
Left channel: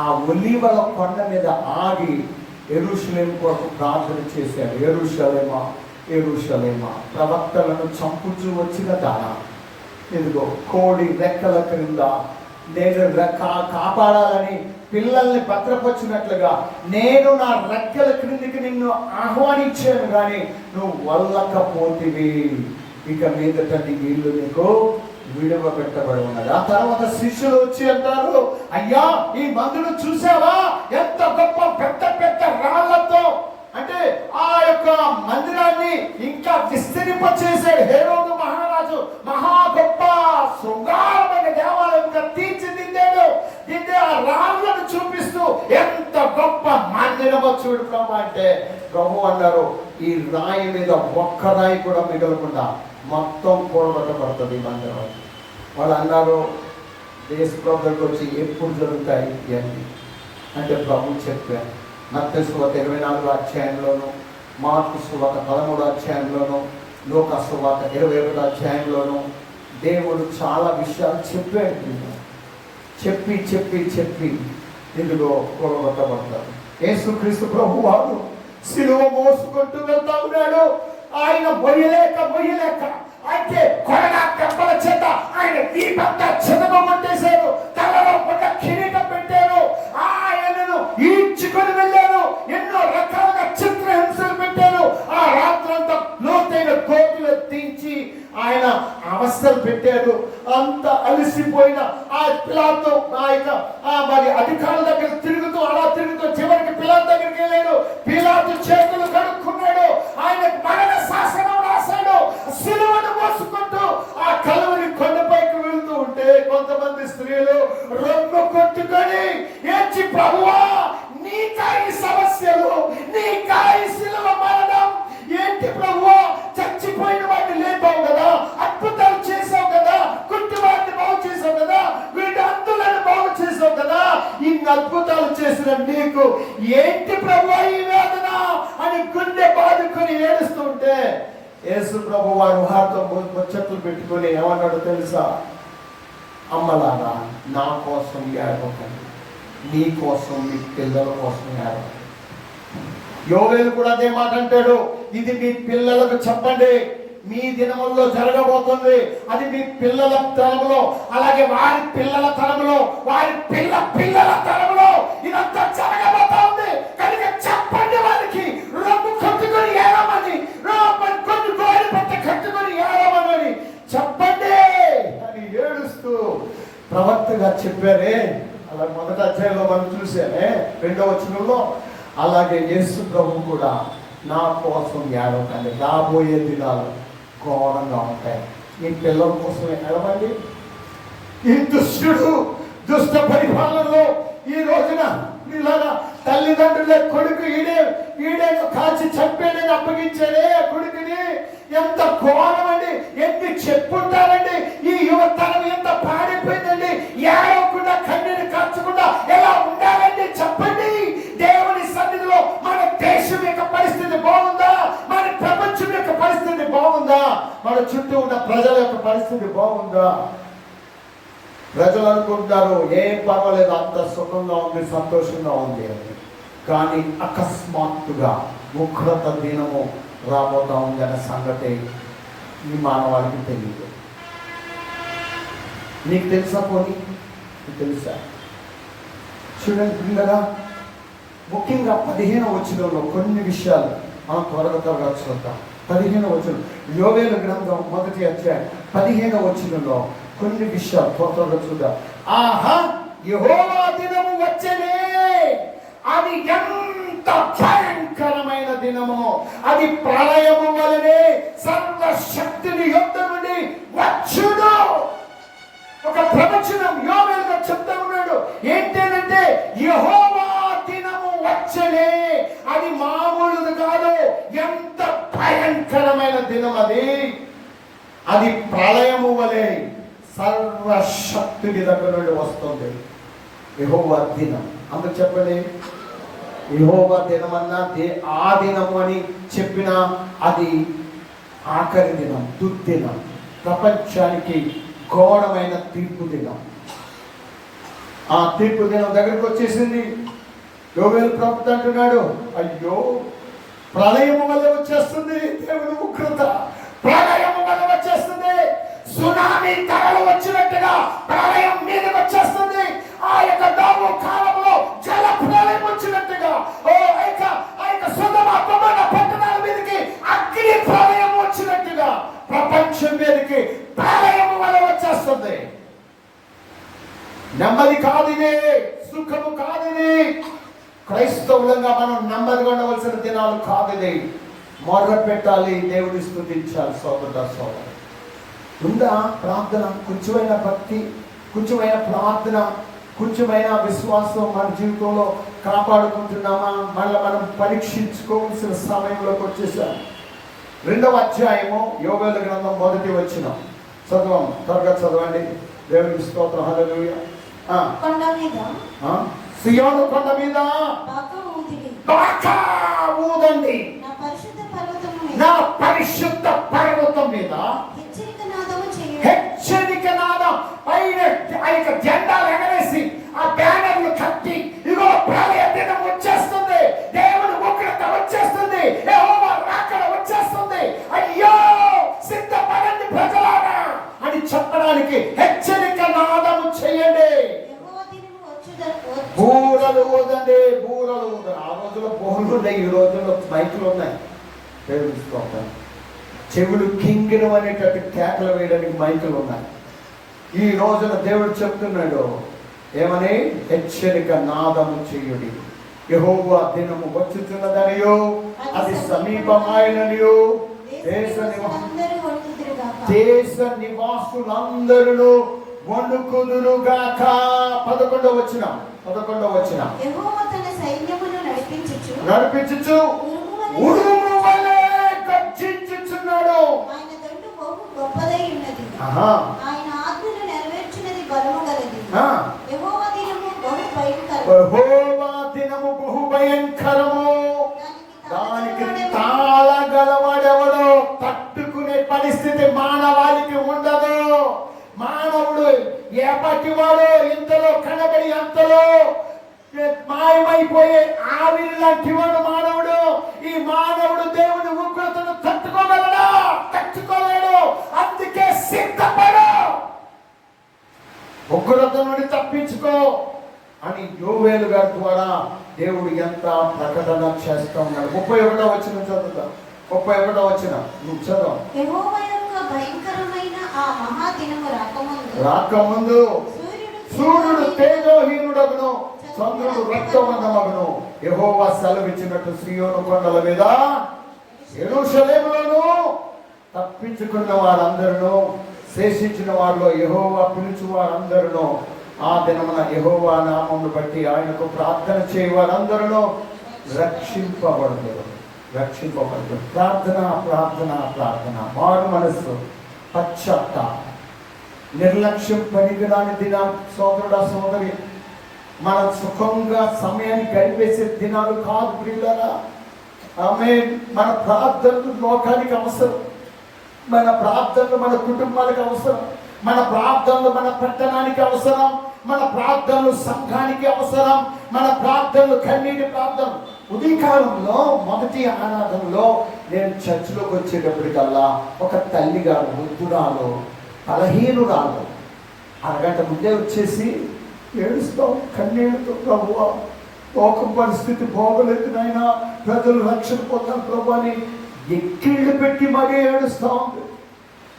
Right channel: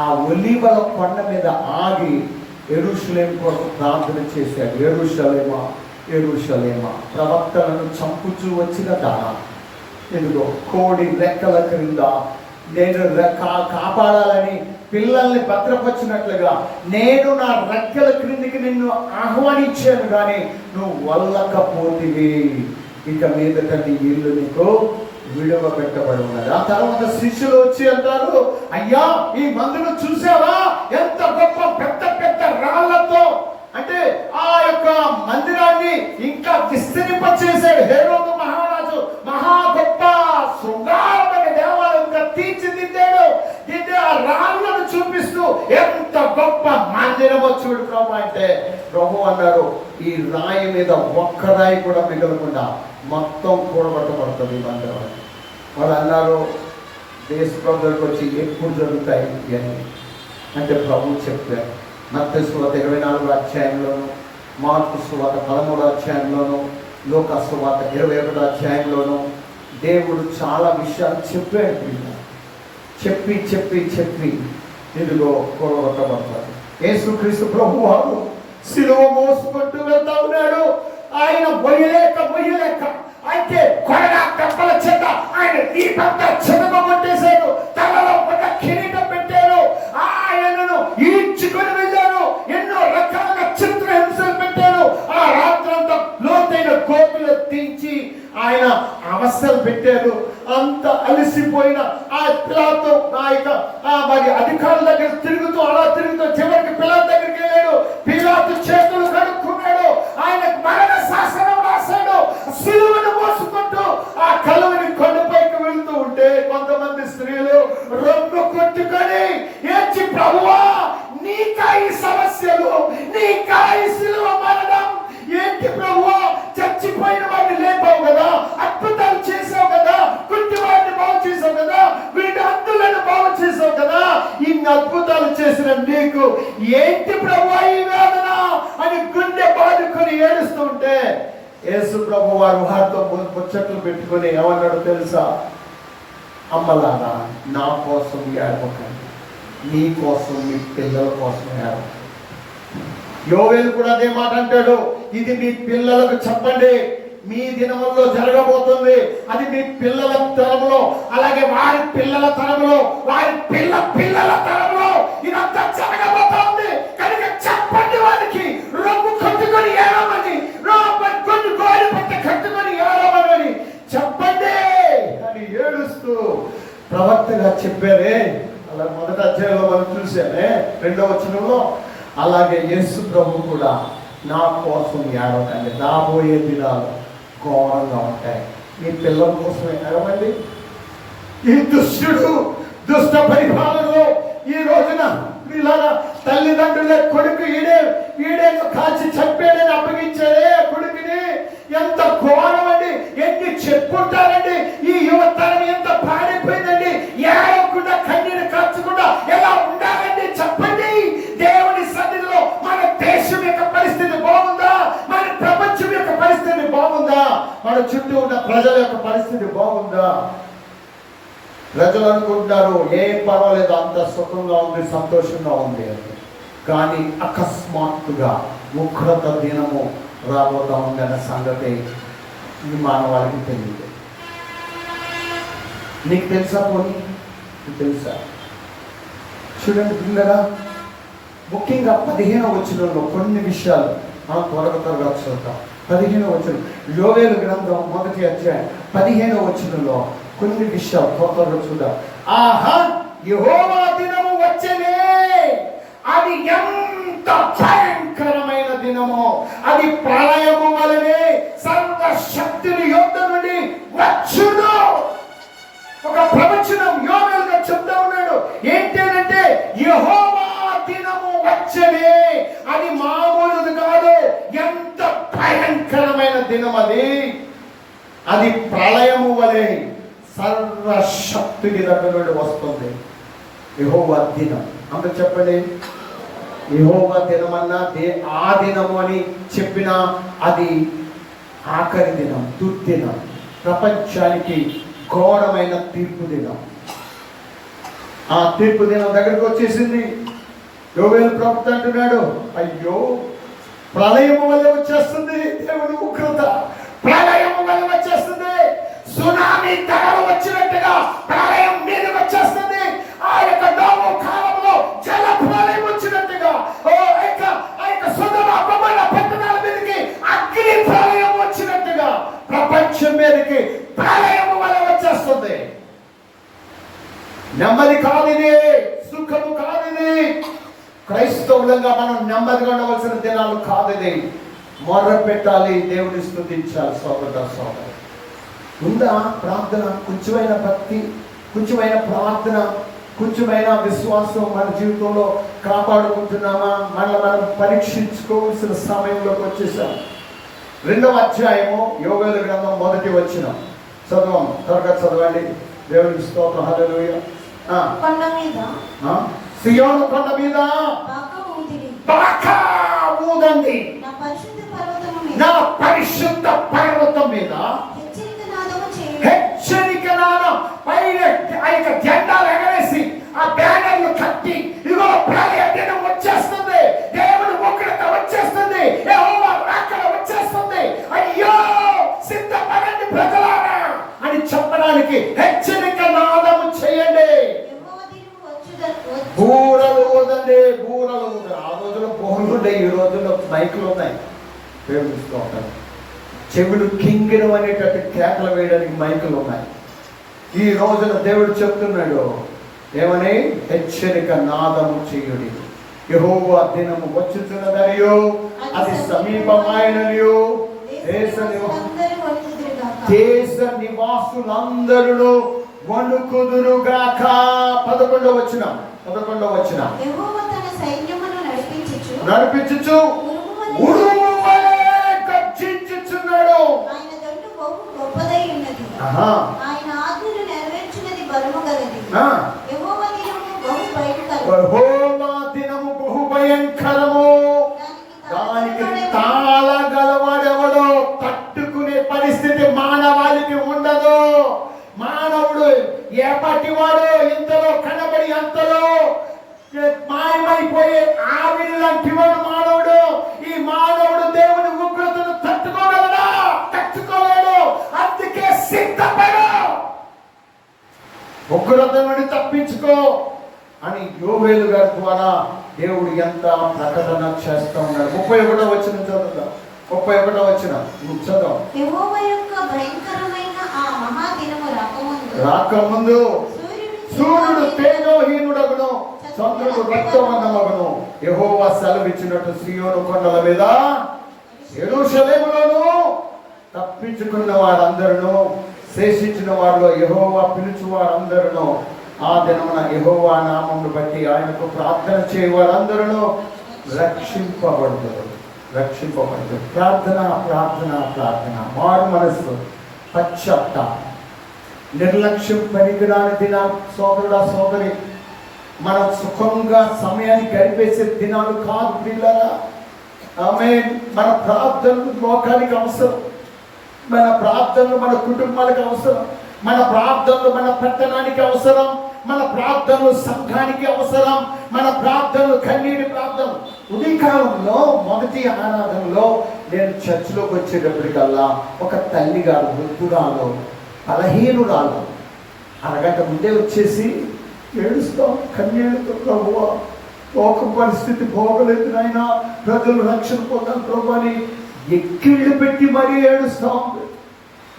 ఆ ఒలీవల కొండ మీద ఆగి యెరూషలేము కోసం ప్రార్థన చేశాడు. యెరూషలేమా, యెరూషలేమా, ప్రవక్తలను చంపుచూ వచ్చిన దానా, ఇదిగో కోడి రెక్కల క్రింద నేను కాపాడాలని పిల్లల్ని భద్రపరిచినట్లుగా నేను నా రెక్కల క్రిందికి నిన్ను ఆహ్వానించాను, కానీ నువ్వు వల్లకపోతివి, ఇక మీదట నీ ఇల్లు నీకు విడువ పెట్టబడి ఉన్నది. ఆ తర్వాత శిష్యులు వచ్చి అంటారు, అయ్యా ఈ మందిరం చూసావా, ఎంత గొప్ప పెద్ద పెద్ద రాళ్లతో, అంటే ఆ యొక్క మందిరాన్ని ఇంకా విస్తరింపచేశాడు హేరోదు మహారాజు. మహా గొప్ప శృంగారమైన దేవాలయంగా తీర్చిదిద్దాడు. దీన్ని ఆ రాళ్లను చూపిస్తూ ఎంత గొప్ప మందిరమో చూడు ప్రభు అంటే, ప్రభు అన్నారు, ఈ రాయి మీద ఒక్క రాయి కూడా మిగలకుండా మొత్తం కూడగొట్టబడుతుంది ఈ మందిరం. వాళ్ళు అన్నారు, యేసుప్రభు దగ్గరికి వచ్చి ఎప్పుడు జరుగుతాయి అని అంటే ప్రభు చెప్పారు. మత్తయి సువార్త 24వ అధ్యాయంలోను, మార్కు సువార్త 13వ అధ్యాయంలోను, లూకా సువార్త 21వ అధ్యాయంలోను దేవుడు చాలా విషయాలు చెప్పాడు. చెప్పి చెప్పి చెప్పి ఇందులో కూడగొట్టబడతారు. యేసుక్రీస్తు ప్రభు వారు సిలువ మోసుకుంటూ వెళ్తా ఉన్నాడు. ఆయన మొయ్యలేక అయితే కొరడా దెబ్బల చేత ఆయన దీపంతా చెదగొట్టేశారు. తలలో ఒక కిరీటం పెట్టారు. ఆయనను ఈడ్చుకొని వెళ్ళారు. ఎన్నో రకాలుగా చిత్రహింసలు పెట్టారు. ఆ రాత్రంతా లోతైన కోతులు దించి ఆయన అవస్థలు పెట్టారు. అంత అలసిపోయిన ఆ పిల్లలతో మరి అధికారుల దగ్గర తిరుగుతూ చివరికి పిల్లల దగ్గరికి వెళ్ళాడు. పిలాతు చేతులు కడుక్కున్నాడు. ఆయన మరణ శాసనం రాశాడు. సిలువను మోసుకుంటూ ఆ కలువరి కొండపైకి వెళ్తూ ఉంటే కొంతమంది స్త్రీలు రొమ్ము కొట్టుకొని ఏడ్చి, ప్రభువా నీకా ఈ సమస్యలు, నీకా ఈ సిలువ మరణం ఏంటి ప్రభువా, చచ్చిపోయిన వాడిని లేపావు కదా, అద్భుతాలు చేసావు కదా, కుంటి వాడిని బాగు చేసావు కదా, వీటి అంతులను బాగు చేసావు కదా, ఇన్ని అద్భుతాలు చేసిన నీకు ఏంటి ప్రభువా ఈ వేదన అని గుండె బాదుకొని ఏడుస్తుంటే యేసు ప్రభు వారు వారితో ముచ్చట్లు పెట్టుకొని ఏమన్నాడు తెలుసా, అమ్మలారా నా కోసం ఏడవకండి, నీ కోసం మీ పిల్లల కోసం ఏడవకండి. యోవేలు కూడా అదే మాట అంటాడు, ఇది మీ పిల్లలకు చెప్పండి, మీ దినముల్లో జరగబోతుంది. అది మీ పిల్లల తరంలో, అలాగే వారి పిల్లల తరంలో, వారి పిల్లల తరంలో ఇదంతా జరగబోతుంది. కనుక చెప్పండి వారికి, రొమ్ము కట్టుకొని ఏడమని, కొన్ని గోడి పట్ట కట్టుకొని ఏడమని చెప్పండి అని ఏడుస్తూ ప్రవక్తగా చెప్పారే. అలా మొదటి అధ్యాయంలో మనం చూసామే 2వ వచనంలో. అలాగే యేసు ప్రభు కూడా నా కోసం ఏడవకండి, రాబోయే దినాలు ఘోరంగా ఉంటాయి. మీ పిల్లల కోసం ఏడవండి. ఈ దుష్ట పరిపాలనలో ఈ రోజున వీళ్ళ తల్లిదండ్రుల కొడుకు ఈడే కాల్చి చంపేడని అప్పగించాడే కొడుకుని. ఎంత ఘోరం అండి! ఎన్ని చెప్పుకుంటారండి. ఈ యువతరం ఎంత పాడైపోయిందండి. ఏడవకుండా కన్నీరు కార్చకుండా ఎలా ఉండాలండి చెప్పండి. దేవుని సన్నిధిలో మన దేశం యొక్క పరిస్థితి బాగుందా? మన ప్రపంచం యొక్క పరిస్థితి బాగుందా? మన చుట్టూ ఉన్న ప్రజల యొక్క పరిస్థితి బాగుందా? ప్రజలు అనుకుంటారు ఏం పర్వాలేదు, అంత సుఖంగా ఉంది, సంతోషంగా ఉంది అని. కానీ అకస్మాత్తుగా ఉగ్రత దినము రాబోతా ఉందన్న సంగతి ఈ మానవాళికి తెలియదు. నీకు తెలుసా? పోనీ నీకు తెలుసా? చూడండి పిల్లగా, ముఖ్యంగా 15వ వచనంలో కొన్ని విషయాలు మనం త్వరగా చూద్దాం. 15వ వచనం, యోవేలు గ్రంథం 1వ అధ్యాయం 15వ వచనంలో కొన్ని విషయాలు త్వరగా చూద్దాం. ఆహా, యెహోవా దినము వచ్చెనే, అది ఎంత భయంకరమైన దినమో, అది ప్రళయము వలనే సర్వశక్తుని యొద్ద నుండి వచ్చును. ఒక ప్రవచనం యోవేలుగా చెప్తా ఉన్నాడు. ఏంటంటే యెహోవా దినము వచ్చెనే, అది మామూలుది కాదు, ఎంత భయంకరమైన దినం అది. అది ప్రళయము వలె సర్వశక్తుని దగ్గర నుండి వస్తుంది. యెహోవా దినం అందరూ చెప్పండి. యెహోవా దినమన్నా ఆ దినము అని చెప్పినా అది ఆఖరి దినం, దుర్దినం, ప్రపంచానికి ఘోరమైన తీర్పు దినం. ఆ తీర్పు దినం దగ్గరికి వచ్చేసింది. యోవేలు ప్రవక్త అంటున్నాడు, అయ్యో ప్రళయము వల్ల వచ్చేస్తుంది దేవుని ఉగ్రత, ప్రళయము వల్ల వచ్చేస్తుంది. సునామీ తరలు వచ్చినట్టుగా ప్రళయం మీదకి వచ్చేస్తుంది. ఆ యొక్క నోవహు కాలంలో జల ప్రళయం వచ్చినట్టుగా ఆ యొక్క సొదొమ గొమొర్రా పట్టణాల మీదకి అగ్ని ప్రళయం వచ్చినట్టుగా ప్రపంచం మీదకి ప్రళయం వల్ల వచ్చేస్తుంది. నెమ్మది కాదిది, సుఖము కాదిది. క్రైస్తవులంగా మనం నెమ్మదిగా ఉండవలసిన దినాలు కాదిది. మొర్ర పెట్టాలి, దేవుని స్తుతించాలి. సోదరుడా సోదరి, ఉందా ప్రార్థన? కొంచెమైన భక్తి, కొంచెమైన ప్రార్థన, కొంచెమైన విశ్వాసం మన జీవితంలో కాపాడుకుంటున్నామా? మనం పరీక్షించుకోవాల్సిన సమయంలోకి వచ్చేసాం. 2వ అధ్యాయము యోవేలు గ్రంథం 1వ వచనం చదవం, త్వరగా చదవండి. దేవునికి స్తోత్రం. హల్లెలూయా. కొండ మీద, సియోను కొండ మీద బాకా ఊదండి, నా పరిశుద్ధ పర్వతము మీద, నా పరిశుద్ధ పర్వతం మీద హెచ్చరిక నాదం. పైన ఆ యొక్క జెండాలు ఎగరేసి ఆ బ్యానర్లు కట్టి, ఇదిగో ప్రళయ దినం వచ్చేస్తుంది, దేవుని ఉగ్రత వచ్చేస్తుంది, యెహోవా రాకడ వచ్చేస్తుంది, అయ్యో సిద్ధపడండి ప్రజలారా అని చెప్పడానికి హెచ్చరిక నాదము చేయండి. బూరలు ఊదండి, బూరలు ఊదండి. ఆ రోజుల్లో బోర్లు ఉన్నాయి, ఈ రోజుల్లో మైకులు ఉన్నాయి. చెవులు కింగిరం అనేటట్టు కేకలు వేయడానికి మైకులు ఉన్నాయి. ఈ రోజున దేవుడు చెప్తున్నాడు ఏమని? హెచ్చరిక నాదము చేయుడి, యెహోవా దినము వచ్చుతున్నదనియో, అది సమీపమైననియో, దేశ నివాసులందరూ వణుకుదురుగాక. 11వ వచనం నడిపించుచు ఉరుము వలె గర్జించుచున్నాడు. ఆయన దండు బహు గొప్పదై ఉన్నది, ఆయన ఆజ్ఞను నెరవేర్చున్నది బలము గలది. యెహోవా దినము బహు భయంకరము, దానికి తాళగలవాడెవడో, తట్టుకునే పరిస్థితి మానవాళికి ఉండదు. మానవుడు ఎప్పటివాడు ఇంతలో కనబడి అంతలో మాయమైపోయే ఆవిరి లాంటి వాడు మానవుడు. ఈ మానవుడు దేవుని ఉగ్రతను తట్టుకోగలడా? తట్టుకో ఉగ్రత నుండి తప్పించుకో అని యోవేలు గారి ద్వారా దేవుడు ఎంత ప్రకటన చేస్తూ ఉన్నాడు. 31వ వచనం చదువుతాం. 31వ వచనం నువ్వు చదువు. యెహోవా యొక్క భయంకరమైన ఆ మహాదినము రాకముందు సూర్యుడు తేజోహీనుడగును, చంద్రుడు రక్తవర్ణమగును. యెహోవా సెలవిచ్చినట్టు సీయోను కొండల మీద యెరూషలేములోను తప్పించుకున్న వారందరూ, శేషించిన వారిలో యెహోవా పిలుచు వారందరూ, ఆ దినమున యెహోవా నామమును బట్టి ఆయనకు ప్రార్థన చేయ వారందరూ రక్షింపబడుతారు. ప్రార్థన ప్రార్థన ప్రార్థన, మారు మనస్సు, పశ్చాత్తాపం. నిర్లక్ష్యం పనికిరాని దినం సోదరుడా సోదరి, మన సుఖంగా సమయాన్ని గడిపేసే దినాలు కాదు పిల్లరా. ఆమేన్. మన ప్రార్థనలు లోకానికి అవసరం, మన ప్రార్థనలు మన కుటుంబాలకు అవసరం, మన ప్రార్థనలు మన పట్టణానికి అవసరం, మన ప్రార్థనలు సంఘానికి అవసరం, మన ప్రార్థనలు కన్నీటి ప్రార్థనలు. ఉదయకాలంలో మొదటి ఆరాధనలో నేను చర్చిలోకి వచ్చేటప్పటికల్లా ఒక తల్లి గారు, వృద్ధురాలు, బలహీనురాలు, అరగంట ముందే వచ్చేసి ఏడుస్తాం కన్నీళ్ళతో, ప్రభువా లోక పరిస్థితి బాగలేదు నాయనా, ప్రజలు రక్షణ పొందాలి ప్రభు అని ఎక్కిళ్ళు పెట్టి మరీ ఏడుస్తాం.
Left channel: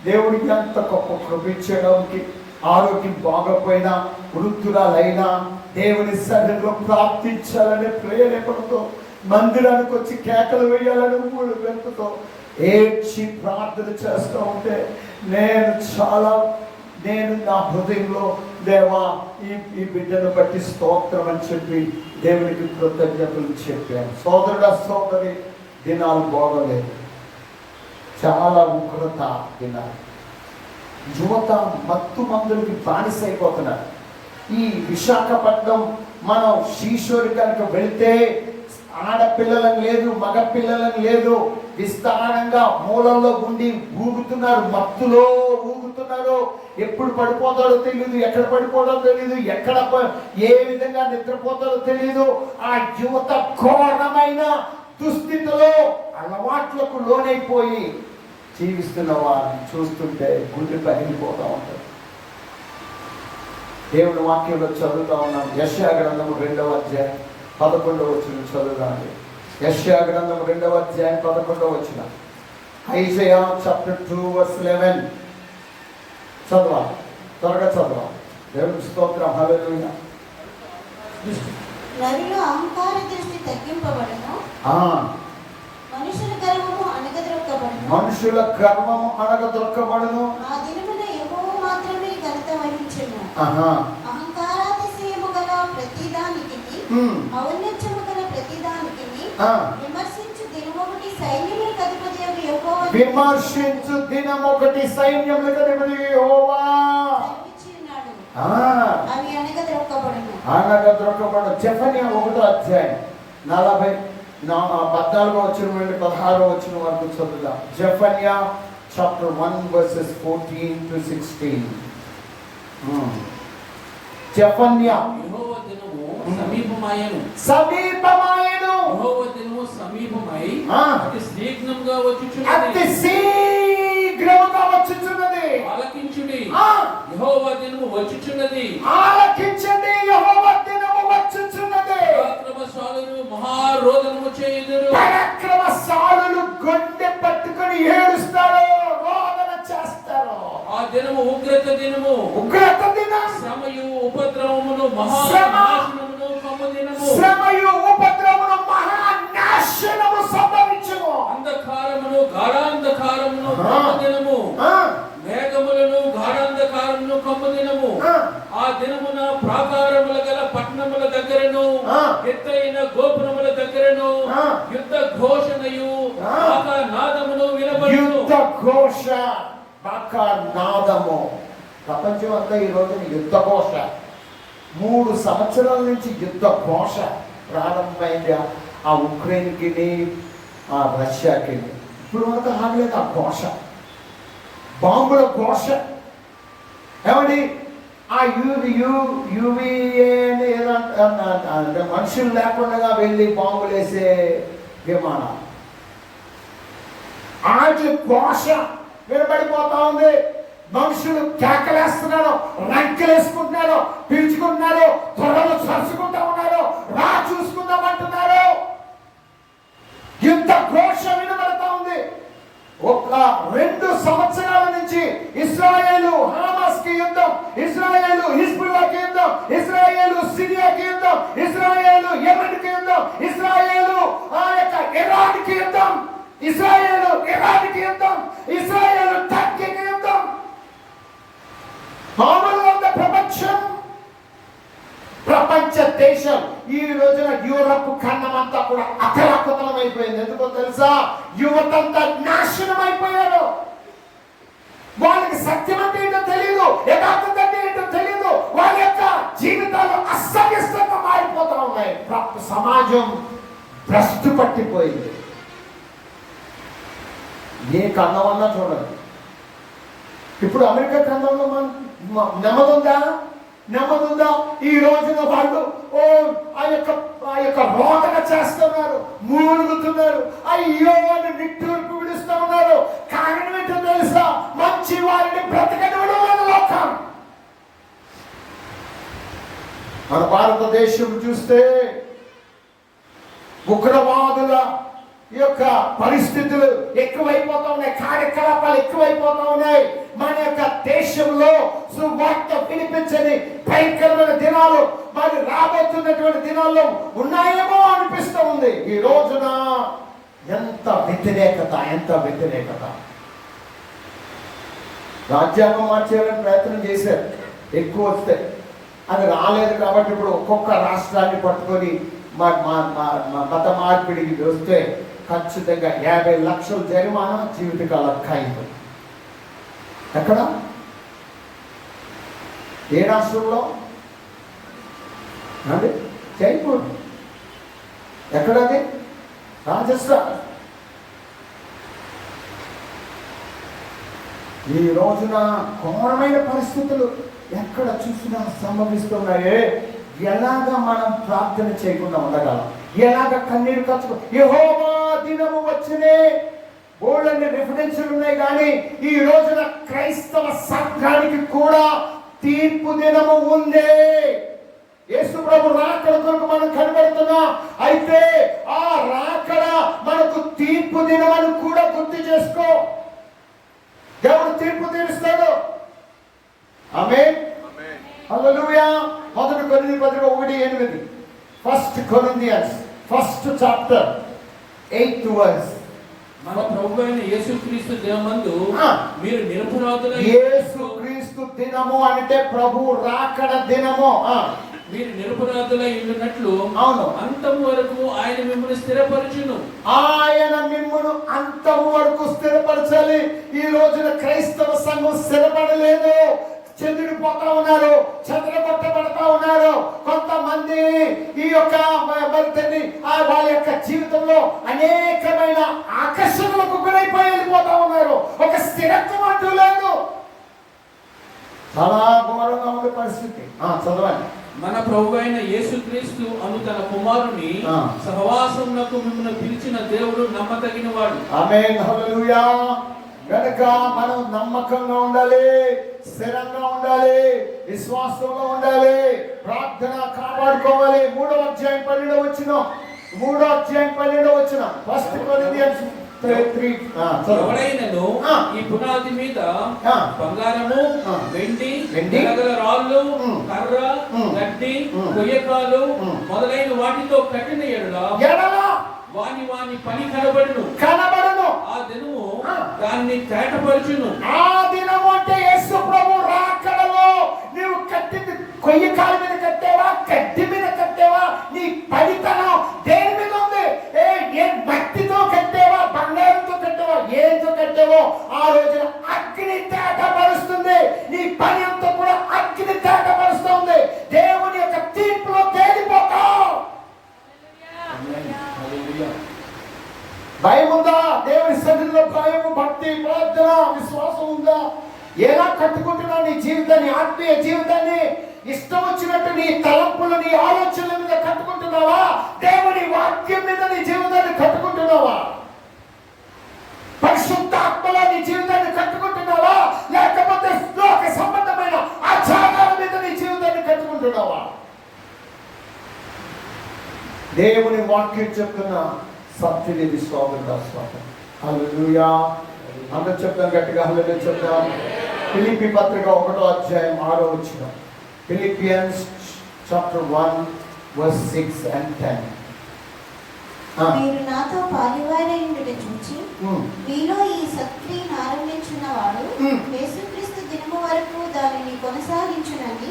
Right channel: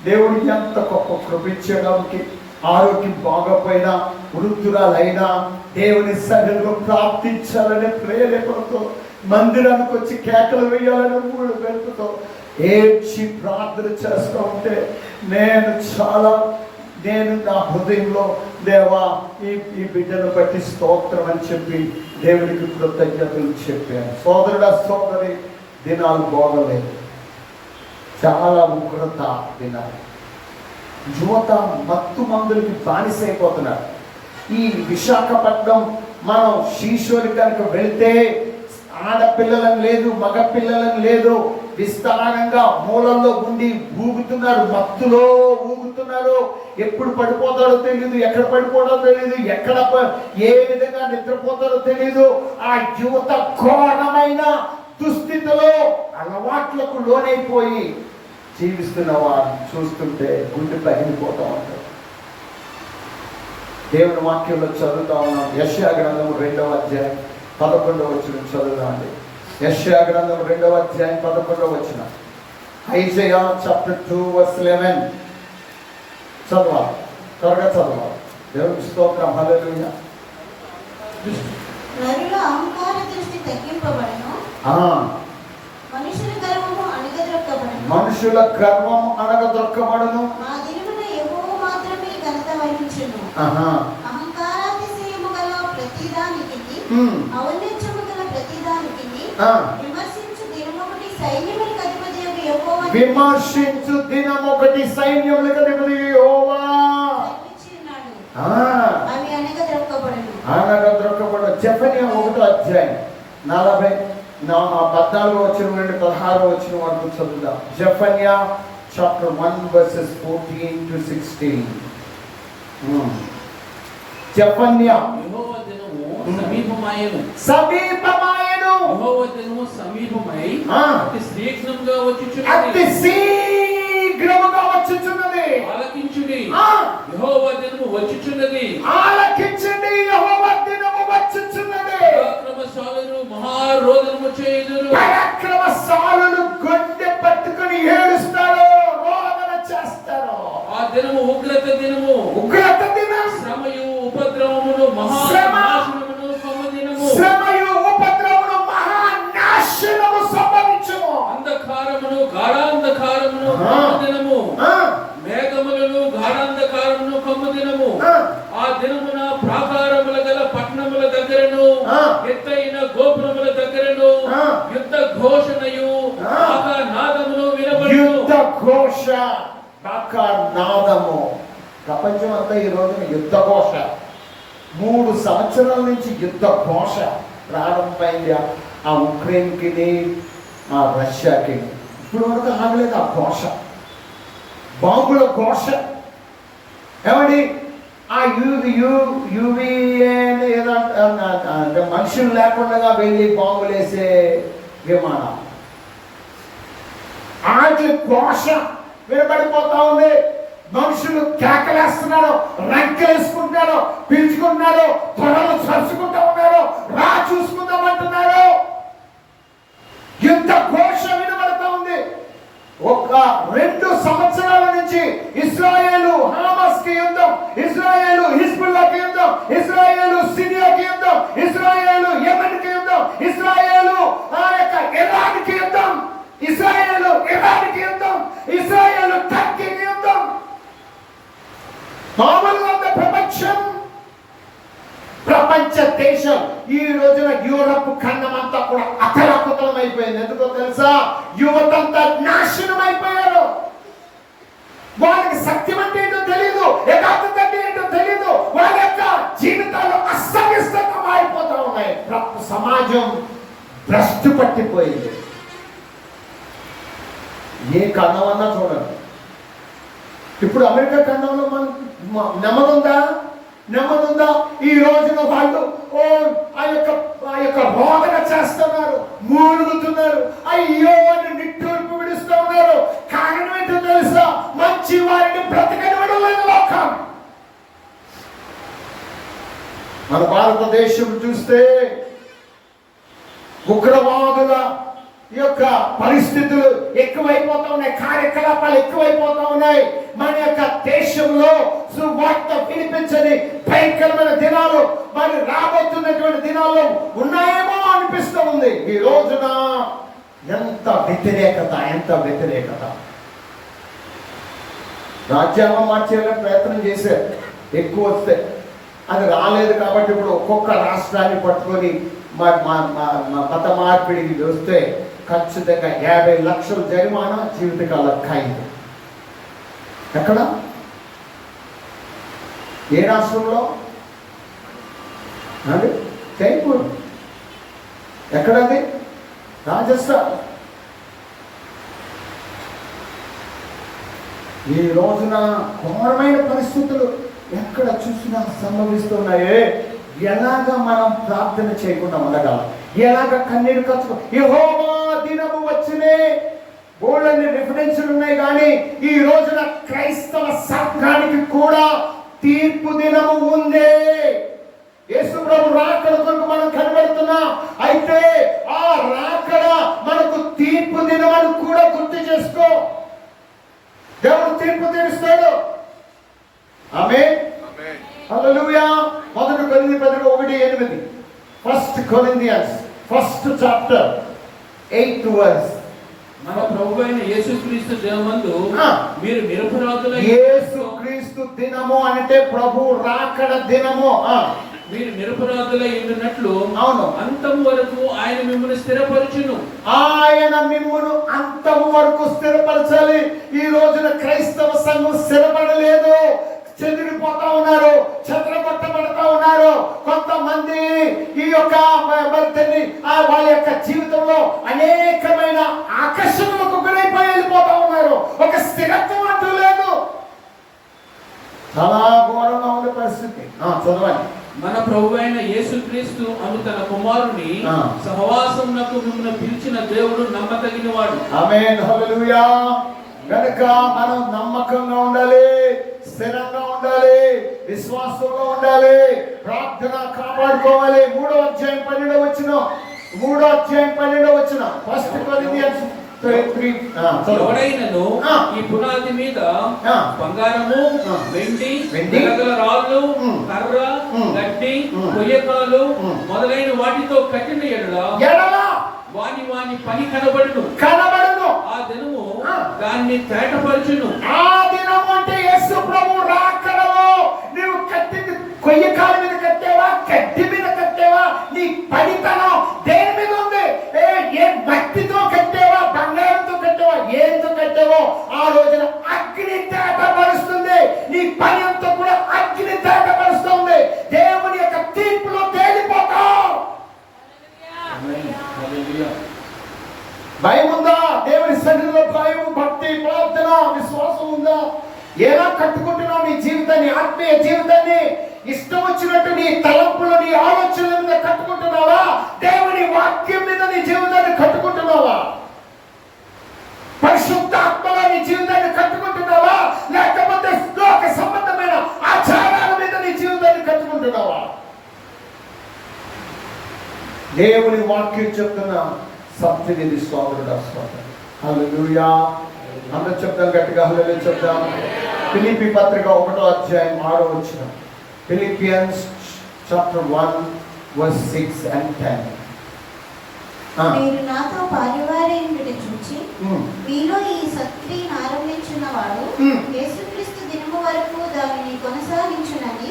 దేవుడికి ఎంత గొప్ప కృపించడానికి, ఆరోగ్యం బాగపోయినా వృద్ధురాలైనా దేవుని సన్నిధిలో ప్రార్థించాలనే ప్రేరేపణతో, మందిరానికి వచ్చి కేకలు వేయాలని మూడు వెళ్తుతో ఏడ్చి ప్రార్థన చేస్తూ ఉంటే నేను నా హృదయంలో దేవా ఈ బిడ్డను బట్టి స్తోత్రం అని చెప్పి దేవునికి కృతజ్ఞతలు చెప్పాను. సోదరుడా సోదరి, దినాలు బాగోలేదు, చాలా ఉగ్రత దినాలు. యువత మత్తు మందులకి బానిసైపోతున్నారు. ఈ విశాఖపట్నం మనం శ్రీశోరి కనుక వెళ్తే ఆడపిల్లలను లేదు, మగ పిల్లలను లేదు, విస్తారంగా మూలల్లో ఉండి ఊగుతున్నారు, మత్తులో ఊగుతున్నారు. ఎప్పుడు పడిపోతాడో తెలియదు, ఎక్కడ పడిపోతాడో తెలియదు, ఎక్కడ ఏ విధంగా నిద్రపోతాడో తెలియదు. ఆ యువత ఘోరమైన దుస్థితిలో అలవాట్లకు లోనైపోయి జీవిస్తున్న వారిని చూస్తుంటే గుండె పగిలిపోతూ ఉంటుంది. దేవుని వాక్యంలో చదువుతా ఉన్నాం. యెషయా గ్రంథం 2వ అధ్యాయం 11వ వచనం చదువుదాండి. యెషయా గ్రంథం 2వ అధ్యాయం 11వ వచనం. ఐజయా చాప్టర్ 2 verse 11 చదవాలి, త్వరగా చదవాలి. దేవుని స్తోత్రం. హల్లెలూయా. నరుల అహంకార దృష్టి తగ్గింపబడును, మనుషుల గర్వము అణగదొక్కబడును. ఆ దినమున యెహోవా మాత్రమే ఘనత వహించును. అహంకారాతిశయము గల ప్రతిదానికి, ఔన్నత్యము గల ప్రతిదానికి విమర్శించు దినమొకటి సైన్యములకు అధిపతియగు యెహోవా, విమర్శించు దినమొకటి సైన్యములకు అధిపతి యెహోవా అవి అణగదొక్కబడును. జెఫన్యా 1వ అధ్యాయం 14వ వచనం నుండి 16వ వచనం వరకు చదువుదాం. జెఫన్యా చాప్టర్ 1 verses 14 to 16. జెఫన్యా యెహోవా దినము సమీపమాయెను, యెహోవా దినము సమీపమై అతి శీఘ్రముగా వచ్చుచున్నది. ఆలకించుడి, యెహోవా దినము వచ్చుచున్నది. ఆలకించండి, యెహోవా దినము వచ్చుచున్నది. పరాక్రమశాలులు మహారోదనము చేయుదురు. పరాక్రమశాలులు గొడ్డె పట్టుకొని ఏడుస్తారు, రోదన చేస్తారు. ఆ దినము ఉగ్రత దినము, ఉగ్రత దినం, శ్రమయు ఉపద్రవమును మహానాశనమును కమ్ముదినము, శ్రమయు ఉపద్రవమును మహానాశనము సంభవించును. అంధకారమును గాఢాంధకారమును కమ్ముదినము, మేఘములను గాఢాంధకారమును కమ్ముదినము. ఆ దినమున ప్రాకారముల గల పట్టణముల దగ్గరను, ఎత్తైన గోపురముల దగ్గరను యుద్ధ ఘోషణయు నాదమును వినబడును. యుద్ధ ఘోష, నాదము. ప్రపంచం అంతా ఈ రోజున యుద్ధ ఘోష. 3 సంవత్సరాల నుంచి యుద్ధ ఘోష ప్రారంభమైంది. ఆ ఉక్రెయిన్కి, ఆ రష్యాకి. ఇప్పుడు వరకు ఆగలేదు ఆ ఘోష, బాంబుల ఘోష. ఏమండి, ఆ యువిఏని అంటే మనుషులు లేకుండా వెళ్ళి బాంబులు వేసే విమానం, వాటి ఘోష వినబడిపోతా ఉంది. మనుషులు కేకలేస్తున్నారు, రంకెలేసుకుంటున్నారు, పిలుచుకుంటున్నారు, త్వరలో చరుచుకుంటా ఉన్నారు, రా చూసుకుందామంటున్నారు. యుద్ధ ఘోష వినబడతా ఉంది. ఒక 2 సంవత్సరాల నుంచి ఇశ్రాయేలు హమాస్ కి యుద్ధం, ఇశ్రాయేలు హిజ్బుల్లాకి యుద్ధం, ఇశ్రాయేలు సిరియాకి యుద్ధం, ఇశ్రాయేలు యెమెన్ కి యుద్ధం, ఇశ్రాయేలు ఇరాన్ కి యుద్ధం, ఇశ్రాయేలు ఇరాన్ కి యుద్ధం, ఇశ్రాయేలు టర్కీకి యుద్ధం. మామూలుగా ప్రపంచ దేశం ఈ రోజున యూరప్ ఖండం అంతా కూడా అతలాకుతలం అయిపోయింది. ఎందుకో తెలుసా? యువతంతా నాశనం అయిపోయారు. వాళ్ళకి సత్యం అంటే ఏంటో తెలియదు, యథార్థత అంటే ఏంటో తెలియదు. వాళ్ళ యొక్క జీవితాలు అస్తవ్యస్తంగా మారిపోతా ఉన్నాయి. సమాజం భ్రష్టు పట్టిపోయింది. ఏ ఖండం అన్నా చూడండి. ఇప్పుడు అమెరికా ఖండంలో నెమ్మదుందా? ఈ రోజున వాళ్ళు ఆ యొక్క రోదన చేస్తున్నారు, మూలుగుతున్నారు, అయ్యో అని నిట్టూర్పు విడుస్తూ ఉన్నారు. కారణం ఏంటో తెలుసా? మంచి వారిని బ్రతకనివ్వడం లేదు లోకం. మన భారతదేశం చూస్తే ఉగ్రవాదుల ఈ యొక్క పరిస్థితులు ఎక్కువైపోతా ఉన్నాయి, కార్యకలాపాలు ఎక్కువైపోతా ఉన్నాయి. మన యొక్క దేశంలో సువార్త వినిపించని భయంకరమైన దినాలు మరి రాబోతున్నటువంటి దినాల్లో ఉన్నాయేమో అనిపిస్తూ ఉంది. ఈ రోజున ఎంత వ్యతిరేకత. రాజ్యాంగం మార్చేయాలని ప్రయత్నం చేశారు, ఎక్కువ వస్తే అది రాలేదు. కాబట్టి ఇప్పుడు ఒక్కొక్క రాష్ట్రాన్ని పట్టుకొని మత మార్పిడికి వస్తే ఖచ్చితంగా 50 లక్షలు జరిమానా, జీవితకాల ఖైదు. ఎక్కడ? ఏ రాష్ట్రంలో? జైపూర్. ఎక్కడది? రాజస్థాన్. ఈ రోజున ఘోరమైన పరిస్థితులు ఎక్కడ చూసినా సంభవిస్తున్నాయే. ఎలాగ మనం ప్రార్థన చేయకుండా ఉండగలం? ఎలాగ కన్నీరు కచ్చుకో? యెహోవా దినము వచ్చినే బోల్డని రిఫరెన్స్లు ఉన్నాయి. కానీ ఈ రోజున క్రైస్తవ సంఘానికి కూడా తీర్పు దినము ఉందే. యేసు ప్రభు రాకడ కొరకు మనం కనబడుతున్నాం. అయితే ఆ రాకడ మనకు తీర్పు దినం అని కూడా గుర్తు చేసుకో. దేవుడు తీర్పు తీరుస్తాడు. ఆమేన్. హల్లెలూయా. 1 కొరింథీ 1:8. 1 Corinthians 1st chapter 8th verse. మన ప్రభువైన యేసుక్రీస్తు దినమందు మీరు నిరపరాధులై, యేసుక్రీస్తు దినము అంటే ప్రభు రాకడ దినము. మీరు నిరపరాధులై ఉన్నట్లు అవును, అంతము వరకు ఆయన మిమ్మల్ని స్థిరపరచును. ఆయన మిమ్మల్ని అంతము వరకు స్థిరపరచాలి. ఈ రోజున క్రైస్తవ సంఘం స్థిరపడలేదు, చెదిరిపోతా ఉన్నారు, చెదరగొట్టబడతా ఉన్నారు. కొంతమంది ఈ యొక్క వాళ్ళ యొక్క జీవితంలో అనేకమైన ఆకర్షణలకు గురైపోయి వెళ్ళిపోతా ఉన్నారు. ఒక స్థిరత్వం అంటూ లేదు. చాలా ఘోరంగా ఉంది పరిస్థితి. చదవండి. మన ప్రభువైన యేసుక్రీస్తు అను తన కుమారుని సహవాసమునకు మిమ్మల్ని పిలిచిన దేవుడు నమ్మదగినవాడు. ఆమేన్. హల్లెలూయా. కనుక మనం నమ్మకంగా ఉండాలి, స్థిరంగా ఉండాలి, విశ్వాసంగా ఉండాలి, ప్రార్థన కాపాడుకోవాలి. 3వ అధ్యాయం 12వ వచనం. 3వ అధ్యాయం 12వ వచనం. 1 Corinthians 3. ఎవడైనను ఈ పునాది మీద బంగారము, వెండి, వెలగల రాళ్ళు, కర్ర, గడ్డి, కొయ్యకాలు మొదలైన వాటితో కట్టిన ఎడల వాని పని కనబడును. ఆ దినము దాన్ని తేటపరచును. ఆ దినము అంటే యేసు ప్రభు రాకడలో నీవు కట్టింది కొయ్యకాల మీద కట్టావా, గడ్డి మీద కట్టావా, నీ పనితనం దేని మీద ఉంది? ఏ మట్టితో కట్టావా, బంగారంతో కట్టావా, ఏంతో కట్టావో ఆ రోజున అగ్ని తేటపరుస్తుంది. నీ పని అంతా కూడా అగ్ని తేటపరుస్తుంది. దేవుని యొక్క తీర్పులో తేలిపోతావు. భయం ఉందా? దేవుని సన్నిధిలో భయం, భక్తి, ప్రార్థన, విశ్వాసం ఉందా? ఎలా కట్టుకుంటున్నావు నీ జీవితాన్ని, ఆత్మీయ జీవితాన్ని? ఇష్టం వచ్చినట్టు నీ తలంపులు, నీ ఆలోచనల మీద కట్టుకుంటున్నావా? దేవుని వాక్యం మీద నీ జీవితాన్ని కట్టుకుంటున్నావా? పరిశుద్ధ ఆత్మలో నీ జీవితాన్ని కట్టుకుంటున్నావా? లేకపోతే దేవుని వాక్యం చెప్తున్న సత్యవేది సోదరుడు స్వాగతం. హల్లెలూయా. అందరూ చెప్తాం గట్టిగా హల్లెలూయా చెప్తాం. ఫిలిప్పీ పత్రిక 1వ అధ్యాయం 6వ వచనం. Philippians chapter 1 verse 6 and 10. మీరు నాతో పాలువారైనది చూచి మీలో ఈ సత్క్రియను ఆరంభించున్నవాడు యేసుక్రీస్తు దినము వరకు దానిని కొనసాగించునని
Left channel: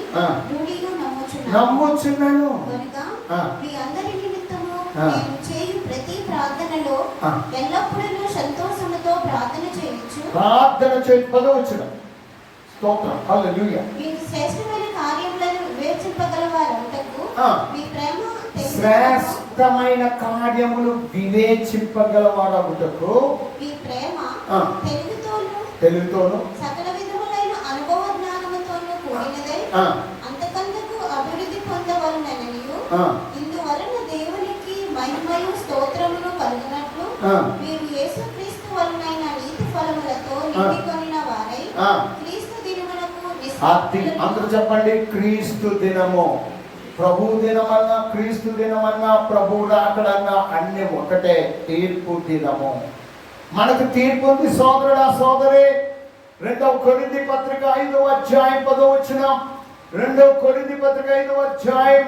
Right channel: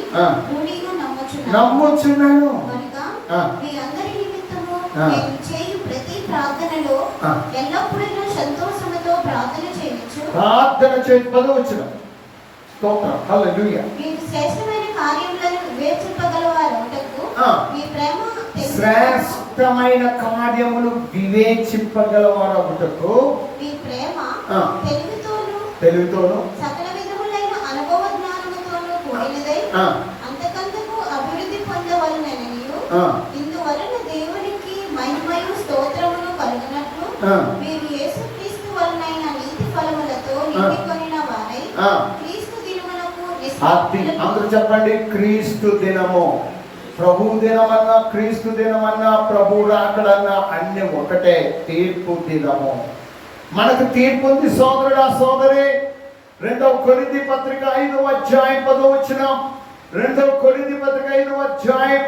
రూఢిగా నమ్ముచున్నాను. కనుక మీ అందరి నిమిత్తము నేను చేయు ప్రతి ప్రార్థనలో ఎల్లప్పుడూ సంతోషముతో ప్రార్థన చేయొచ్చు. ప్రార్థన చేయవచ్చును. స్తోత్రం. హల్లెలూయా. మీరు శ్రేష్టమైన కార్యములను వివేచింపగలవారొకటకు మీ ప్రేమ శ్రేష్టమైన కార్యములు వివేచింపగలవారొకటకు మీ ప్రేమ తెలుగుతోను సకల విధములైన అనుభవ జ్ఞానముతోను కూడినదై అంతకంతకు అభివృద్ధి పొందవలననియు ఇందువలన దేవునికి మహిమయు స్తోత్రమును కలుగునట్లు మీరు యేసుక్రీస్తు వలనైన నీతి ఫలములతో నిండుకొనిన వారై క్రీస్తు దినమునకు అందరూ చెప్పండి. క్రీస్తు దినము. ప్రభు దినమన్నా క్రీస్తు దినమన్నా ప్రభు రాకడన్నా అన్ని ఒకటే. తీర్పు దినము. మనకు తీర్పు ఉంది సోదరుడా సోదరి. 2వ కొరింథీ పత్రిక 5వ అధ్యాయం 10వ వచనం. 2వ కొరింథీ పత్రిక 5వ అధ్యాయం.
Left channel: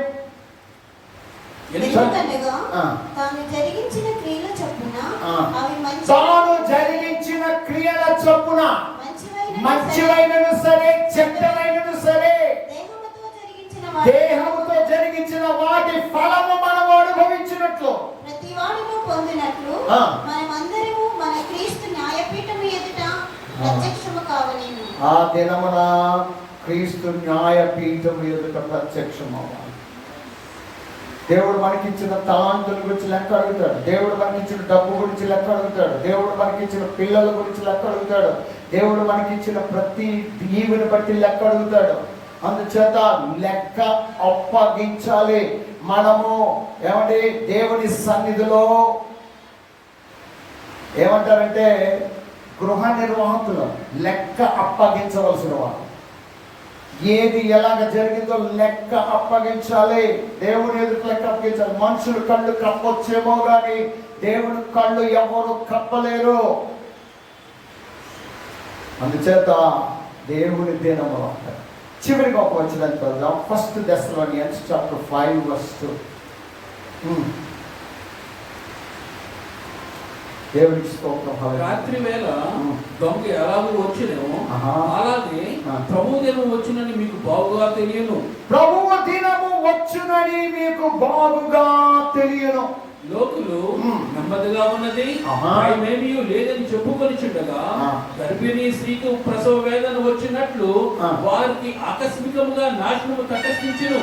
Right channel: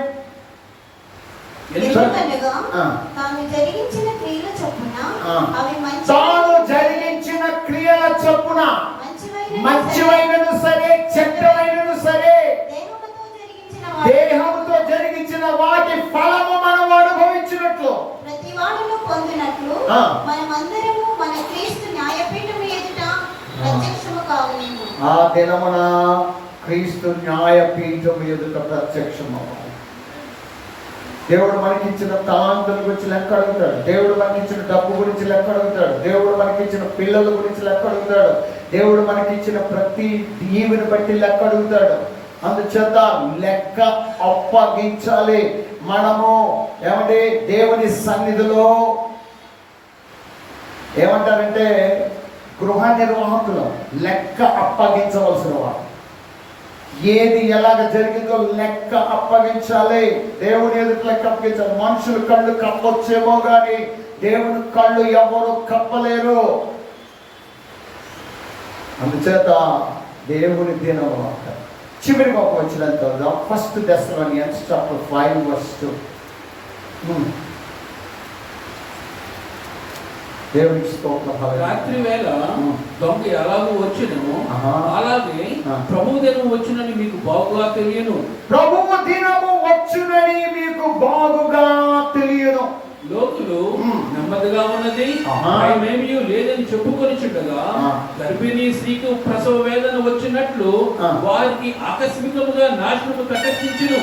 తాను జరిగించిన క్రియల చొప్పున అవి తాను జరిగించిన క్రియల చొప్పున మంచివైనను సరే చెడ్డమైనను సరే దేహముతో జరిగించిన వాటి ఫలము మనం అనుభవించినట్లు ప్రతి వాడును పొందినట్లు మనమందరము మన క్రీస్తు న్యాయపీఠం ఎదుట ప్రత్యక్షము కావలేము. ఆ దినమున క్రీస్తు న్యాయపీఠం ఎదుట ప్రత్యక్షం అవ్వాలి. దేవుడు మనకిచ్చిన తలాంతుల గురించి లెక్క అడుగుతాడు. దేవుడు మనకిచ్చిన డబ్బు గురించి లెక్క అడుగుతాడు. దేవుడు మనకిచ్చిన పిల్లల గురించి లెక్క అడుగుతాడు. దేవుడు మనకిచ్చిన ప్రతి దీవిని బట్టి లెక్క అడుగుతాడు. అందుచేత లెక్క అప్పగించాలి. మనము ఏమంటే దేవుని సన్నిధిలో ఏమంటారంటే గృహ నిర్వాహకులు లెక్క అప్పగించవలసిన వాడు. ఏది ఎలాగ జరిగిందో లెక్క అప్పగించాలి. దేవుని ఎదుటి లెక్క అప్పగించాలి. మనుషులు కళ్ళు కప్పొచ్చేమో కానీ దేవుని కళ్ళు ఎవరు కప్పలేరు. అందుచేత దేవుని దినము చివరికి ఒక వచ్చిన చదువుదాం. 1 Thessalonians chapter 5 verse 2. దేవునికి స్తోత్రం. రాత్రి వేళ దొంగ ఎలాగో వచ్చినను అలాగే ప్రభు దినము వచ్చునని మీకు బాగుగా తెలియను. ప్రభువు దినము వచ్చునని మీకు బాగుగా తెలియను. లోకులు నెమ్మదిగా ఉన్నది భయమేమీ లేదని చెప్పుకొని చుట్టగా గర్భిణీ స్త్రీకి ప్రసవ వేదన వచ్చినట్లు వారికి ఆకస్మికముగా నాశనము తటస్థించును.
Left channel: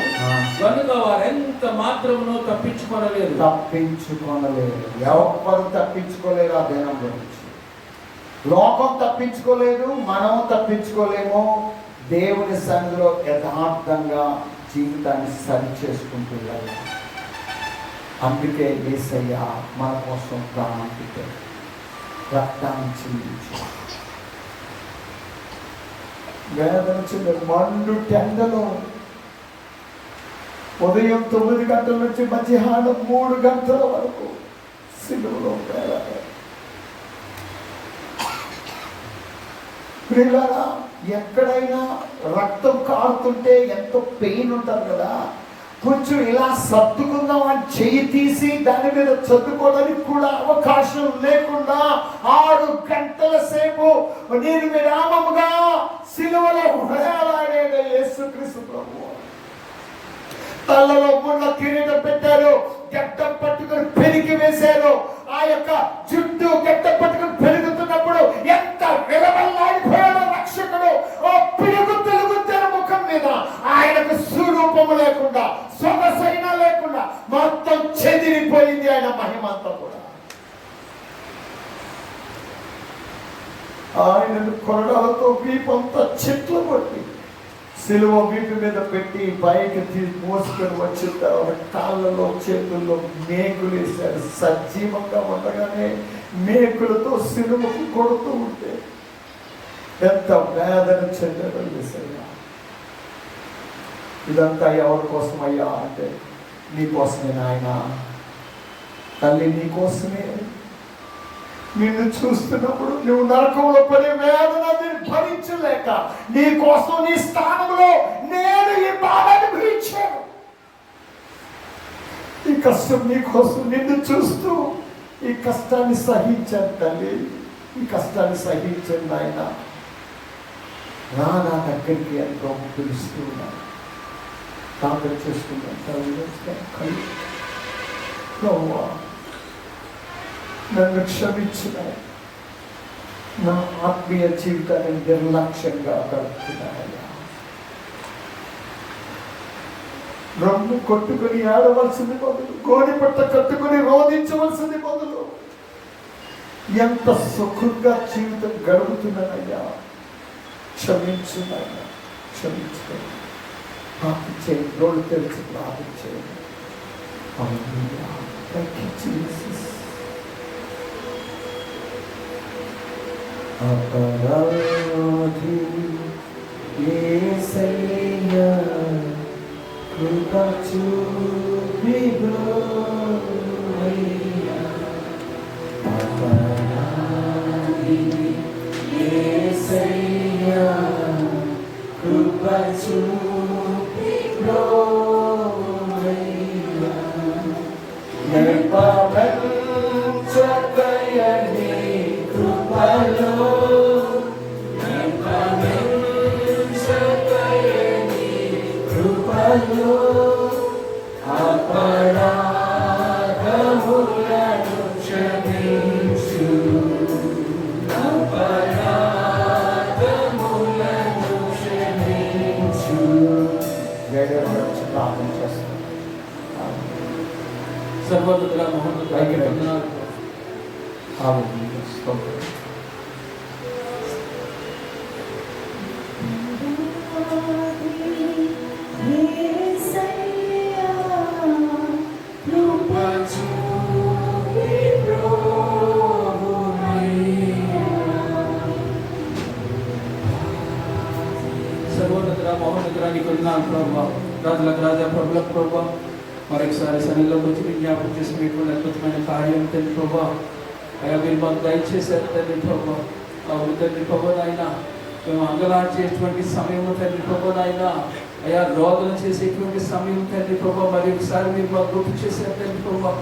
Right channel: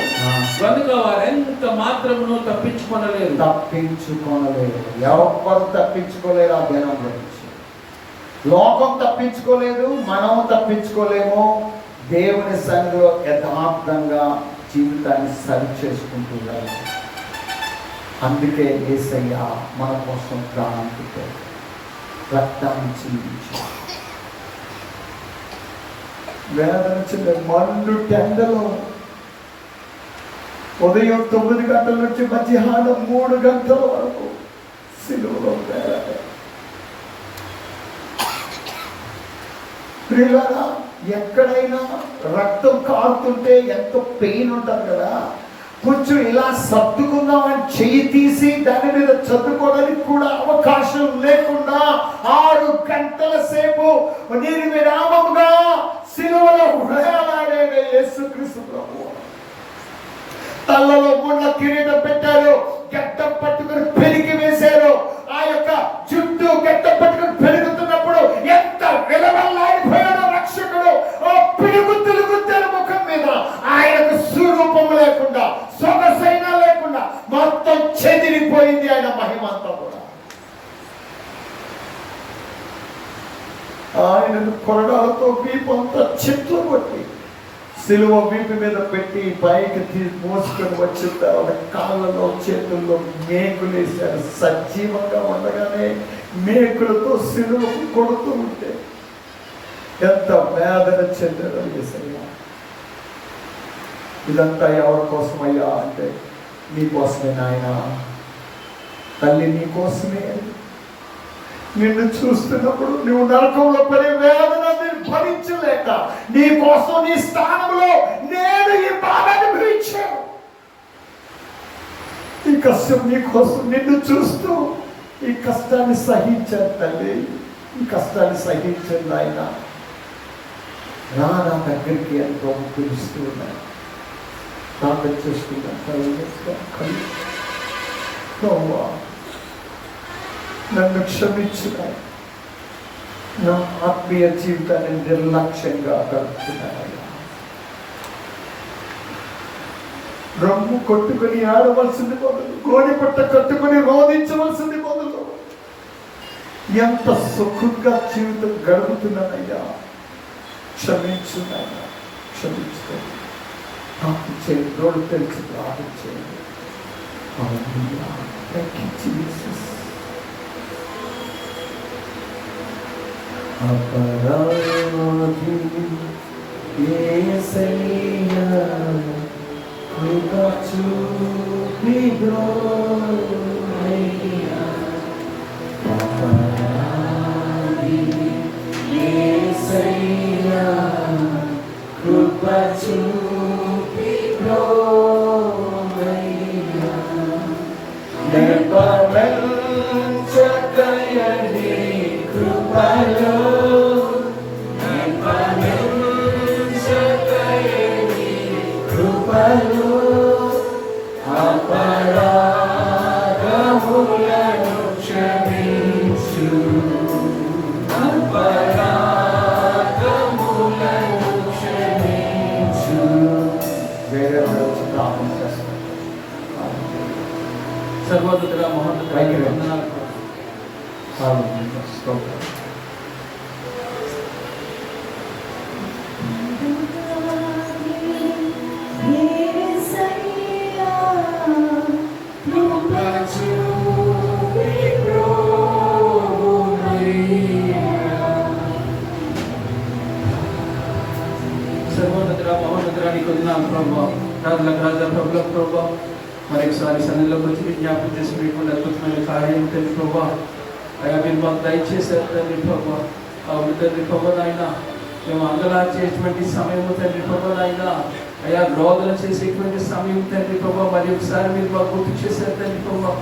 కనుక వారెంత మాత్రమును తప్పించుకొనలేరు. ఎవరు తప్పించుకోలేరు. ఆ దినం గురించి లోకం తప్పించుకోలేదు, మనం తప్పించుకోలేము. దేవుని సన్నిధిలో యథార్థంగా జీవితాన్ని సరి చేసుకుంటూ వెళ్ళాలి. అందుకే యేసయ్య మన కోసం ప్రాణం పెట్టాడు, రక్తాన్ని చిందించాడు. వేదన మండు టెండలో ఉదయం 9 గంటల నుంచి మధ్యాహ్నం 3 గంటల వరకు సిలువలో వేలాడు. ప్రియులారా, ఎక్కడైనా రక్తం కారుతుంటే ఎంతో పెయిన్ ఉంటుంది కదా. కొంచెం ఇలా సర్దుకుందాం అని చెయ్యి తీసి దాని మీద చదువుకోవడానికి కూడా అవకాశం లేకుండా 6 గంటల సేపు నిర్విరామముగా సిలువలో వేలాడే యేసుక్రీస్తు ప్రభువు. తలలో ముళ్ళ కిరీటం పెట్టారు, గడ్డం పట్టుకుని పెరిగి వేశారు. ఆ యొక్క జుట్టు గడ్డం పట్టుకుని పెరుగుతున్నప్పుడు ఎంత విలవల్లాడిపోయాడో రక్షకుడు. పిడుగుతులు గుద్దారు ముఖం మీద. ఆయనకు స్వరూపం లేకుండా, సొగసైనా లేకుండా మొత్తం చెదిరిపోయింది ఆయన మహిమ అంతా కూడా. ఆయనకు కొరడాలతో వీపంతా చెట్లు కొట్టి సిలువ వీపు మీద పెట్టి పైకి మోసుకొని వచ్చిన తర్వాత కాళ్ళలో చేతుల్లో మేకులు వేశారు. సజీవంగా ఉండగానే మేకులతో సిలువకు కొడుతూ ఉంటే ఎంత వేదన చెందాడో యేసయ్యా. ఇదంతా ఎవరి కోసమయ్యా అంటే నీ కోసమే నాయన. తల్లి నీ కోసమే. నిన్ను చూస్తున్నప్పుడు నువ్వు నరకంలో పడే వేదనని భరించలేక నీ కోసం నీ స్థానంలో నేను ఈ బాధ అనుభవించాను. ఈ కష్టం నీ కోసం నిన్ను చూస్తూ ఈ కష్టాన్ని సహించాను తల్లి, ఈ కష్టాన్ని సహించాను ఆయన. నా దగ్గరికి ఎంతో పిలుస్తూ ఉన్నాను. ప్రార్థన చేసుకుంటాను. నన్ను క్షమించున్నాయి. నా ఆత్మీయ జీవితాన్ని నిర్లక్ష్యంగా గడుపుతున్నానయ్యా. రొమ్ము కొట్టుకుని ఆడవలసింది బదులు, గోడి పట్ట కట్టుకుని రోధించవలసింది బదులు ఎంత సుఖంగా జీవితం గడుపుతున్నానయ్యా. క్షమించున్నాయ్యా, క్షమించున్నాయి. ప్రార్థన చేయండి, రోడ్డు తెలిసి ప్రార్థన చేయండి. Thank you, Jesus. అపరాధి యేసయ్యా కృప చూపి బ్రోవయ్యా. అపరాధి యేసయ్యా కృప చూపి బ్రోవయ్యా. నెపమెంచకయని కృపలో అపరాధములను క్షమించు, అపరాధములను క్షమించు. వేరే వాళ్ళు ప్రార్థన చేస్తారు. సర్వోన్నతుడా మహోన్నతుడా స్తోత్రం. సర్వోన్నతుడా మహోన్నతుడా నీకు వందనాలు ప్రభువా. రాజులకు రాజా, ప్రభులకు ప్రభువా, మరొకసారి సన్నిధిలోకి వచ్చి జ్ఞాపకం చేసుకునేటువంటి అద్భుతమైన కార్యం తండ్రి ప్రభువా. అయ్యా మీరు మాకు దయచేశారు తండ్రి ప్రభువా. అవును తండ్రి ప్రభువా, నాయన మేము అంగలార్చేటువంటి సమయం తండ్రి ప్రభువా, నాయన అయ్యా రోదన చేసేటువంటి సమయం తండ్రి ప్రభువా, మరి ఒకసారి మీరు మాకు గుర్తు చేశారు తండ్రి ప్రభువా.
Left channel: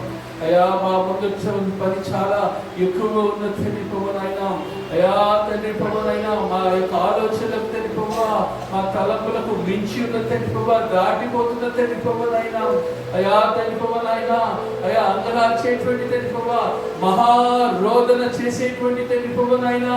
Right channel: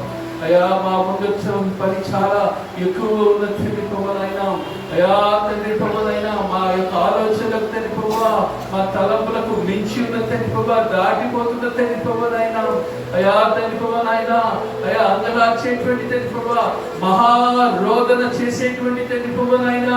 అయ్యా మా ముందు పని చాలా ఎక్కువగా ఉన్న తండ్రి ప్రభువా, నాయన అయ్యా తండ్రి ప్రభువా, నాయన మా యొక్క ఆలోచనలకు తండ్రి ప్రభువా, మా తలంపులకు మించి ఉన్న తండ్రి ప్రభువా, దాటిపోతున్న తండ్రి ప్రభువా, నాయన అయ్యా తండ్రి ప్రభువా, నాయన అయ్యా అంగలార్చేటువంటి తండ్రి ప్రభువా, మహారోదన చేసేటువంటి తండ్రి ప్రభువా, నాయన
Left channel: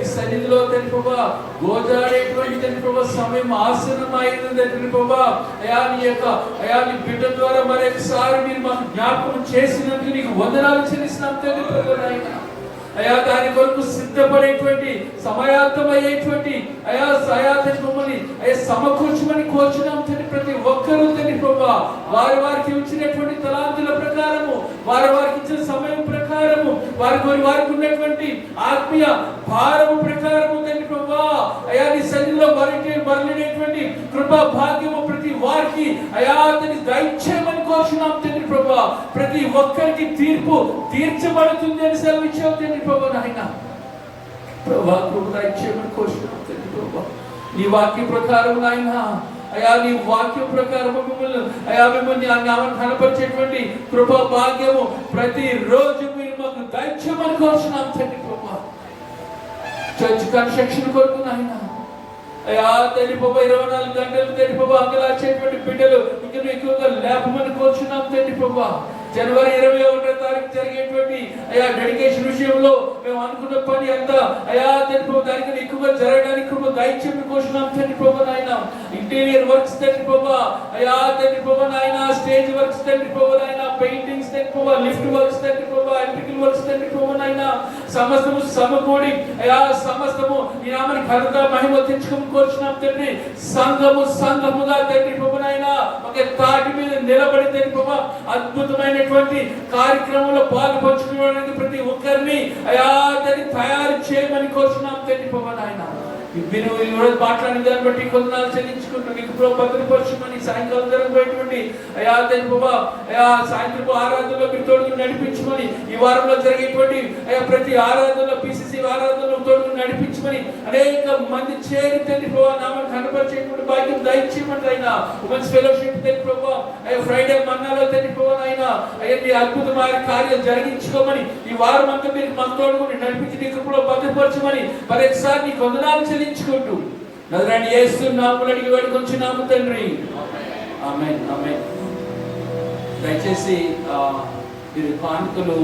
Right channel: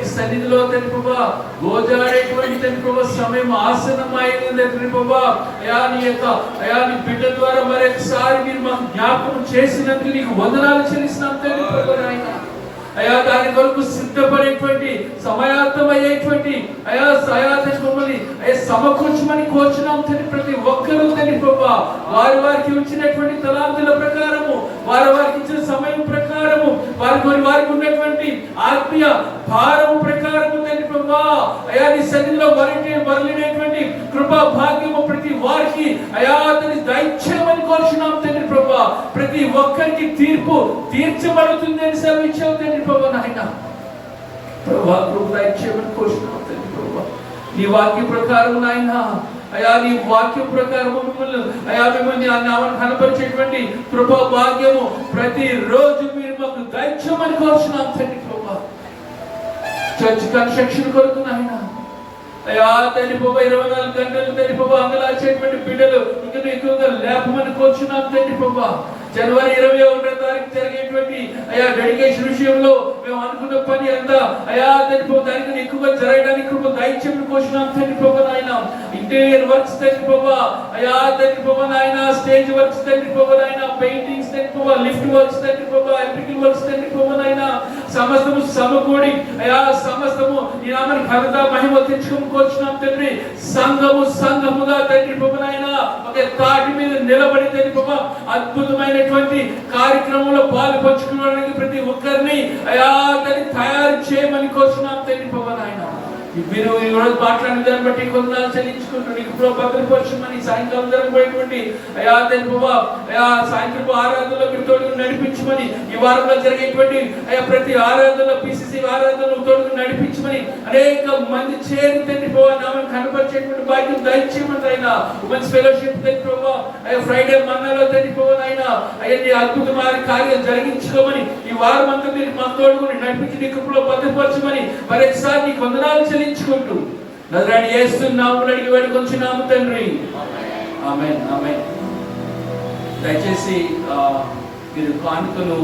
ఈ సన్నిధిలో తండ్రి ప్రభువా గోజాడేటువంటి తండ్రి ప్రభువా సమయం ఆసన్నమైంది తండ్రి ప్రభువా. అయ్యా నీ యొక్క అయ్యా నీ బిడ్డ ద్వారా మరొకసారి మీరు మాకు జ్ఞాపకం చేసినందుకు నీకు వందనాలు చెల్లిస్తున్నాం తండ్రి ప్రభువా, నాయన అయా దాని కొరకు సిద్ధపడేటువంటి సమయార్థమయ్యేటువంటి అయా మమ్మల్ని అయ్యా సమకూర్చమని కోరుచున్నాం తండ్రి. ప్రతి ఒక్కరూ తండ్రి ప్రభువా వారికి ఇచ్చినటువంటి తలాంతుల ప్రకారము, వారికి ఇచ్చిన సమయం ప్రకారము, వారికి ఉన్నటువంటి ఆత్మీయ భారము ప్రకారము తండ్రి ప్రభువా అయా నీ సన్నిధిలో వరలినటువంటి కృపా భాగ్యము ప్రతి వారికి అయా తండ్రి దయచేయమని కోరుచున్నాం తండ్రి ప్రభువా. ప్రతి ఒక్కరికి తీర్పు తీర్చబడుతుంది అని సెలవిచ్చావు తండ్రి ప్రభువా, నాయన ప్రభువా కృప దయచేయమని కోరుచున్నాం తండ్రి ప్రభువా. నీ వాక్య ప్రకారం నాయన అయా నీ వాక్యం ప్రకారం మిమ్మల్ని కనపరిచేటువంటి కృపా భాగ్యము ప్రతి రోజు మీరు మాకు దయచేయమని కోరుచున్నాం తండ్రి ప్రభువా. చర్చ్ కన్స్ట్రక్షన్ కొరకు నాయన అయా తండ్రి ప్రభువా 24 గంటలు తండ్రి ప్రభువా అంగలార్చేటువంటి బిడ్డలు ఇంకా ఎక్కువగా లేపమని కోరుచున్నాం తండ్రి ప్రభువా. జనవరి 21వ తారీఖు జరిగేటువంటి అయా డెడికేషన్ విషయంలో మేము అనుకున్న పని అంతా అయా తండ్రి ప్రభువా దానికి ఎక్కువగా జరగడానికి దయచేయమని కోరుచున్నాం తండ్రి ప్రభువా, నాయన ఇంటీరియర్ వర్క్స్ తండ్రి ప్రభువా అయా తండ్రి ప్రభువా, నాయన స్టేజ్ వర్క్స్ తండ్రి ప్రభువా, నాయన పెయింటింగ్స్ తండ్రి ప్రభువా, లిఫ్ట్ వర్క్స్ తండ్రి ప్రభువా, ఎలక్ట్రికల్ వర్క్స్ తండ్రి ప్రభువా, నాయన సమస్తము సమకూడి అయా సమస్తము నీ నామమున ఘనత మహిమ తెచ్చుకోమని కోరుచున్నాం తండ్రి. సంఘముగా తండ్రి ప్రభువా, నాయన ఒక తాటి మీద నిలబడి తండ్రి ప్రభువా అద్భుతమైనటువంటి కార్యక్రమంలో పాలు పంచుకోవడానికి ప్రతి ఒక్కరిని అయా తండ్రి తయారు చేయమని కోరుచున్నాం తండ్రి ప్రభువా, నాయన మీరు మాట్లాడిన దాన్ని బట్టి కొందనాలు చెల్లించుకుంటూ నీకు భద్రపరచమని సాయంకాలం జరగబోయేటువంటి అయా దేవా అయా సాయంత్రపు ఆరాధనలో మీరు తోడుగా నడిపించమని, ఈ వారంలో జరిగేటువంటి అయా ప్రతి ఆరాధనలో పిసిసి ఆరాధనలో తోడుగా నడిపించమని, అనేక మంది చేరి తండ్రి ప్రభావ నామం కనపరిచేటువంటి భాగ్యం దయచేయమని అయినా ఉమెన్స్ ఫెలోషిప్ తండ్రి ప్రభావ అయ్యా ఫ్రైడే మన్నాలో తండ్రి ప్రభావ అయినా అయ్యా అద్భుతమైన కార్యాలు జరిగించుకోమని, ఈ వారం అంతా మీరు మా తోడుగా నడిపించి నీ కృపలో భద్రపరచమని మరొకసారి నీకు వందనాలు చెల్లించుకుంటూ నజరేయుడైన యేసు నామములో అడిగి వేడుకొంచున్నాము తండ్రి. ఆమేన్ ఆమేన్. దయచేసి మీరు కానుకలు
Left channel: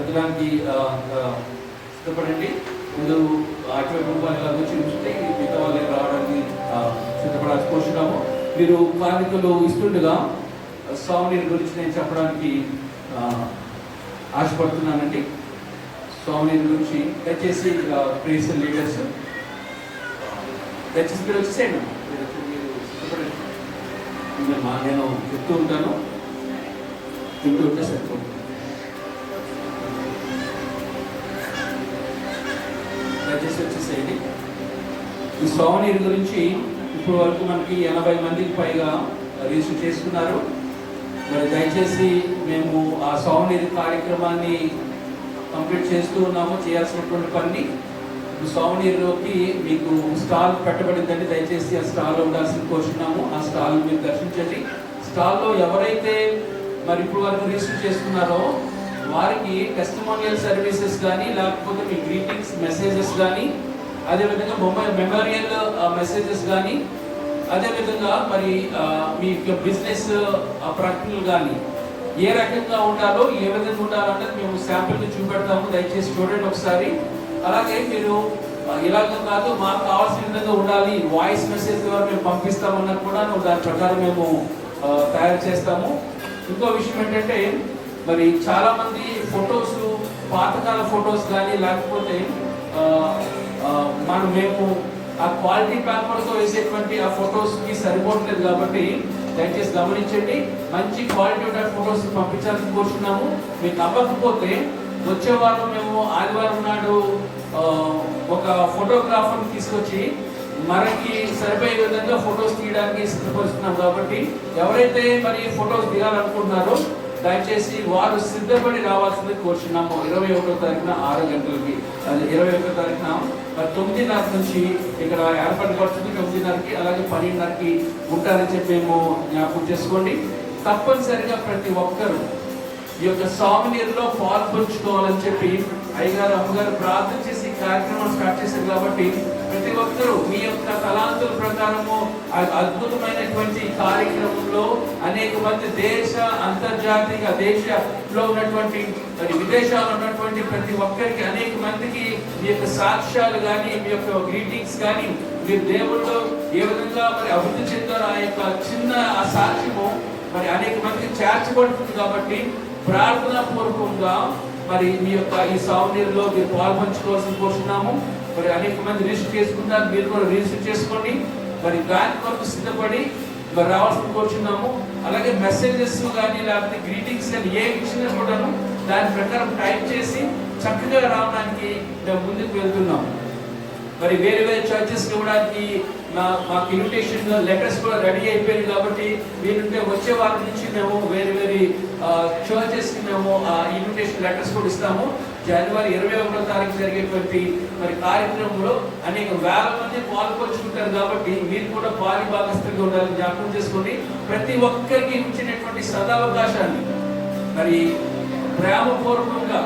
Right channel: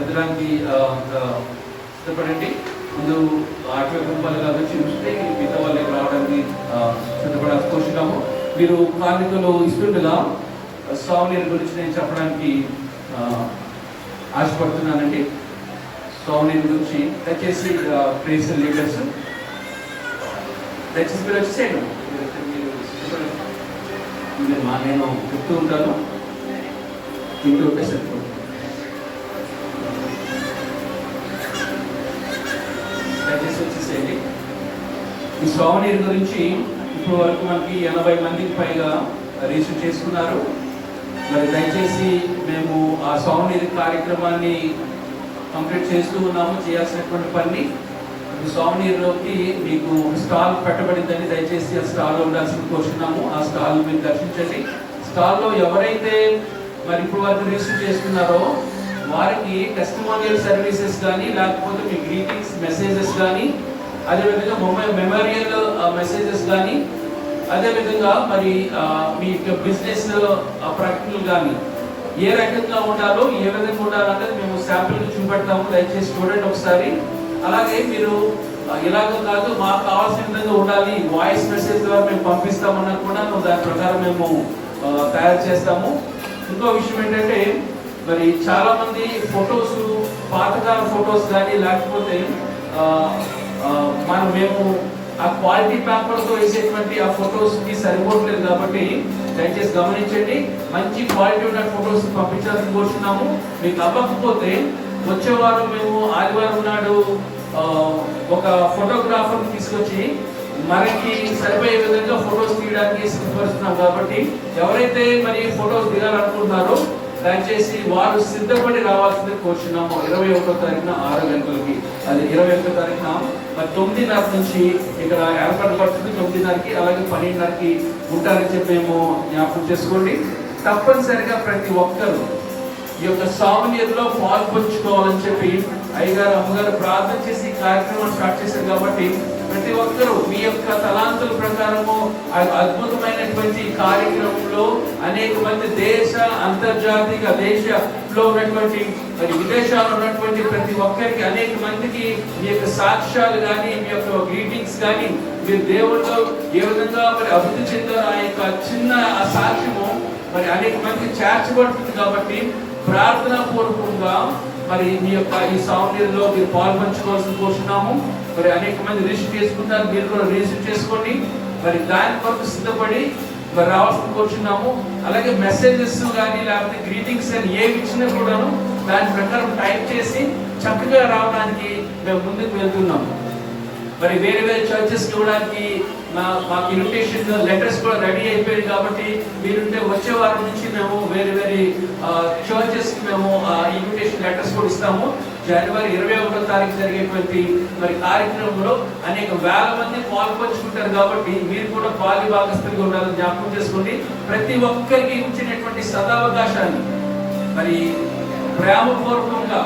ఎదడానికి సిద్ధపడండి. ముందు అటువైపు వాళ్ళగా వచ్చి ఉంటే మిగతా వాళ్ళకి రావడానికి సిద్ధపడాల్సి కూర్చున్నాము. మీరు కానుకలు ఇస్తుండగా స్వామిని గురించి నేను చెప్పడానికి ఆశపడుతున్నానండి. స్వామిని గురించి దయచేసి ప్రేస్ లీడర్స్ దయచేసి మీరు వచ్చేసేయండి. మీరు సిద్ధపడండి. నేను చెప్తూ ఉంటాను, ఇంట్లో ఉంటే సరిపోతుంది. దయచేసి వచ్చేసేయండి. ఈ స్వామిని గురించి ఇప్పుడు వరకు మనకి 80 మందికి పైగా రిజిస్టర్ చేసుకున్నారు. మరి దయచేసి మేము ఆ స్వామిని కార్యక్రమాన్ని కంప్లీట్ చేస్తూ ఉన్నాము. చేయాల్సినటువంటి పని స్వామినిలోకి మీకు స్టాల్ పెట్టబడిందని దయచేసి ఆ స్టాల్లో ఉండాల్సిన కోరుచున్నాము. ఆ స్టాల్ మీరు దర్శించండి. స్టాల్లో ఎవరైతే మరి ఇప్పుడు వరకు రిజిస్టర్ చేసుకున్నారో వారికి టెస్టిమోనియల్ సర్వీసెస్ కానీ, లేకపోతే మీ గ్రీటింగ్స్ మెసేజెస్ కానీ, అదేవిధంగా మెమోరియల్ మెసేజెస్ కానీ, అదేవిధంగా మరి మీ బిజినెస్ ప్రకటనలు కానీ ఏ రకంగా ఉండాలో, ఏ విధంగా ఉండాలంటే మేము శాంపిల్ చూపెడతాము. దయచేసి చూడండి ఒకసారి. అలాగే మీరు ఇలాగ కాదు మాకు కావాల్సిన విధంగా ఉండాలి, వాయిస్ మెసేజ్ ద్వారా మేము పంపిస్తామన్నా కూడా దాని ప్రకారం మేము తయారు చేస్తాము. ఇంకో విషయం ఏంటంటే మరి చాలా మంది ఫొటోస్, పాతకాల ఫొటోస్ కానీ, లేకపోతే మేము ఆ క్వాలిటీ పేపర్తో వేసేటువంటి ఆ ఫొటోస్కి సరిపోవట్లేదు. కాబట్టి దయచేసి గమనించండి, మంచి క్వాలిటీ ఉన్న ఫొటోస్ పంపించాలని కోరుతున్నాము. మీకు అవ్వకపోతే వచ్చే వారం మేము ఆదివారం నాడు ఒక ఫోటోగ్రాఫర్ని తీసుకొచ్చి మనకి సరిపోయే విధంగా ఫొటోస్ తీయడానికి సిద్ధపరుస్తున్నాం. కాబట్టి ఎవరైతే మరి ఫొటోస్ దిగాలనుకుంటున్నారో దయచేసి వారు సిద్ధపడి రావాల్సింది కోరుచున్నాము. 21వ తారీఖున 6 గంటలకి, అది 21వ తారీఖున 9:30 నుంచి ఇక్కడ ఏర్పాటు పడుతుంది. 9:30కి అలాగే 12:30కి ఉంటారని చెప్పి మేము జ్ఞాపకం చేసుకోండి. తప్పనిసరిగా ప్రతి ఒక్కరు ఈ యొక్క సామాన్యంలో పాల్పంచుకోవాలని చెప్పి అయ్యగారు అమ్మగారు ప్రార్థన చేసి కార్యక్రమం స్టార్ట్ చేశారు. కాబట్టి ప్రతి ఒక్కరూ మీ యొక్క తలాంతుల ప్రకారము అద్భుతమైనటువంటి కార్యక్రమంలో అనేక మంది దేశ, అంతర్జాతీయ దేశంలో ఉన్నటువంటి మరి విదేశాల్లో ఉన్నటువంటి ప్రతి ఒక్కరికి అనేక మందికి మీ యొక్క సాక్ష్యాలు కానీ, మీ యొక్క గ్రీటింగ్స్ కానీ, మీరు దేవుళ్ళు ఏ విధంగా మరి అభివృద్ధి చెందారో ఆ యొక్క చిన్న ఆ సాక్ష్యము మరి అనేక మందికి చేర్చబడుతుంది. కాబట్టి ప్రార్థనా పూర్వకంగా మరి మీ యొక్క ఈ సామర్థ్యంలో మీరు పాల్పంచుకోవాల్సి కోరుచున్నాము. మరి అనేక మంది రిజిస్టర్ చేసుకుంటారు, మీరు కూడా రిజిస్టర్ చేసుకోండి. మరి దాని కొరకు సిద్ధపడి మరి రావాల్సి కోరుచున్నాము. అలాగే మెసేజెస్ కానీ, లేకపోతే గ్రీటింగ్స్ అని ఏమి ఇచ్చినా కూడాను దాని ప్రకారం టైప్ చేసి చక్కగా రావడానికి మేము ముందుకు వెళ్తున్నాము. మరి వేరే వేరే చర్చెస్కి ఇవ్వడానికి మాకు ఇన్విటేషన్ లెటర్స్ కూడా రెడీ అయిపోయాయి. కాబట్టి మీరుంటే వచ్చే వారం నుంచి మేము వేరే వేరే చర్చెస్కి మేము ఇన్విటేషన్ లెటర్స్ కూడా ఇస్తాము. జనవరి 21వ తారీఖు జరిగేటువంటి మరి కార్యక్రమంలో అనేక వేల మంది పాల్పంచుకుంటారు. కాబట్టి మీరు కూడా పాలి భాగస్తులుగా ఉండాలని జ్ఞాపకం చేసుకోండి. ప్రతి ఒక్కరికి ఇచ్చినటువంటి సదావకాశాన్ని మరి ప్రేమపూర్వకంగా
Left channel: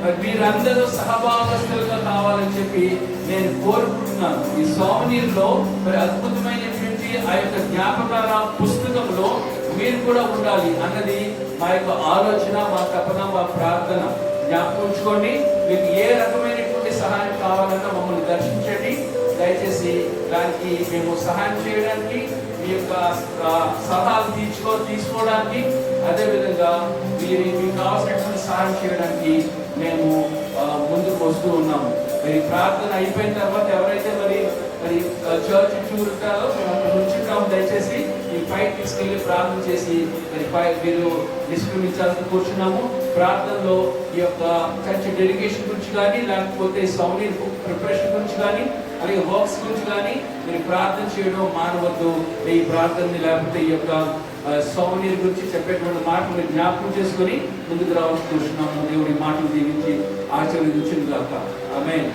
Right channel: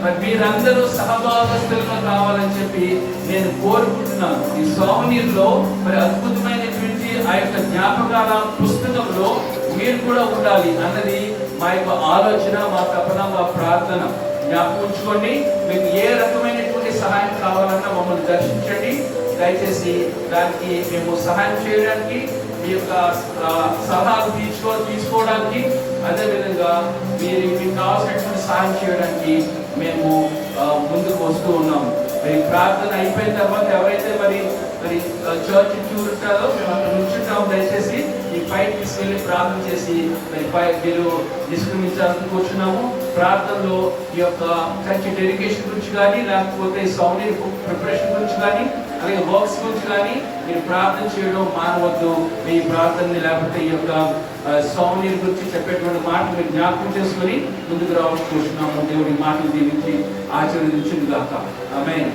మరి మీరందరూ సహభాగస్తులుగా కావాలని చెప్పి నేను కోరుకుంటున్నాను. ఈ సోమనీర్లో మరి అద్భుతమైనటువంటి ఆ యొక్క జ్ఞాపకాల పుస్తకంలో మీరు కూడా ఉండాలి అన్నది మా యొక్క ఆలోచన, మా తపన, మా ప్రార్థన. జ్ఞాపకం ఉంచుకోండి. మీకు ఏ రకమైనటువంటి సహాయం కావాలన్నా మమ్మల్ని దర్శించండి. దయచేసి దానికి మేము సహాయం చేయడానికి, మీ యొక్క సలహాలు తీసుకోవడానికి, అదేవిధంగా మీకు కావాల్సినటువంటి సహాయం చేయడానికి మేము ముందుకు వస్తూ ఉన్నాము. మరి ప్రార్థన అయిపోయిన తర్వాత ఎవరైతే మరి చర్చ్ చూడాలో మేము అక్కడ నుంచుంటాము. దయచేసి ఈ పైకి తీసుకెళ్ళి ప్రార్థన చేసి మరి మీరు నిష్క్రమించాలని కూర్చున్నాము. ప్రార్థనలో ఈ యొక్క చర్చ్ డెడికేషన్ గురించి కానీ, లేకపోతే సౌండ్ ప్రిపరేషన్ గురించి కానీ, అలాగే వర్క్స్ గురించి కానీ మీరు ప్రార్థన చేయడం మానవద్దు. ఈ ప్రార్థనని లేకపోతే ఈ యొక్క సౌందర్యం గురించి చెప్పేటువంటి మాటలు మీరు జ్ఞాపకం చేసుకుని ముందుకు రావచ్చు చూస్తున్నాము. దేవుడి మాటలు దీనికి ఆచరించింది కాక. ఆమేన్.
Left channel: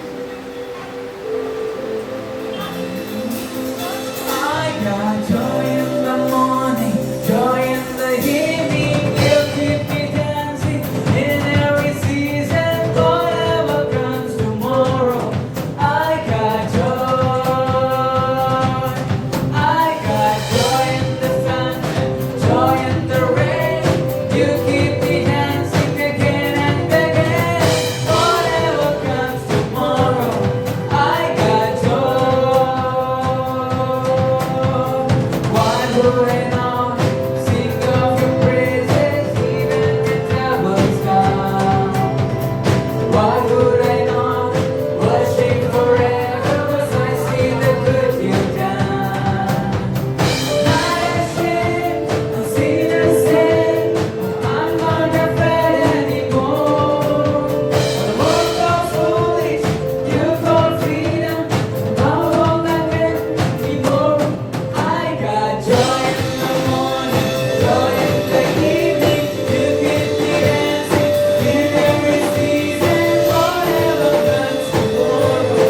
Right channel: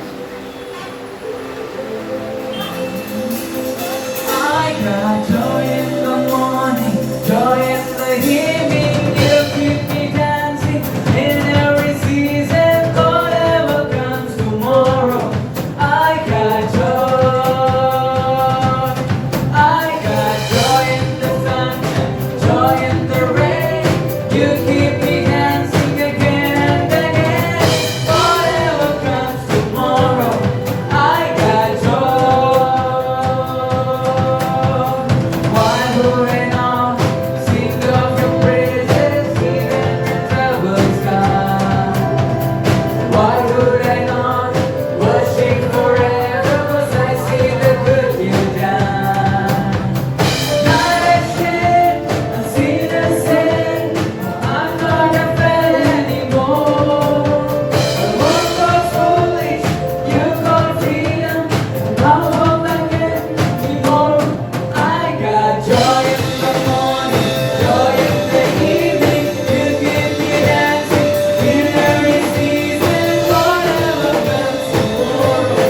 I got joy in the morning, joy in the evening. You keep me dancing in every season. Whatever comes tomorrow, I got joy. I got joy in the sunshine, joy in the rain. You keep me dancing again and again. Whatever comes tomorrow, I got joy. Why would I not sing of your praises even when troubles come? Why would I not worship forever? 'Cause I see the good you've done. Not ashamed, I'm seen and said, I'm not afraid anymore. The world was foolish, you got freedom. Now hope I can be more. I got joy in the morning, joy in the evening. You keep me dancing in every season. Whatever comes tomorrow,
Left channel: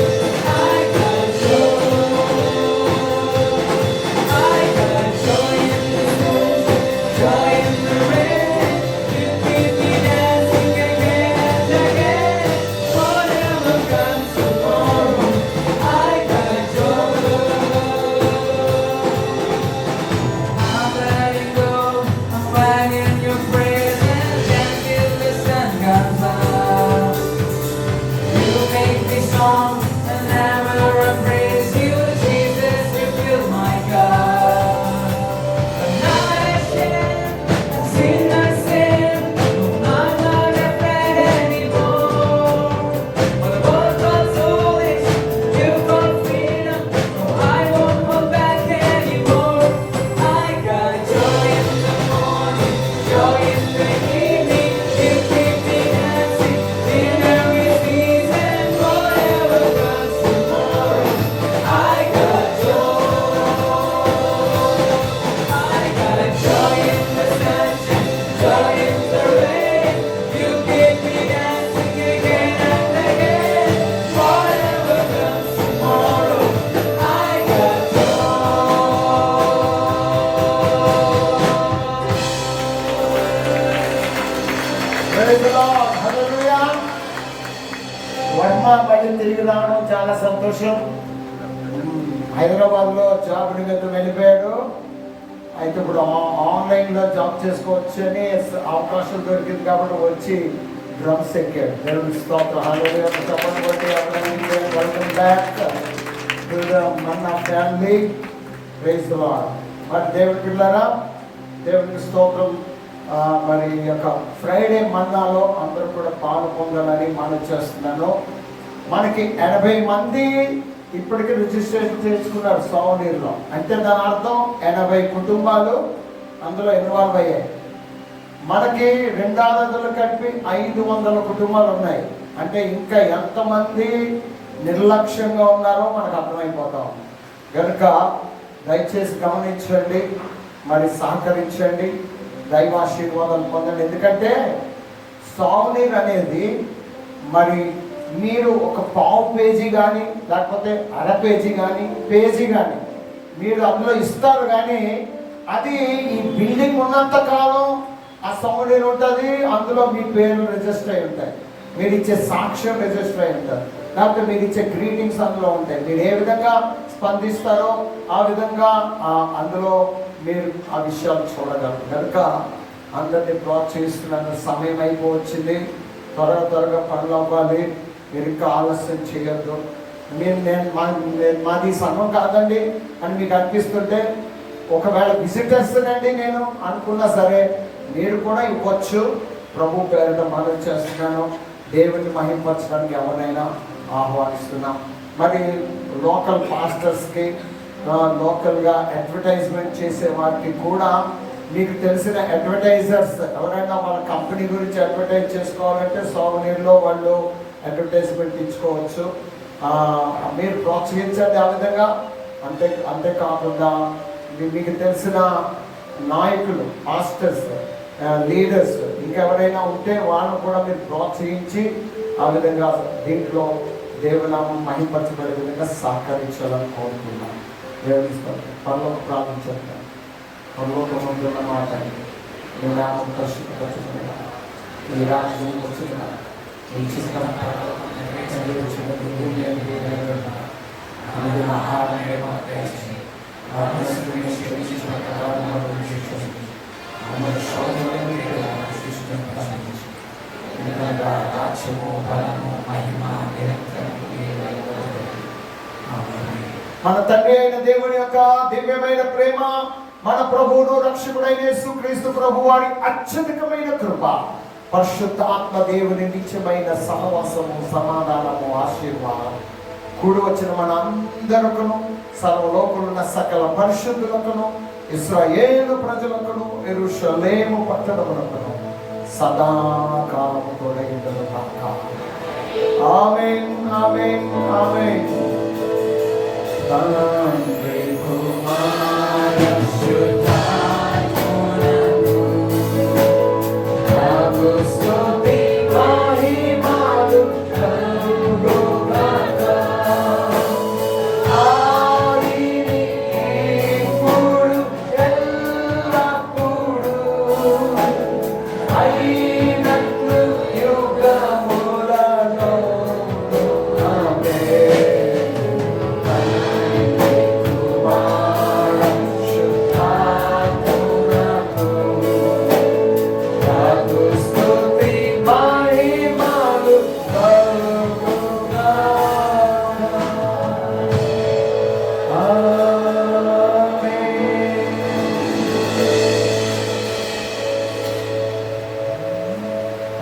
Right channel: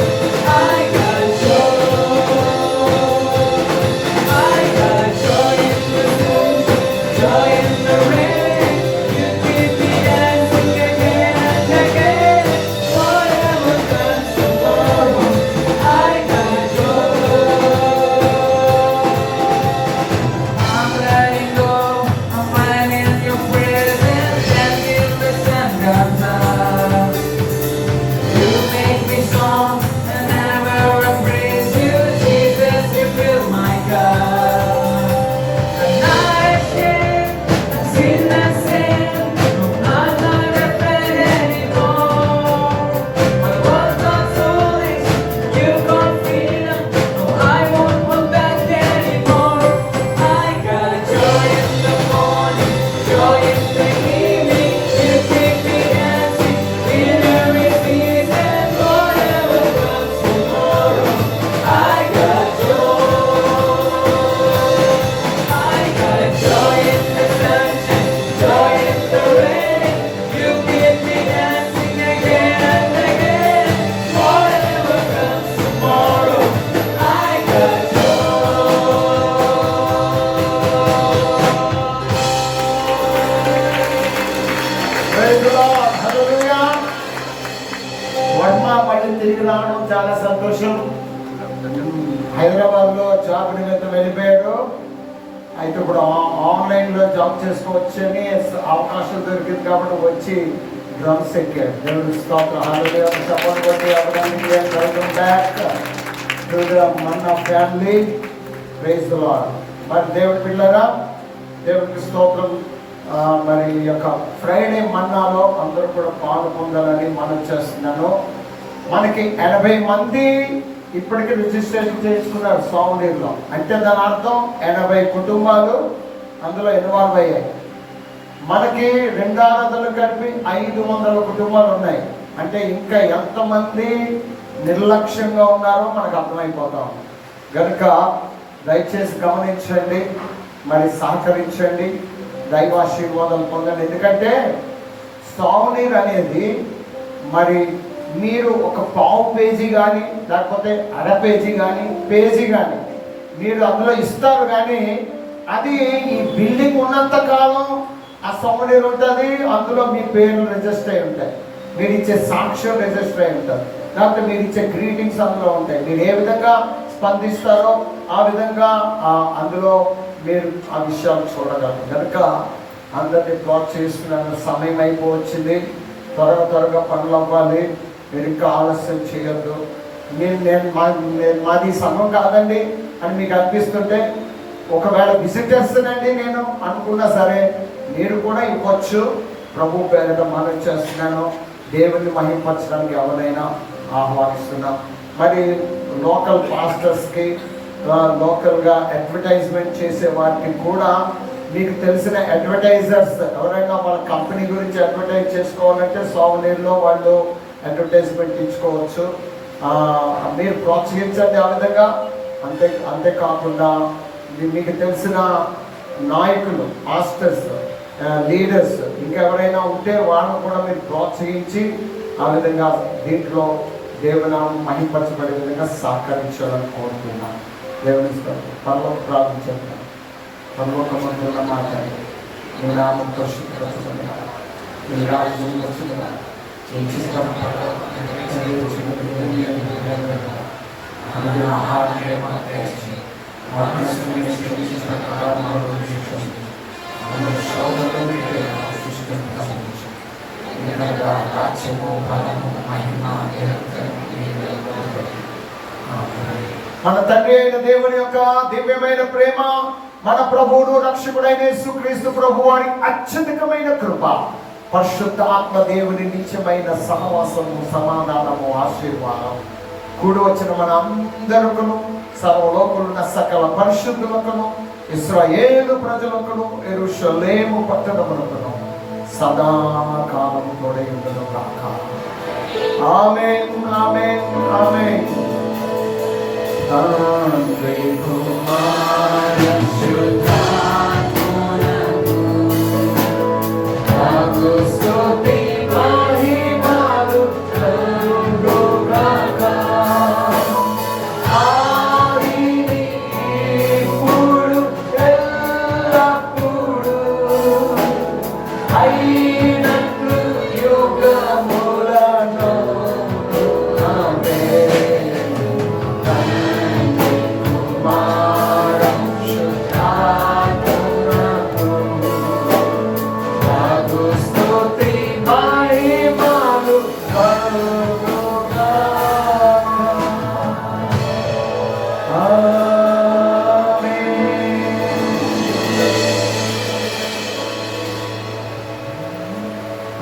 I got joy. I got joy in the sunshine, joy in the rain. You keep me dancing again and again. Whatever comes tomorrow, I got joy. I'm letting go, I'm lying in your presence until the sun comes up. You make me strong, and I will praise you, Jesus. You fill my cup. I'm not ashamed, I've seen the sin. I'm not afraid anymore. The world got foolish, you got freedom. No, I won't hold back anymore. I got joy in the morning, joy in the evening. You keep me dancing in every season. Whatever comes tomorrow, I got joy. I got joy in the sunshine, joy in the rain. You keep me dancing again and again. Whatever comes tomorrow, I got Praise the Lord. Hallelujah. Varma మళ్ళీ తిరిగి రావడం చాలా సంతోషం. హైదరాబాద్ లో job నిమిత్తం వెళ్ళిపోయాడు. అయితే ఇప్పుడు ఆన్లైన్ లో జాబ్ చేసుకోవచ్చు అని అవకాశం దొరికింది కాబట్టి వచ్చి డ్రమ్స్ ఎక్కాడు. దేవుని స్తోత్రం. హల్లెలూయా. చెప్పండి బట్టి అభినందనలు. Welcome back to the manna family. Praise the lord. మరి దేవుడి పిల్లరా, దేవునికి స్తోత్రం. మరి ఈ యొక్క ఫ్రైడే మన్నాలో అందరూ కూడా పాలు పొందాలని మనం చేస్తున్నాను. మనకి 80 మంది ఇప్పటికే రిజిస్ట్రేషన్ చేసుకున్నారు సౌందర్యంలో. అంటే దాని అర్థం 80 కుటుంబాలు అందులో ఇన్వాల్వ్ అయ్యాయి. మనకి రెండు ఆరాధనలు కలిపి 500 కుటుంబాలు ఉన్నాయి. అంటే ఇంకా ఎంతమంది నిర్లక్ష్యంగా ఉన్నారో మనకు అర్థమైపోతాం. కనుక దయచేసి గమనించండి, మరి సహకరించండి, దైవాశీర్వాదం పొందండి. ఎందుకంటే సౌనీర్ అనేది మరి మీరు ఒక పావు పేజీ కానీ లేకపోతే అర పేజీ కానీ పేజీ కానీ మీరు అందులో ఇస్తారు. కానీ అది ఈ బిల్డింగ్ ఉన్నంత కాలం ఆ సౌనీర్ ఉంటుంది. అందులో మీ పేర్లు రిజిస్టర్ అయి ఉంటాయి, మీరు ఇచ్చే సాక్ష్యం రిజిస్టర్ అయి ఉంటారు, లేకపోతే మీరు ఇచ్చే గ్రీటింగ్స్ అందులో ఉంటాయి. మీరు ఏ విధంగా స్పందిస్తారో ఆ విధంగా అందులో మీరు ఆ విషయాలు చూడగలరు. కనుక అందరినీ ప్రోత్సహిస్తున్న సమయం అయిపోవచ్చింది. త్వరగా పనులు అవ్వాలి. మీరు ఇంకా ఆలస్యం చేయొద్దు. మాది సంఘం కాదండి అని మీకు అనిపిస్తుంటే, ఒకవేళ విజిటర్స్నండి నేను అనుకున్నా సరే మీరు కూడా ఇవ్వచ్చు. ప్రభు పేరిట మనం చేస్తున్నాను. దేవుని మహింపరచడానికి ఎవరైనా ఆహ్వానిస్తున్నాం. మరి లోకల్ పాస్టర్స్కి, లోకల్గా అడ్వర్టైజ్మెంట్ చేసే వారికి కూడా మీకు తెలిసిన అడ్వర్టైజర్స్ ఎవరైనా మన కంపెనీ గురించి అడ్వర్టైజ్ చేసుకోవాలంటే సోవనీర్లో వాళ్ళు అడ్వర్టైజ్మెంట్ ఇచ్చుకోవచ్చు. మీరు ప్రోత్సహించండి ఆ విధంగా. అంతేకాకుండా మీకు తెలిసిన నాయకులు, పాస్టర్స్, లీడర్స్ ఇంకెవరైనా ఉంటే వాళ్ళను కూడా మీరు ప్రోత్సహించి ఆ విధంగా దీంట్లో దేవుని మహింపరచబడే విధంగా సహకరించాలని కోరుతున్నాను. దేవుని పరలోక ప్రార్థించాను. పరలోకమందు ఉన్న మాట మీ నామం పరిశుద్ధపరచబడిన మీ రాజ్యం వచ్చిన మీ చిత్తం ఆహారం మన తండ్రి అయిన దేవుని యొక్క దివ్యమైన ప్రేమ, మన ప్రభువును రక్షకుడైన యేసుక్రీస్తు ప్రభు వారి అత్యధికమైన కృప, పరిశుద్ధ ఆత్మ దేవుని నిత్యమైన సహవాసము, సమాధానము, ఆశీర్వాదం కూడి వచ్చిన మన అందరికను, సర్వలోకులున్న సకల పరిశుద్ధులకును, ఇశ్రాయేలు ప్రజలకును, యెరూషలేము పట్టణములకును సదాకాలము తోడై ఉండును గాక. ఆమేన్, ఆమేన్, ఆమేన్. తండ్రి కుమార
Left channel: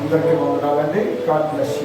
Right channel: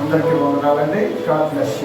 అందరికీ వందనాలండి. God bless you.